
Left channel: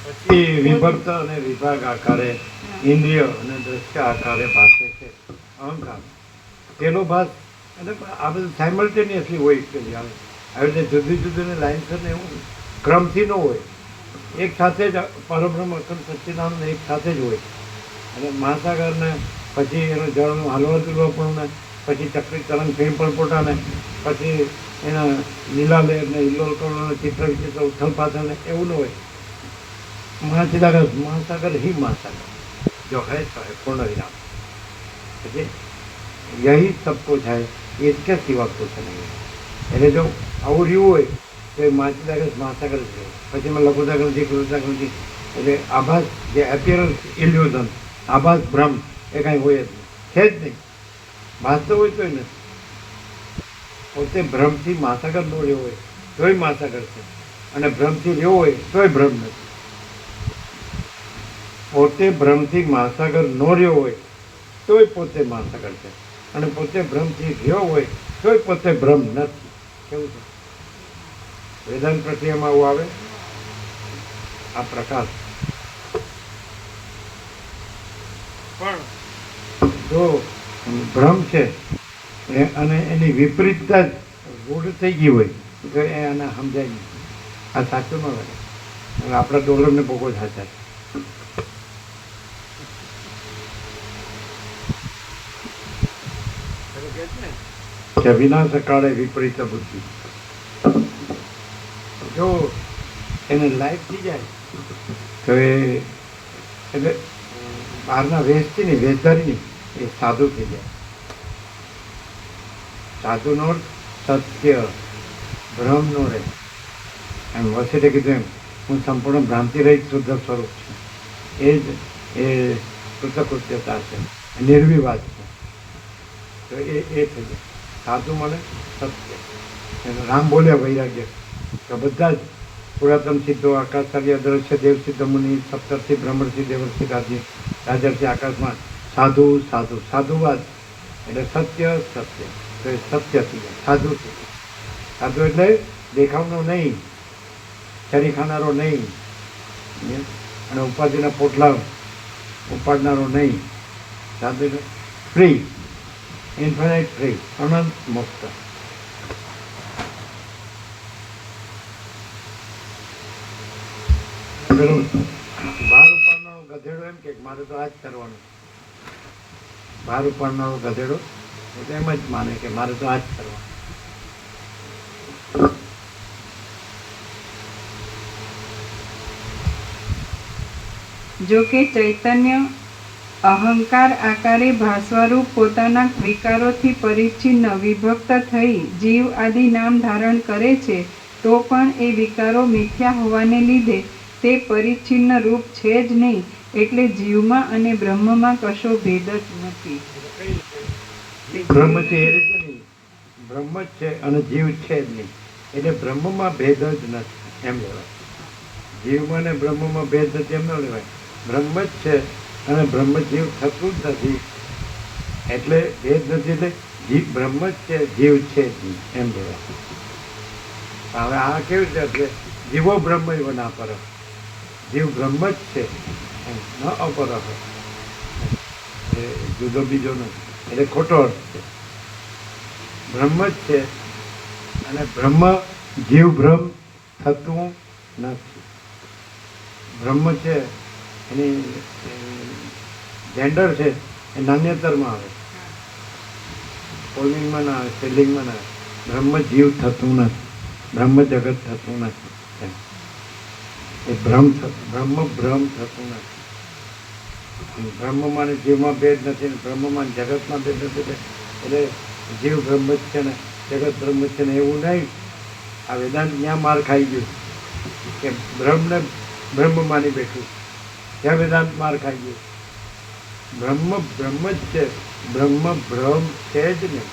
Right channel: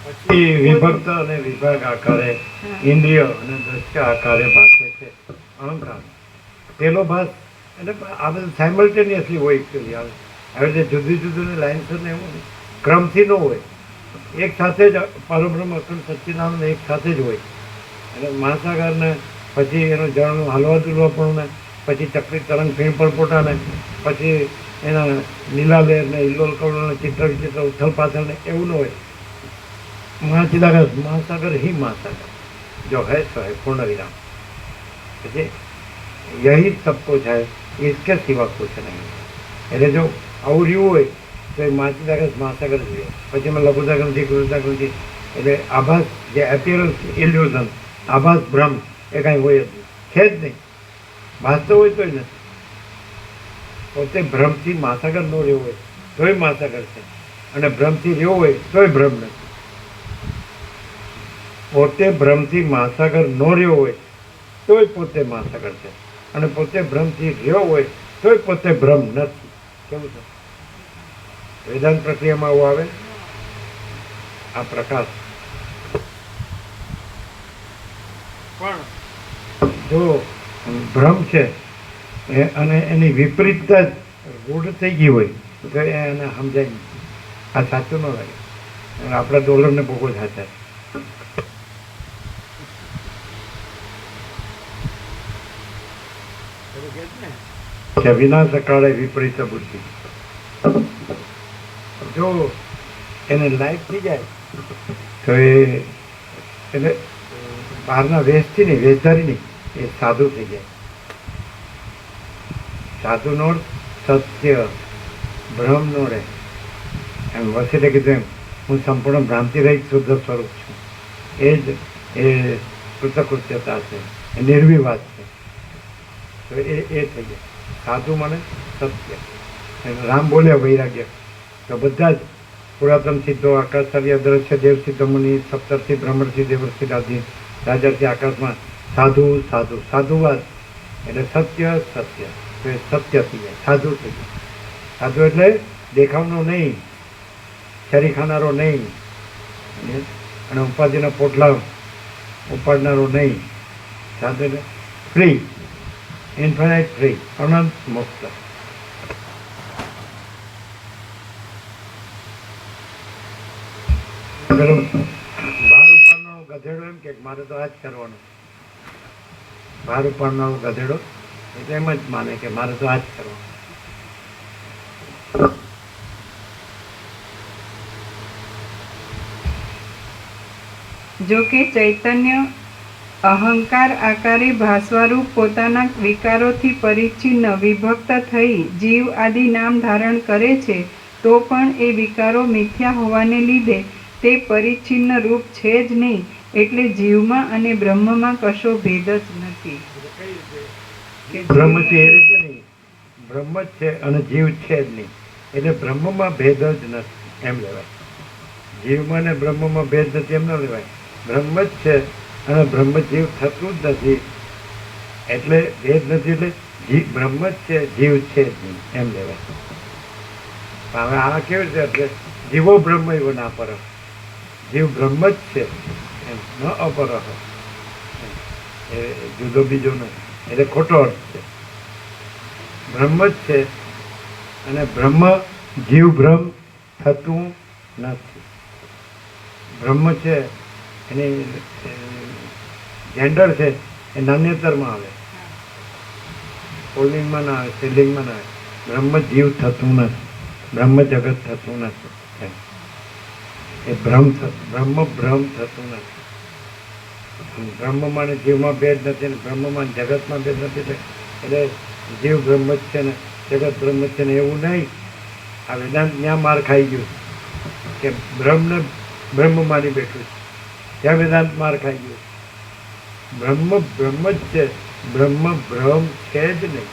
પછી વિભક્ત અને વિભાગ આકારે ઇન્દ્રિય અને દ્રશ્ય આકારે ભાસે છે અહંકાર. પેલો ભાસ એટલે આ બધું સાયમલ્ટેનિયસલી હોય એકચ્યુઅલી. આવે આવી રીતે જુદી જુદી લાઇન્સ ને એવું ક્રમથી ન હોય, એક સાથે જ પરબ્રહ્મ અખંડ સચ્ચિદાનંદ એક સાથે જ હોય. એટલે મહાસાગર ને પછી એનું જળનું હલવા દુલવાપણું ને પછી ચક્રી તરંગ ફીણ પરપોટા ને પછી એના લીલાલેર ને ઇલ્લોલ કવળો ને ચિત્ર વિચિત્ર ઉથલ પાથલ ને એવું ન હોય. महाचिदागर महासागर ही महासागर जो है सो है पूर्ण विराम. यही सब कुछ है, इसके सिवा कुछ नहीं है. એટલે જો આવું રહ્યું હોય તો એ માછીદાગર મહાસાગર જ રહ્યો. પછી એમાં લઘુદાગરથી કૃતાકૃતિ એટલે આભાસ જે એપિયરન્સ ઇલ્યુઝન આભાસ ભ્રમ એ કાંઈ હોય જ નહીં, છે જ નહીં. ભાસતો હોય તોય નથી. પોતે ભ્રમથી મહાસાગર ન રહ્યો હોય તોય મહાસાગર છે, અને ભ્રમથી રહ્યો હોય તોય ભ્રમ નથી. પોતે ભ્રમથી મહાસાગર ન રહ્યો હોય તોય પોતે મહાસાગર છે, અને પોતે ભ્રમથી રહ્યો હોય તોય પોતે ભ્રમ નથી. કેવું છે? વેદાંત પ્રક્રિયામાં આવું આવે. આ પ્રકાશ પણ જો ભ્રમ છે અને એની વિપરીતતા રૂઢ થઈ ગઈ હોય તો એને સમજાય નહીં. આ સાચું ન લાગે. અને આપણા ડોલરને બહુ જ સાચા છે. પેલું કહે છે ને કે વિનાશ કાળે વિપરીત બુદ્ધિ. જો એને લાઈફ થઈ જાય તો એ એટલે બહારના વેશથી નહીં, વેશધારી નહીં, એ સાધુ થઈ જાય. સાધુનો સત્ય ભ્રમ નો રહે. એમ વસીલે કીધું એમ, હું સંપૂર્ણ ભ્રાંતિ રહિત શુદ્ધ સ્વરૂપ છું. એ જ એ કૃતકૃત્યતા છે, એ નિર્વિવાદ છે. તો એ થઈ જાય સાધુ મને સત્ય. રામ બોલે વૈરાગ્ય તો બધા જ પુરાતન સિદ્ધો આકાશચાર્ય દ્રશ્ય દેવ સિદ્ધ મુનિ સપ્તર્ષિ બ્રહ્મર્ષિ દેવર્ષિ રાજી રાજર્ષિ આકાશમાં સાધુ સાધુ સાધુવાદ એટલે સત્ય સત્ય. તો એ સત્ય થઈ જાય, સાધુ થઈ જાય. સાધુ એટલે દેખાવનો નહીં, છરી ખાનારો નહીં, અને ઉપાધિના પોટલા ઉપાડનારો નહીં. સાધુ એટલે ફ્રી, ઇન્ફાઇનાઇટ ફ્રી, અનંત મુક્ત. બહાર ઉપાડનારો ગધેડો એમ કે મારે તો આ જ કરવાનું. બહાર ઉપાડનારો ગધેડો એ તો એમ જ માને કે મારે તો આ જ કરવા. જો કે ચૈતન્ય અહંકાર આકારે ભાસવારૂપ પોતાના વિકારોથી પરિચ્છિન્ન વિભક્ત થઈ જીવ આદિ નામ ધારણ કરે છે તો પણ એ વિકારો મિથ્યા હોવાને લીધે તે પરિચ્છિન્ન રૂપ છે જ નહીં. એટલે જીવમાં અને બ્રહ્મમાં કશો ભેદ જ નથી. કઈ રીતે બ્રહ્મ છે એ રીતે નહીં, બ્રહ્મ જ છે અને જીવ છે જ નહીં, એટલે બ્રહ્મમાં ભેદ જ નથી એમ લેવાય. જીવમાં ને બ્રહ્મમાં ભેદ નથી એમ ન લેવાય. બ્રહ્મ જ છે અને બ્રહ્મ જીવ થતું જ નથી, એટલે ભેદ નથી. એટલે બ્રહ્મ જ છે, જીવ છે જ નહીં એમ લેવાય. હવે આ કેવું છે? એટલે જીવો બ્રહ્મ એવો ના પર, જીવ બ્રહ્મ જ છે એમ, ન અપર. એ જુદો બીજો નથી, એટલે ખોટો અર્થ છે. બ્રહ્મ જ છે અને બ્રહ્મ જીવ બ્રહ્મ થતું નથી. બ્રહ્મ છે એની જેન્ડર છે એ નાન્યતરમાં આવે, પુલ્લિંગમાં ના આવે, સ્ત્રીલિંગમાં ના આવે. બ્રહ્મ જીવ થતું નથી, બ્રહ્મ જગત થતું નથી એમ. એ બ્રહ્મ ભ્રમ થતું નથી. બ્રહ્મમાં ને જીવમાં ભેદ નથી ને બ્રહ્મમાં ને જગતમાં ભેદ નથી. એટલે જીવ બ્રહ્મ જ છે ને જગત બ્રહ્મ જ છે ને એવું નહીં. આ વેદાંત ત્યાં માર ખાઈ ગયું કે બ્રહ્મને બ્રહ્મ માની બેઠું, ત્યાં વેદાંત માર ખાઈ ગયું. બ્રહ્મ બ્રહ્મ જ છે, બ્રહ્મ ભ્રમ છે જ નહીં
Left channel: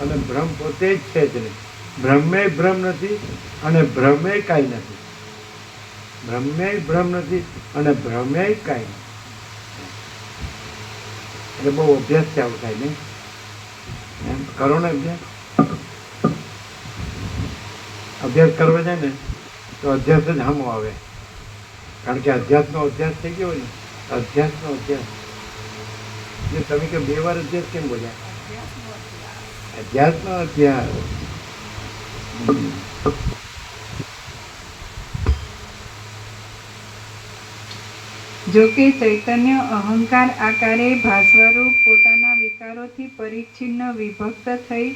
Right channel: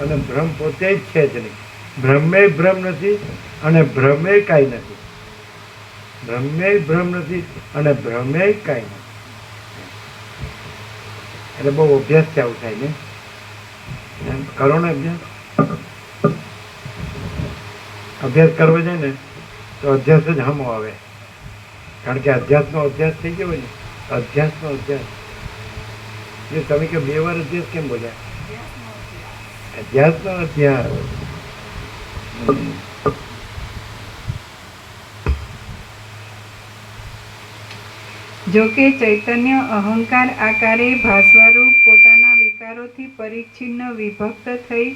અને બ્રહ્મ પોતે જ છે જ નહીં. બ્રહ્મે ભ્રમ નથી અને ભ્રમે કાંઈ નથી. બ્રહ્મે ભ્રમ નથી અને ભ્રમે કાંઈ નથી. એટલે બહુ અભ્યાસ છે આવું થાય ને. એમ કરો ને અભ્યાસ કરવો જાય ને તો અભ્યાસ જ હમો આવે. કારણ કે અધ્યાસનો અભ્યાસ થઈ ગયો હોય ને, અધ્યાસનો અભ્યાસ. એટલે તમે કે 2 વાર અભ્યાસ કેમ બોલ્યા? અધ્યાસનો અભ્યાસ. જો કે ચૈતન્ય અહંકાર આકારે ભાસવારૂપ પોતાના વિકારોથી પરિચ્છિન્ન વિભક્ત થઈ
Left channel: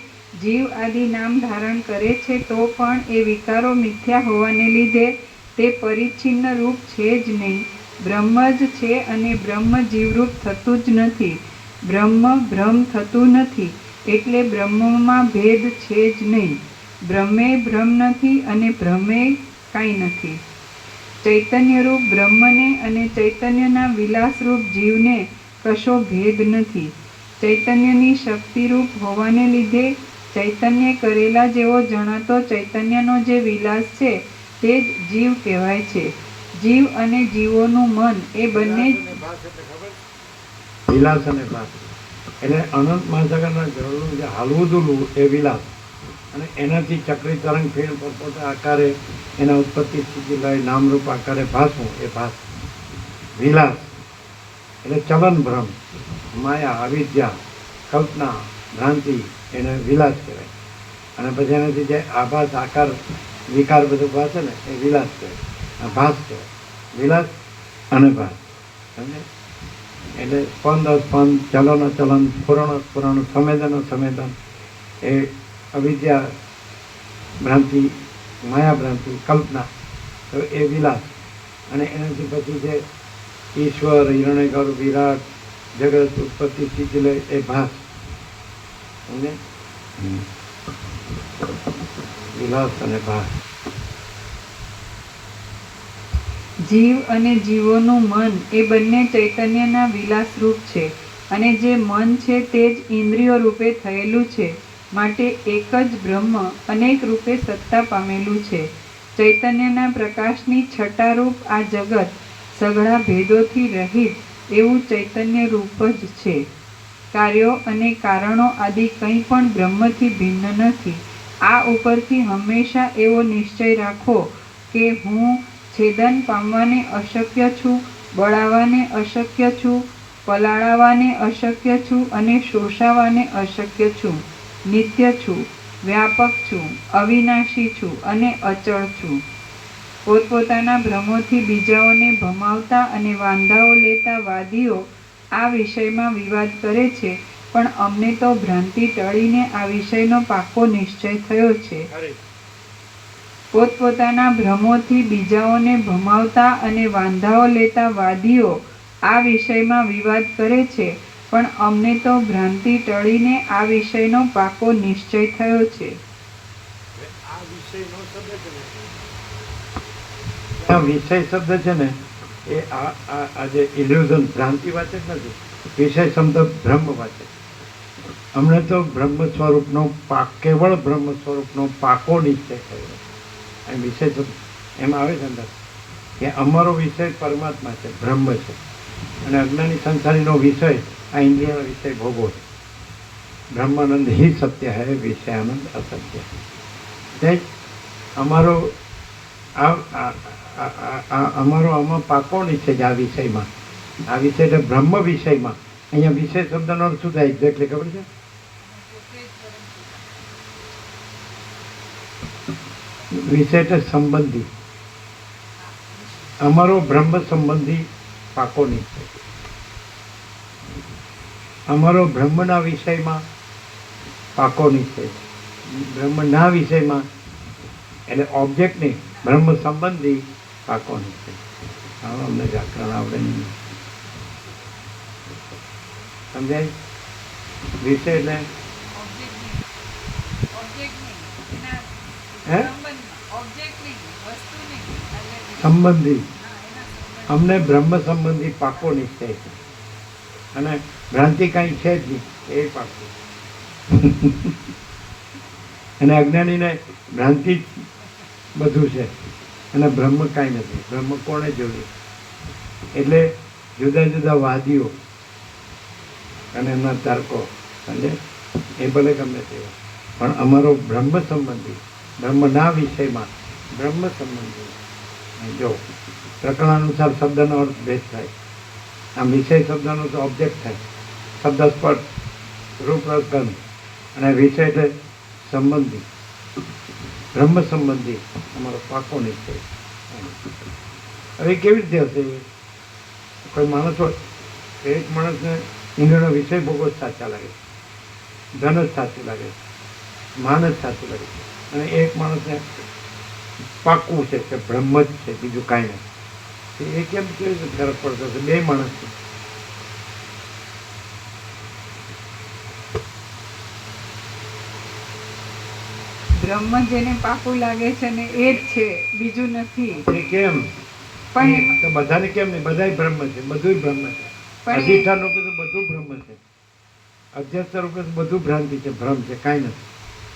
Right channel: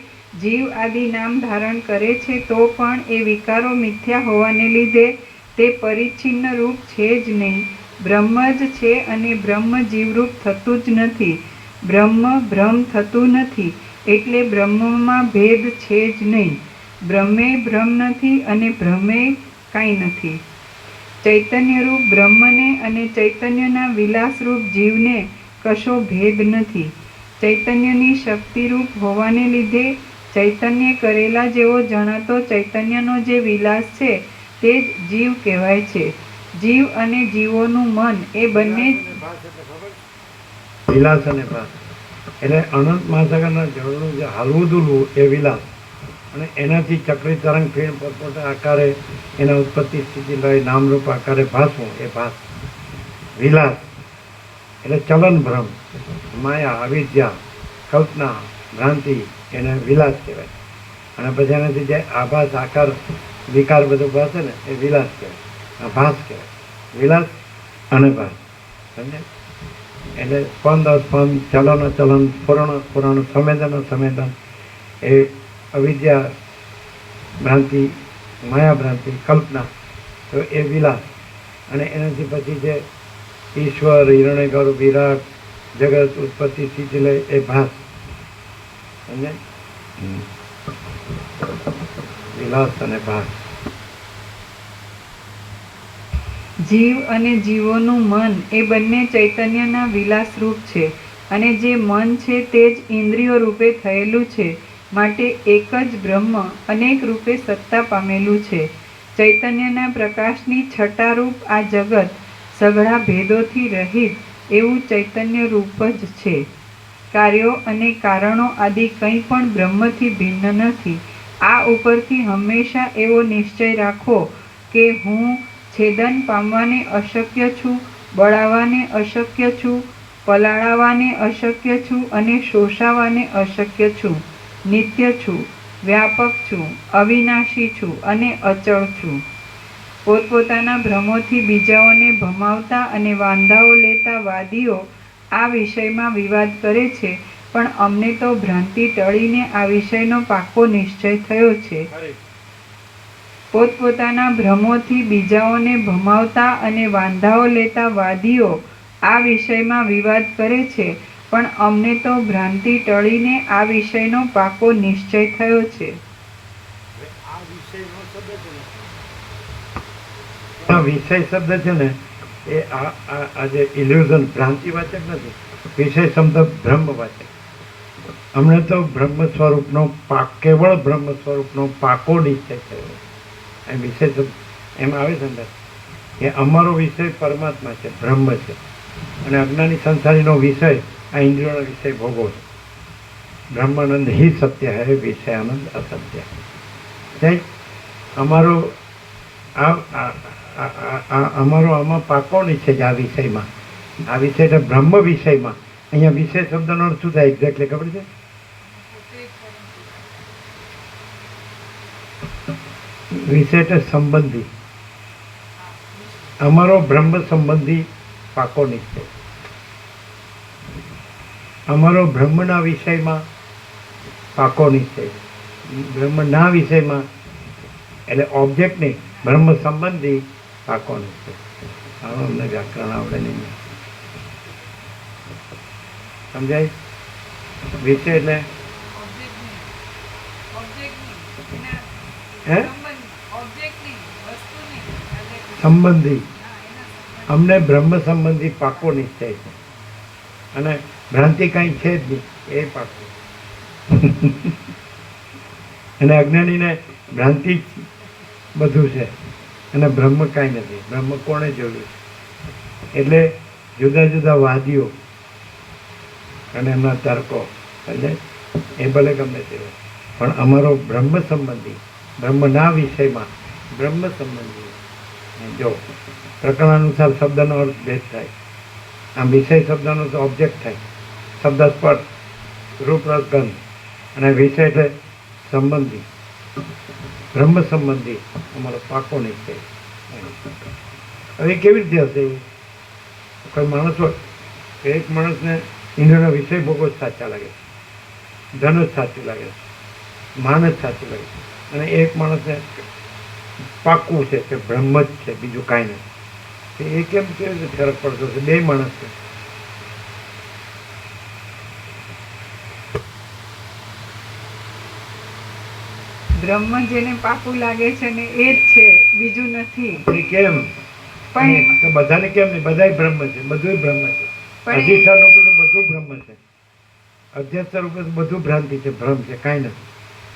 જીવ આદિ નામ ધારણ કરે છે તો પણ એ વિકારો મિથ્યા હોવાને લીધે તે પરિચ્છિન્ન રૂપ છે જ નહીં. બ્રહ્મ જ છે અને બ્રહ્મ જીવરૂપ થતું જ નથી. બ્રહ્મ ભ્રમ થતું નથી, એટલે બ્રહ્મમાં ભેદ છે જ નહીં. બ્રહ્મે ભ્રમ નથી અને ભ્રમે કાંઈ નથી. ચૈતન્યરૂપ બ્રહ્મને અને ચૈતન્યના વિલાસરૂપ જીવને કશો ભેદ નથી. ચૈતન્યની શક્તિરૂપ હોવાને લીધે ચૈતન્ય કરેલા જેવો જણાતો ચૈતન્યનો જે વિલાસ છે તે જ જીવ કહેવાય છે. જીવ અને જીવોનું મન એ બંને ભાષ એટલે ખબર છે? વિલાસ અને ભાસ એટલે અનંત મહાસાગરના જળનું જે હાલવું દૂલવું એ વિલાસ, અને એનાથી ચક્રી તરંગ ફેર પરપોટા આકારે એના ઉત્પત્તિ સ્થિતિ લઈ નામરૂપ આકારે ભાસવું એ ભાસ. વિલાસ એટલે ચલન ભ્રમ, માયા, અવિદ્યા, કલ્પના, ભ્રાંતિ એને વિલાસ કહેવાય. અને પછી એનાથી જે આભાસ આકાર વિકાર બધું ભાસે ને એ વિલાસ કહેવાય, આ ભાસ કહેવાય. વિલાસ અને ભાસ સમજે? એટલે સ્પંદ અસ્પંદ, ચલન અચલન, સ્ફુરણ અસ્ફુરણ, સંવેદન અસંવેદન, એ અવિદ્યા ભ્રાંતિ, માયા ભ્રાંતિ, કલ્પના, તો એ વિલાસ. અને એનાથી પછી જે ઈશ્વર, હિરણ્યગર્ભ, વિરાટ, જગત, ઉત્પત્તિ સ્થિતિ લે એ ભાસ. સમજે? વિલાસ અને ભાસ. જીવ અને જીવોનું મન એ બંને ચૈતન્યના વિલાસરૂપ છે, અને જે મન છે તે જ ઇન્દ્રિયો રૂપે થયેલું છે. માટે એક જ બ્રહ્મ અનેક રૂપે સત્તા પામેલું છે. ચૈતન્યના પ્રકાશની છટારૂપ આ જગત સઘળા ભેદોથી રહિત એવું ચૈતન્ય રૂપ જ છે. કાર્યો અને કારણો આદિ કંઈ પણ બ્રહ્મથી ભિન્ન નથી. આ ઉપરથી હંમેશા એવો નિશ્ચય રાખો કે હું છેદન પામવાને અશક્ય છું, બળાવાને અશક્ય છું, પલાળાવાને અશક્ય છું અને શોષાવાને અશક્ય છું. નિત્ય છું, વ્યાપક છું, અવિનાશી છું અને અચળ છું. પોતપોતાના ભ્રમોથી બીજાઓને ભમાવતા અને વાંધાઓ લેતા વાદીઓ આ વિષયમાં વિવાદ કરે છે, પણ અમને તો ભ્રાંતિ ટળીને આ વિષયનો પાકો નિશ્ચય થયો છે. અરે પોતપોતાના ભ્રમોથી બીજાઓને ભમાવતા અને વાંધાઓ લેતા વાદીઓ આ વિષયમાં વિવાદ કરે છે, પણ અમને તો ભ્રાંતિ ટળીને આ વિષયનો પાકો નિશ્ચય થયો છે. હવે આ વિષયનો શબ્દ છે ને, આ વિષય શબ્દ છે ને એ આ જે ઇલ્યુઝન ભ્રાંતિવાચક નથી, વિષય શબ્દ બ્રહ્મવાચક. અમને તો બ્રહ્મ સ્વરૂપનો કેવળ બ્રહ્મ સ્વરૂપનો પાકો નિશ્ચય થયો. એમ વિષય શબ્દ એમ આવે છે અંદર કે અમારો વિષય પરમાત્મા છે, બ્રહ્મ છે, અને અજ્ઞાની સંસારીનો વિષય આ ઇન્દ્રિયોનો વિષય ભોગવો છે. બ્રહ્માનંદ હિ સત્ય હૈ, વિષયાનંદ અસત્ય. અમારો અમારો આમાં પાકો નિશ્ચય છે આ વિષયમાં. આ વિષય એટલે બ્રહ્મ વિષયમાં. અહીંયા વિષય શબ્દનો અર્થ શું થાય એક્ઝેક્ટલી ખબર છે? વિષય એટલે સંબંધી. અમારો બ્રહ્મ સંબંધી પાકો નિશ્ચય. અમારો બ્રહ્મના વિષયમાં પાકો નિશ્ચય. બ્રહ્મના વિષયમાં એટલે ઓબ્જેક્ટ નહીં, બ્રહ્મ સંબંધી પાકો નિશ્ચય. આનો અમને વ્યાકરણ આવડે નહીં. સમજાય? વિષય એટલે હે સંબંધી. અમને બ્રહ્મ સંબંધી પાકો નિશ્ચય છે, અને ભ્રાંતિ કાંઈ છે જ નહીં એ પાકો. અને અજ્ઞાનીને ભ્રાંતિ જ બધું છે અને બ્રહ્મ કાંઈ નથી. બ્રહ્મ કોણે જોયું? એટલે જુદા જુદા વાદીઓ અને એમના તર્કો સમજે એ ભલે ગમે તેવો, પણ અમારો બ્રહ્મ સંબંધી, બ્રહ્મના વિષયમાં બ્રહ્મ સંબંધી. જો પ્રકરણ અનુસાર શબ્દનો અર્થ ભેદ થાય. આમ વિષય શબ્દનો તો ઓબ્જેક્ટ થાય, શબ્દ સ્પર્શ, રૂપ રસ ગંધ, અને વિષય એટલે સંબંધી, બ્રહ્મ સંબંધી અમારો પાકો નિશ્ચય. હવે કેવી રીતે હશે? કોઈ માણસો, એક માણસને ઇન્દ્રનો વિષય ભોગવો જ સાચા લાગે, ધન જ સાચું લાગે, માન જ સાચું લાગે, અને એક માણસને પાકું છે કે બ્રહ્મ જ છે, બીજું કાંઈ નથી. એ કેમ કેવી રીતે ફરક પડતો છે? બે માણસ છે. બ્રહ્મ જેને પાકું લાગે છે ને એ જ છે, બીજું નથી. એ કેમ? પણ તો બધાને કેમ નહીં? બધાય બ્રહ્મ છે, બધું બ્રહ્મ છે. પણ અધિષ્ઠાન રૂપે તો બધું બ્રહ્મ છે, અધ્યસ્થ રૂપે તો બધું ભ્રાંતિ છે, ભ્રમ છે, કાંઈ નથી.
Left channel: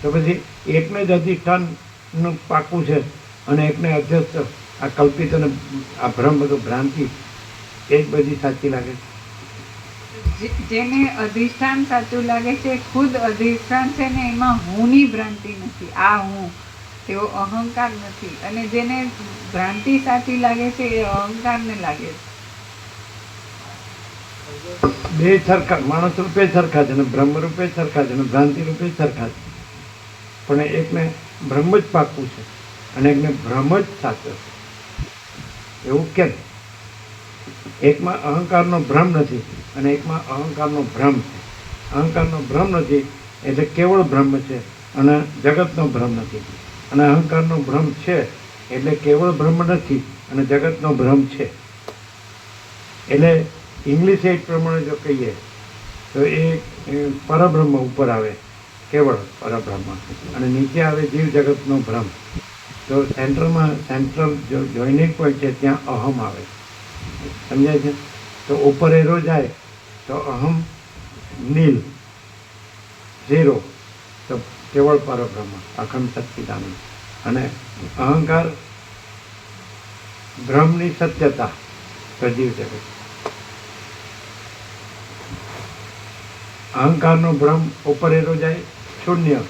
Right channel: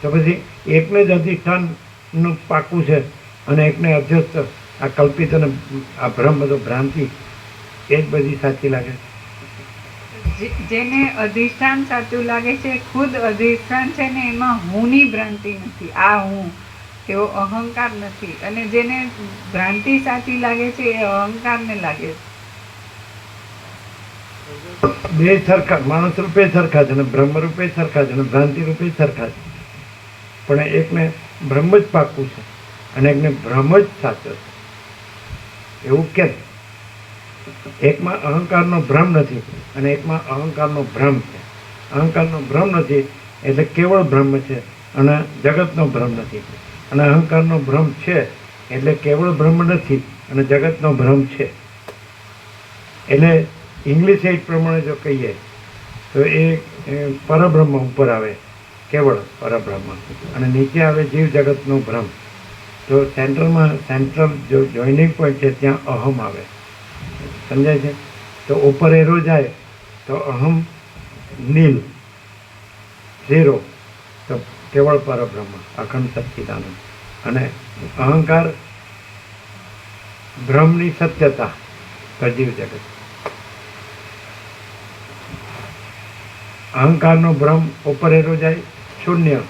તો પછી એકને જ અધિષ્ઠાનનું પાકું છે અને એકને અધ્યસ્થ આ કલ્પિત અને આ ભ્રમ બધો ભ્રાંતિ એ જ બધી સાચી લાગે. જેને અધિષ્ઠાન સાચું લાગે છે, ખુદ અધિષ્ઠાન છે ને એમાં હુંની ભ્રાંતિ નથી, આ હું એવો અહંકાર નથી. અને જેને ભ્રાંતિ સાચી લાગે છે એ અહંકારને લાગે છે. બે સરખા, માણસ રૂપે સરખા છે, અને બ્રહ્મ રૂપે સરખા છે, અને ભ્રાંતિ રૂપે સરખા છે. પણ એકને બ્રહ્મ જ પાકું છે અને એકને ભ્રમ જ સાચો છે. એવું કેમ? એકમાં અહંકારનો ભ્રમ નથી અને એકમાં અહંકારનો ભ્રમ છે. અહંકારનો ભ્રમ નથી એટલે કેવળ બ્રહ્મ છે, અને જગતનો ભ્રમ નથી. અને અહંકારનો ભ્રમ છે એટલે કેવળ બ્રહ્મ નથી અને જગતનો ભ્રમ છે. એટલે ઇંગ્લિશ એ પ્રમાણે જો કહીએ તો એ પરબ્રહ્મ ઉપર આવે, કેવળ પરબ્રહ્મ, અને નીચે આવે જીવ જગતનો ભ્રમ. તો સેન્ટ્રલ જો જોઈનિંગ પોઈન્ટ છે ત્યાં અહમ આવે. સમજાય છે? તો ઉપર એરો જાય તો અહમ નીલ, ઝીરો, તો કેવળ પરબ્રહ્મ, અખંડ સચ્ચિદાનંદ. અને અહંકાર ભ્રમની સત્યતા, તો જીવ જગત. અહંકારનો ભ્રમ ઉપર એરો જાય શૂન્ય,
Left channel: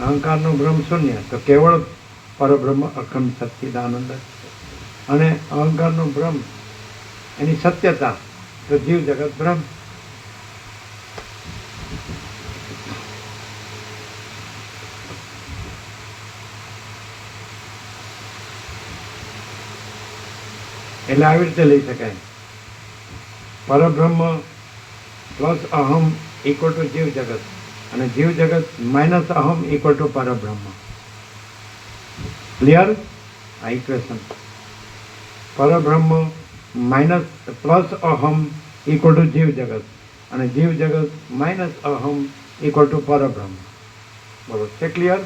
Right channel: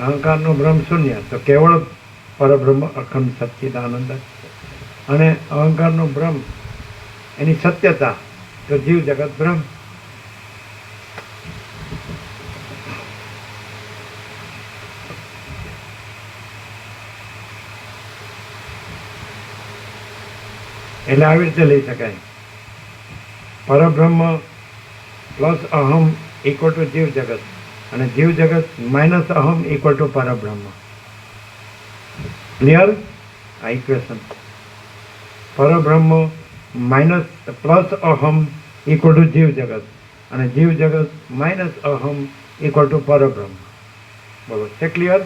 અહંકારનો ભ્રમ શૂન્ય, તો કેવળ પરબ્રહ્મ, અખંડ સચ્ચિદાનંદ. અને અહંકારનો ભ્રમ એની સત્યતા, તો જીવ જગત બ્રહ્મ. એટલે આવી રીતે લઈ શકાય. પરબ્રહ્મ પ્લસ અહમ ઇક્વલ ટુ જીવ જગત, અને જીવ જગત માઇનસ અહમ ઇક્વલ ટુ પરબ્રહ્મ. ક્લિયર? આ ઇક્વેશન. પરબ્રહ્મ માઇનસ પ્લસ અહમ ઇક્વલ ટુ જીવ જગત, અને જીવ જગત માઇનસ અહમ ઇક્વલ ટુ પરબ્રહ્મ. બરોબર છે? ક્લિયર?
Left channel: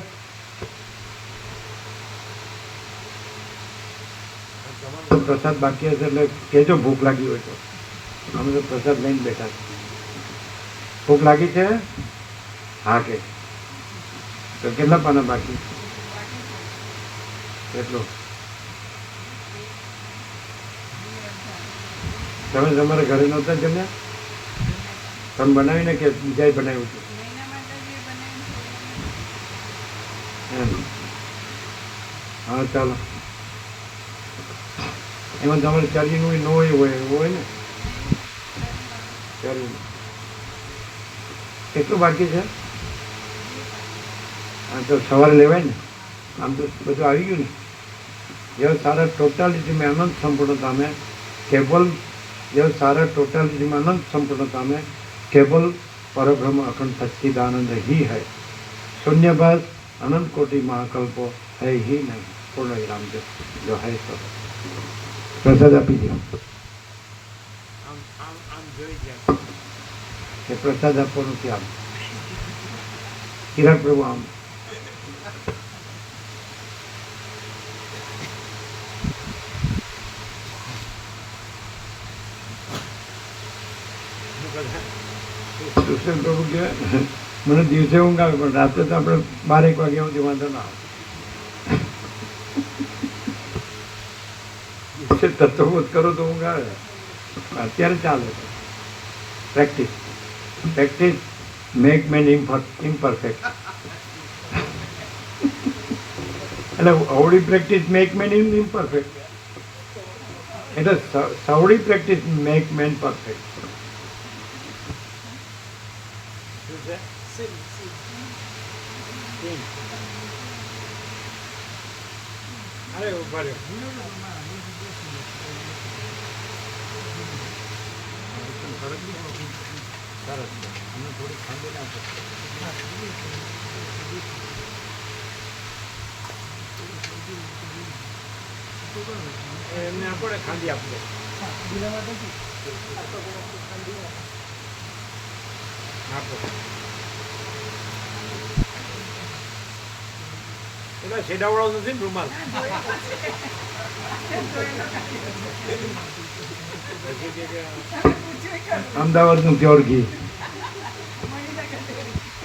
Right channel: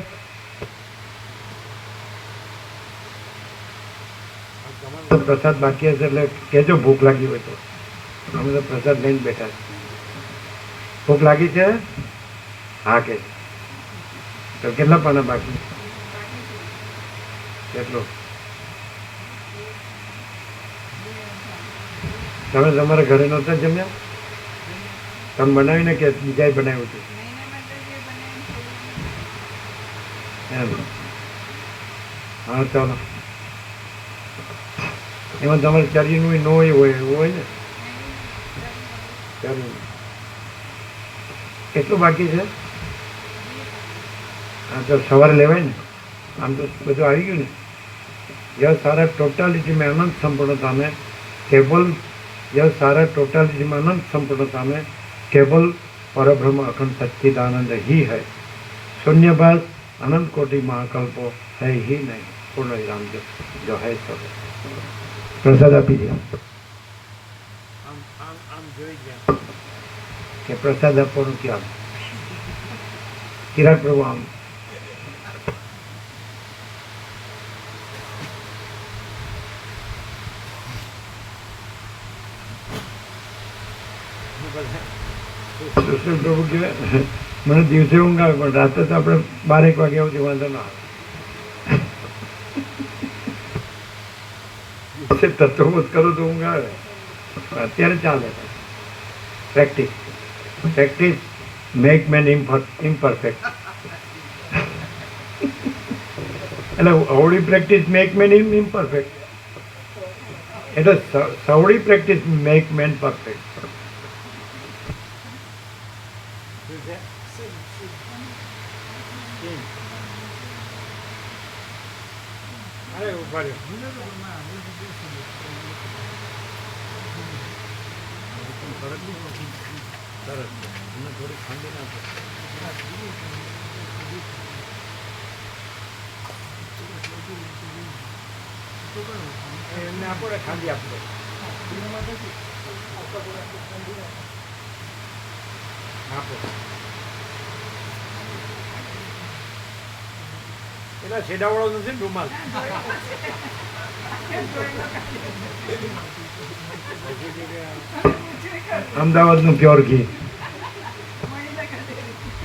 તો પ્રસાદ બાકી હશે એટલે કેજો ભૂખ લાગી હોય તો. અમે તો પ્રસાદ લઈને બેઠા છે. ભૂખ લાગી છે? હા કે તો કેટલા પાના બાકી? કેટલું? તમે તમારા ઘરે નહોતા જમ્યા? તમે બનાવીને કે બીજાએ બનાવ્યું હતું? એમ. હા ચાલો. એમાં તમારે ચારીનું ન હોય એવું હોય ને? ચારી કેટલું બાકી છે? હા તો સવારે લેવાય ને. આમ તો બધું આવી ગયું ને. यह सारा टोटालिटी में अनंत संपूर्णता में केवल यह सारा टोटालिटी में अनंत संपूर्णता में केवल परब्रह्म अखंड सच्चिदानंद ही है. शून्यभास अनंत कोटि महाकल्पो है ही नहीं. पूर्ण विराम जो है सब. प्रसाद આપી દે. આમ આમ આમ જોઈ ગયા કે પ્રસાદ આપવાનું ક્યાં? કિરાટ પ્રભુ આમ સુશ્રી પ્રભુ કે મને દિવસે ઊંઘ આવે પણ રાતે તો આપણે 12-1 વાગ્યા સુધી વાંધો ના આવે. દિવસે તત્વબોધ કરો તો ઊંઘ આવે, અત્યારે ચાલે. Practice practice make man imperfect. એટલે અવળી પ્રેક્ટિસ મેક મેન ઇમ્પરફેક્ટ, એટલે સવળી પ્રેક્ટિસ મેક મેન પરફેક્ટ. શું છે? ટીમ. અરે ઉભા રહ્યો. સરસ છે. અમને થોડી ખાંડી આપો. એમને આપો ને ખાંડી આપી દે. આપો. પેલા છેડાવાળો નથી ને રૂમાલ? પછી કે અમદાવાદનું પ્યોર ઘી.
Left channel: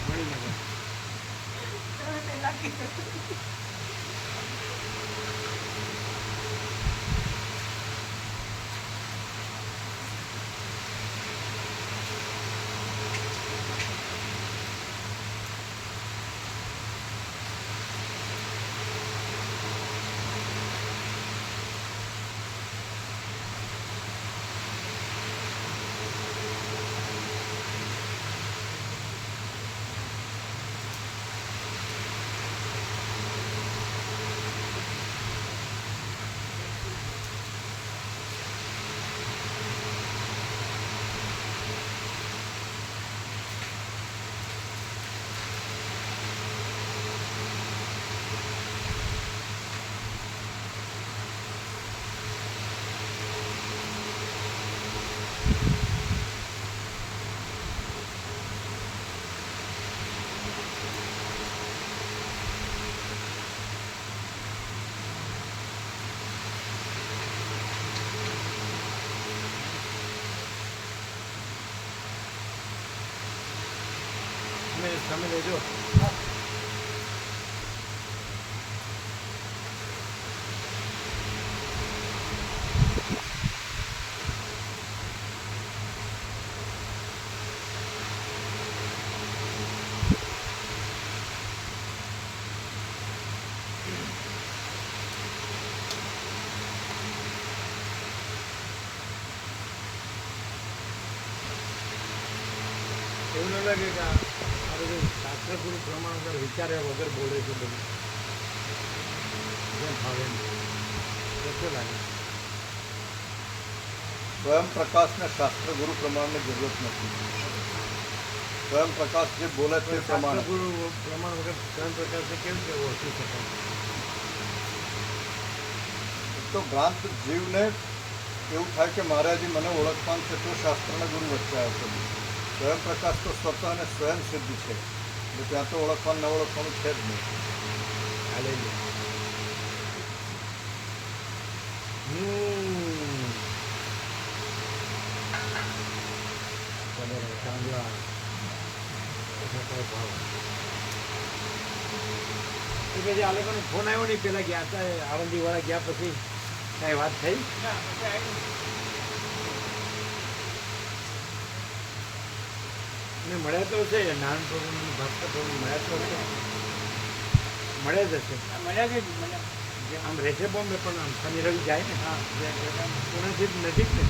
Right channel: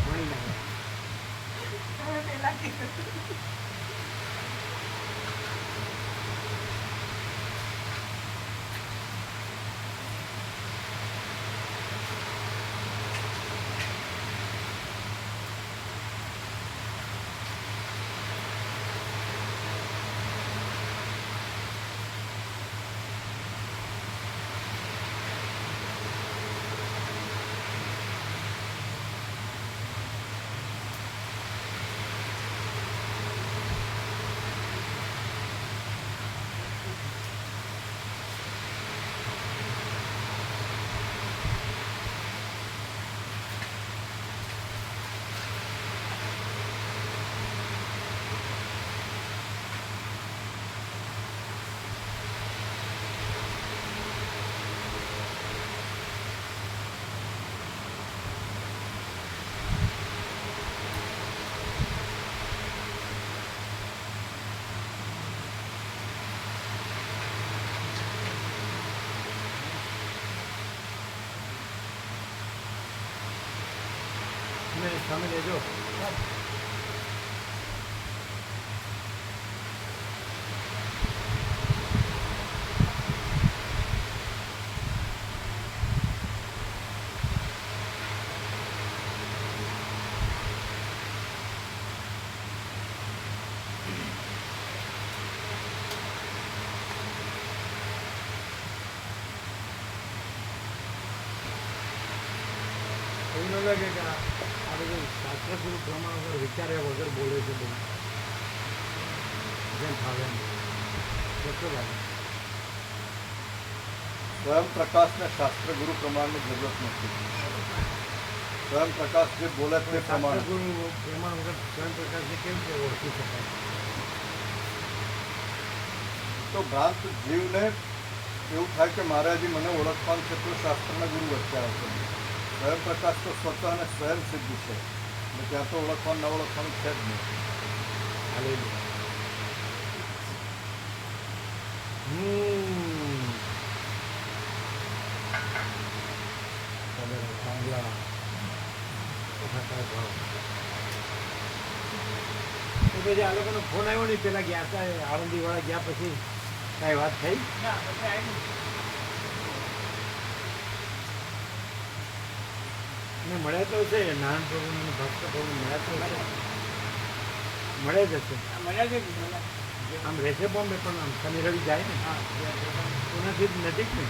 મણિનગર. તમે લેજો. એવું ન લાગે કે આ બધું શાસ્ત્રગુરુ પ્રમાણ વિચાર્યા વગર બોલે છે બધું જેમ ફાવે એમ? કેટલું લાગે? સ્વયં પ્રકાશના શાસ્ત્ર ગુરુ પ્રમાણની જરૂરત નથી. સ્વયં પ્રકાશ જે બોલે તે પ્રમાણે શાસ્ત્રગુરુ પ્રમાણ વગર સ્વયં પ્રકાશને કેવી રીતે ઓળખી શકાય? તો ભ્રાંત જીવને એવું થાય કે મારે હજી મને ઓળખવાનું છે તો શાસ્ત્રના ગુરુ વચ્ચે આવશે. સ્વયં પ્રકાશ તો સ્વતઃ અને સ્વયં સિદ્ધ છે એટલે ત્યાં તો ઓળખવાનું ન ઓળખવાનું છે જ નહીં. હાલેલુયા. ચાંદલા ઓછા કાંઈ ભાવ. તો પછી આ લોકોનો ફોન આવ્યો નહીં, પેલા ગયા હતા આળંદીવાળા ગયા પછી કાંઈ વાત થઈ? ને મળ્યા તો છે નારાયણ પ્રભુને અને ભાસ્કર પ્રભુ મળ્યા તો છે, મળ્યા જ હશે. આમ રહેશે બોમ્બે, પણ આમ શનિ રવિ જાય ને પુનાથી જ નજીક ને,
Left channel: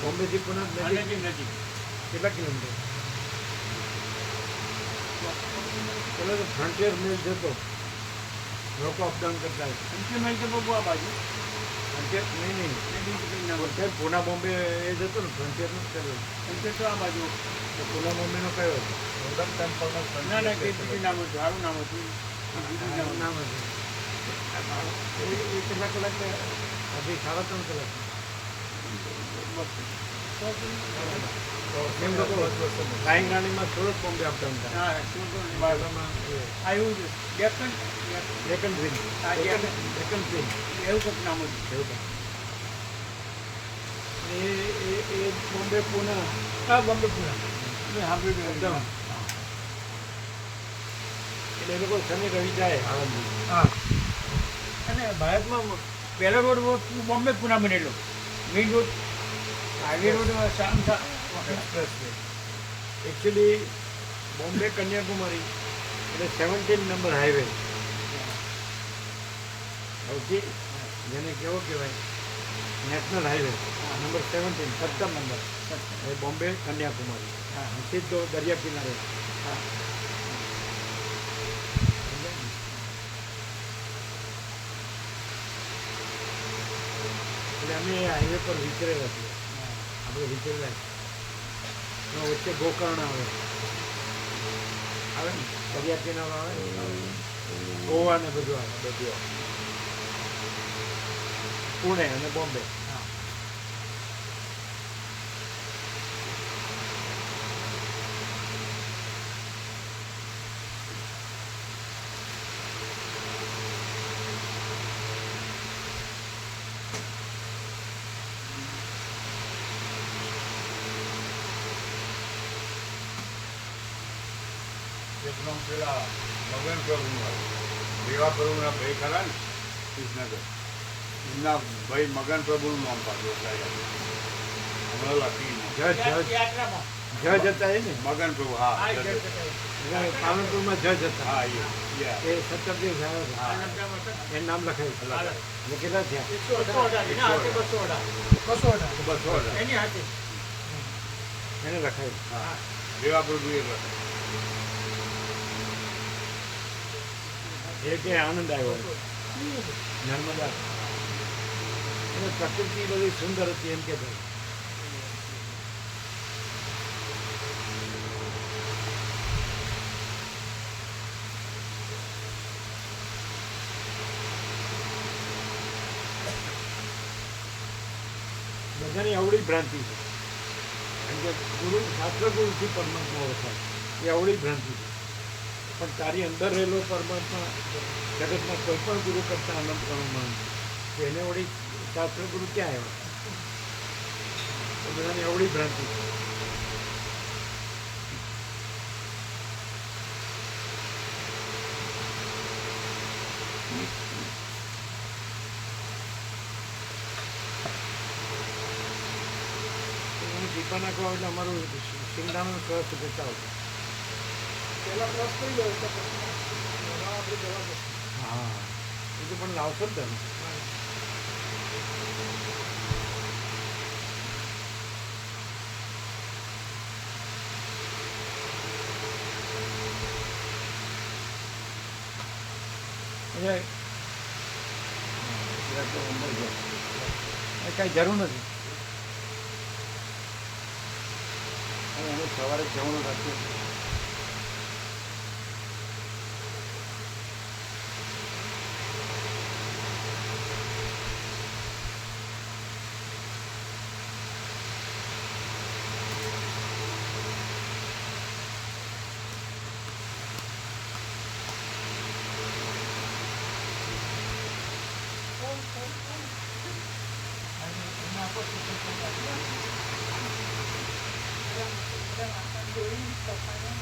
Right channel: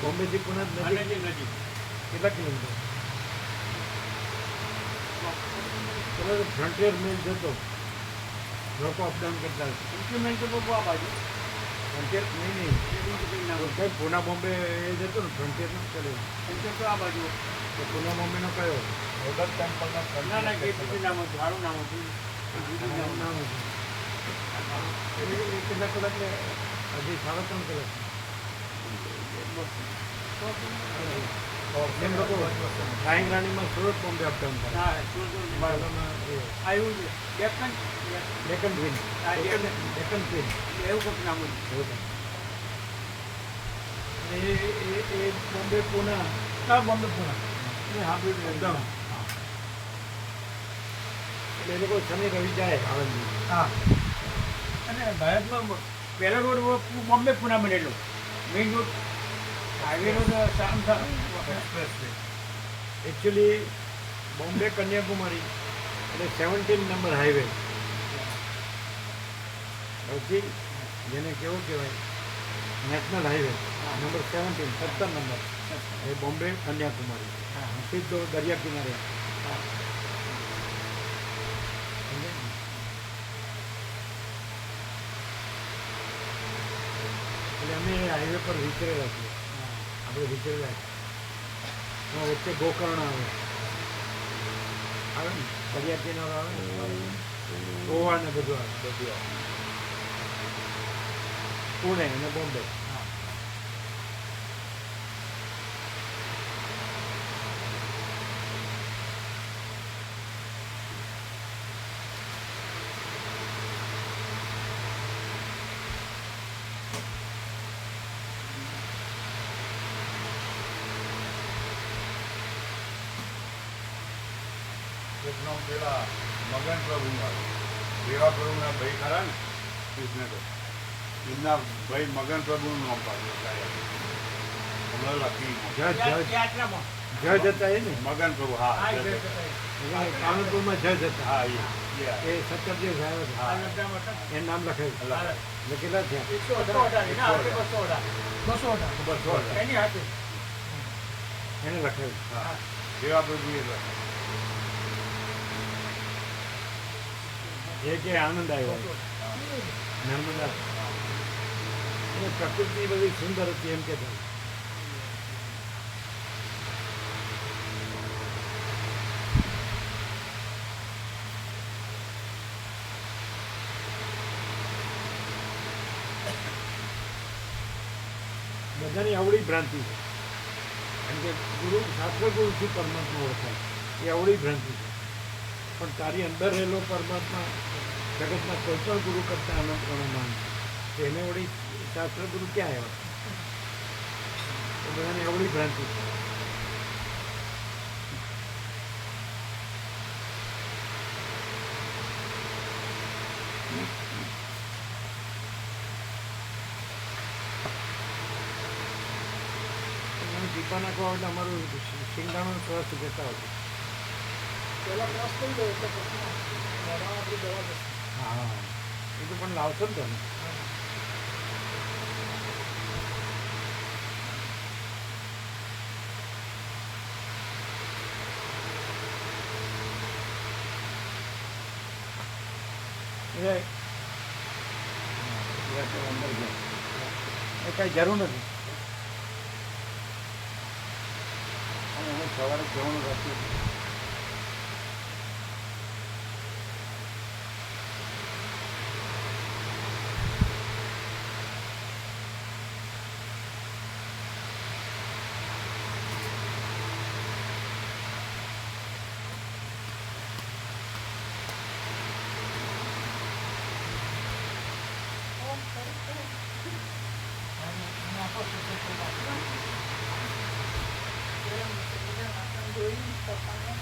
બોમ્બેથી પુના નજીક કેટલા કિલોમીટર? પેલો તો ફ્રન્ટિયર મિલ જતો, લોકો અપડાઉન કરતા ફ્રન્ટિયર નહીં પુના બોમ્બે એ જતો ને ફ્રન્ટિયરનો પેલો તો પુના બોમ્બેનો કયો હતો? ગોલ્ડન ટેમ્પલના નામ હતું એ કેટલા કલાક? હજી 3.5 કલાક. એમ લોકો ફ્લાઇંગ રાણીમાં સુરત બોમ્બે અપડાઉન કરે. ડેકન ટ્રેન એવું કંઈક. એ બોમ્બે પુના અપડાઉન. એટલે એ લોકો શનિ રવિ જાય આણંદથી. અને ભારતમાં પહેલો રોડ બોમ્બે પુના બનેલો, main road highway road express way. Actually Bombay Kanyakumari એટલે 17 નંબર હાઈવે. સૌથી જેને કેવો કહેવાય નેશનલ હાઈવે નંબર 17 નંબર એ બોમ્બે કન્યાકુમારી સીધો દરિયા કિનારે. એટલે અમે હાઈવે પર વિચરેલા છીએ. આપણે વિચરેલા વચ્ચે ગોકર્ણ આવે ને દરિયા કિનારો આવે ને, ગોવા ને બધું આવે, પુણે અને બોમ્બે. એકનો પેલા મગન પ્રભુમાં દેવા પ્રભુના ભાઈ ખરા ને કૃષ્ણગઢ, એમના ભાઈ મગન પ્રભુનું નામ પાડ્યું હમણાં લખી જજ હતા એ ને મગન પ્રભુ. હા પાલનપુરમાં જજ હતા. હા એ સત્તરદેવ સાહેબ હતા, એનું નામ લખાયું. એટલે કેટલા થયા? 218 એની હાથે એને લખાયું. હા દેવા પ્રભુ એ લખ્યું. એ કે આનંદ આવ્યો નર્મદા. અને પ્રકૃતિ બધી સુંદર હતી એમ કે બધાની અવળી ભ્રાંતિ છે. કેમ કે ગુરુ શાસ્ત્ર ગુરુથી પરમાત્મા ઓળખાય એ અવળી ભ્રાંતિ છે. પણ તારી અંદર રહેલો પરમાત્મા જગતના કોઈ પણ ગુરુ કરતાં અનંત ગણો માન છે. તો એને વળી શાસ્ત્ર ગુરુ ક્યાં આવ્યા? તો બધાની અવળી ભ્રાંતિ છે. ટીપા નાખવા એટલે અમારું શિંગડાનો ક્રશ જતા આવશે. હા એ તો પણ લાવશો જ તમે. અંદર ગયા એ કાંઈ જરૂર નથી. અને અમે સવારે જવાનું રાખીએ. પપ્પાને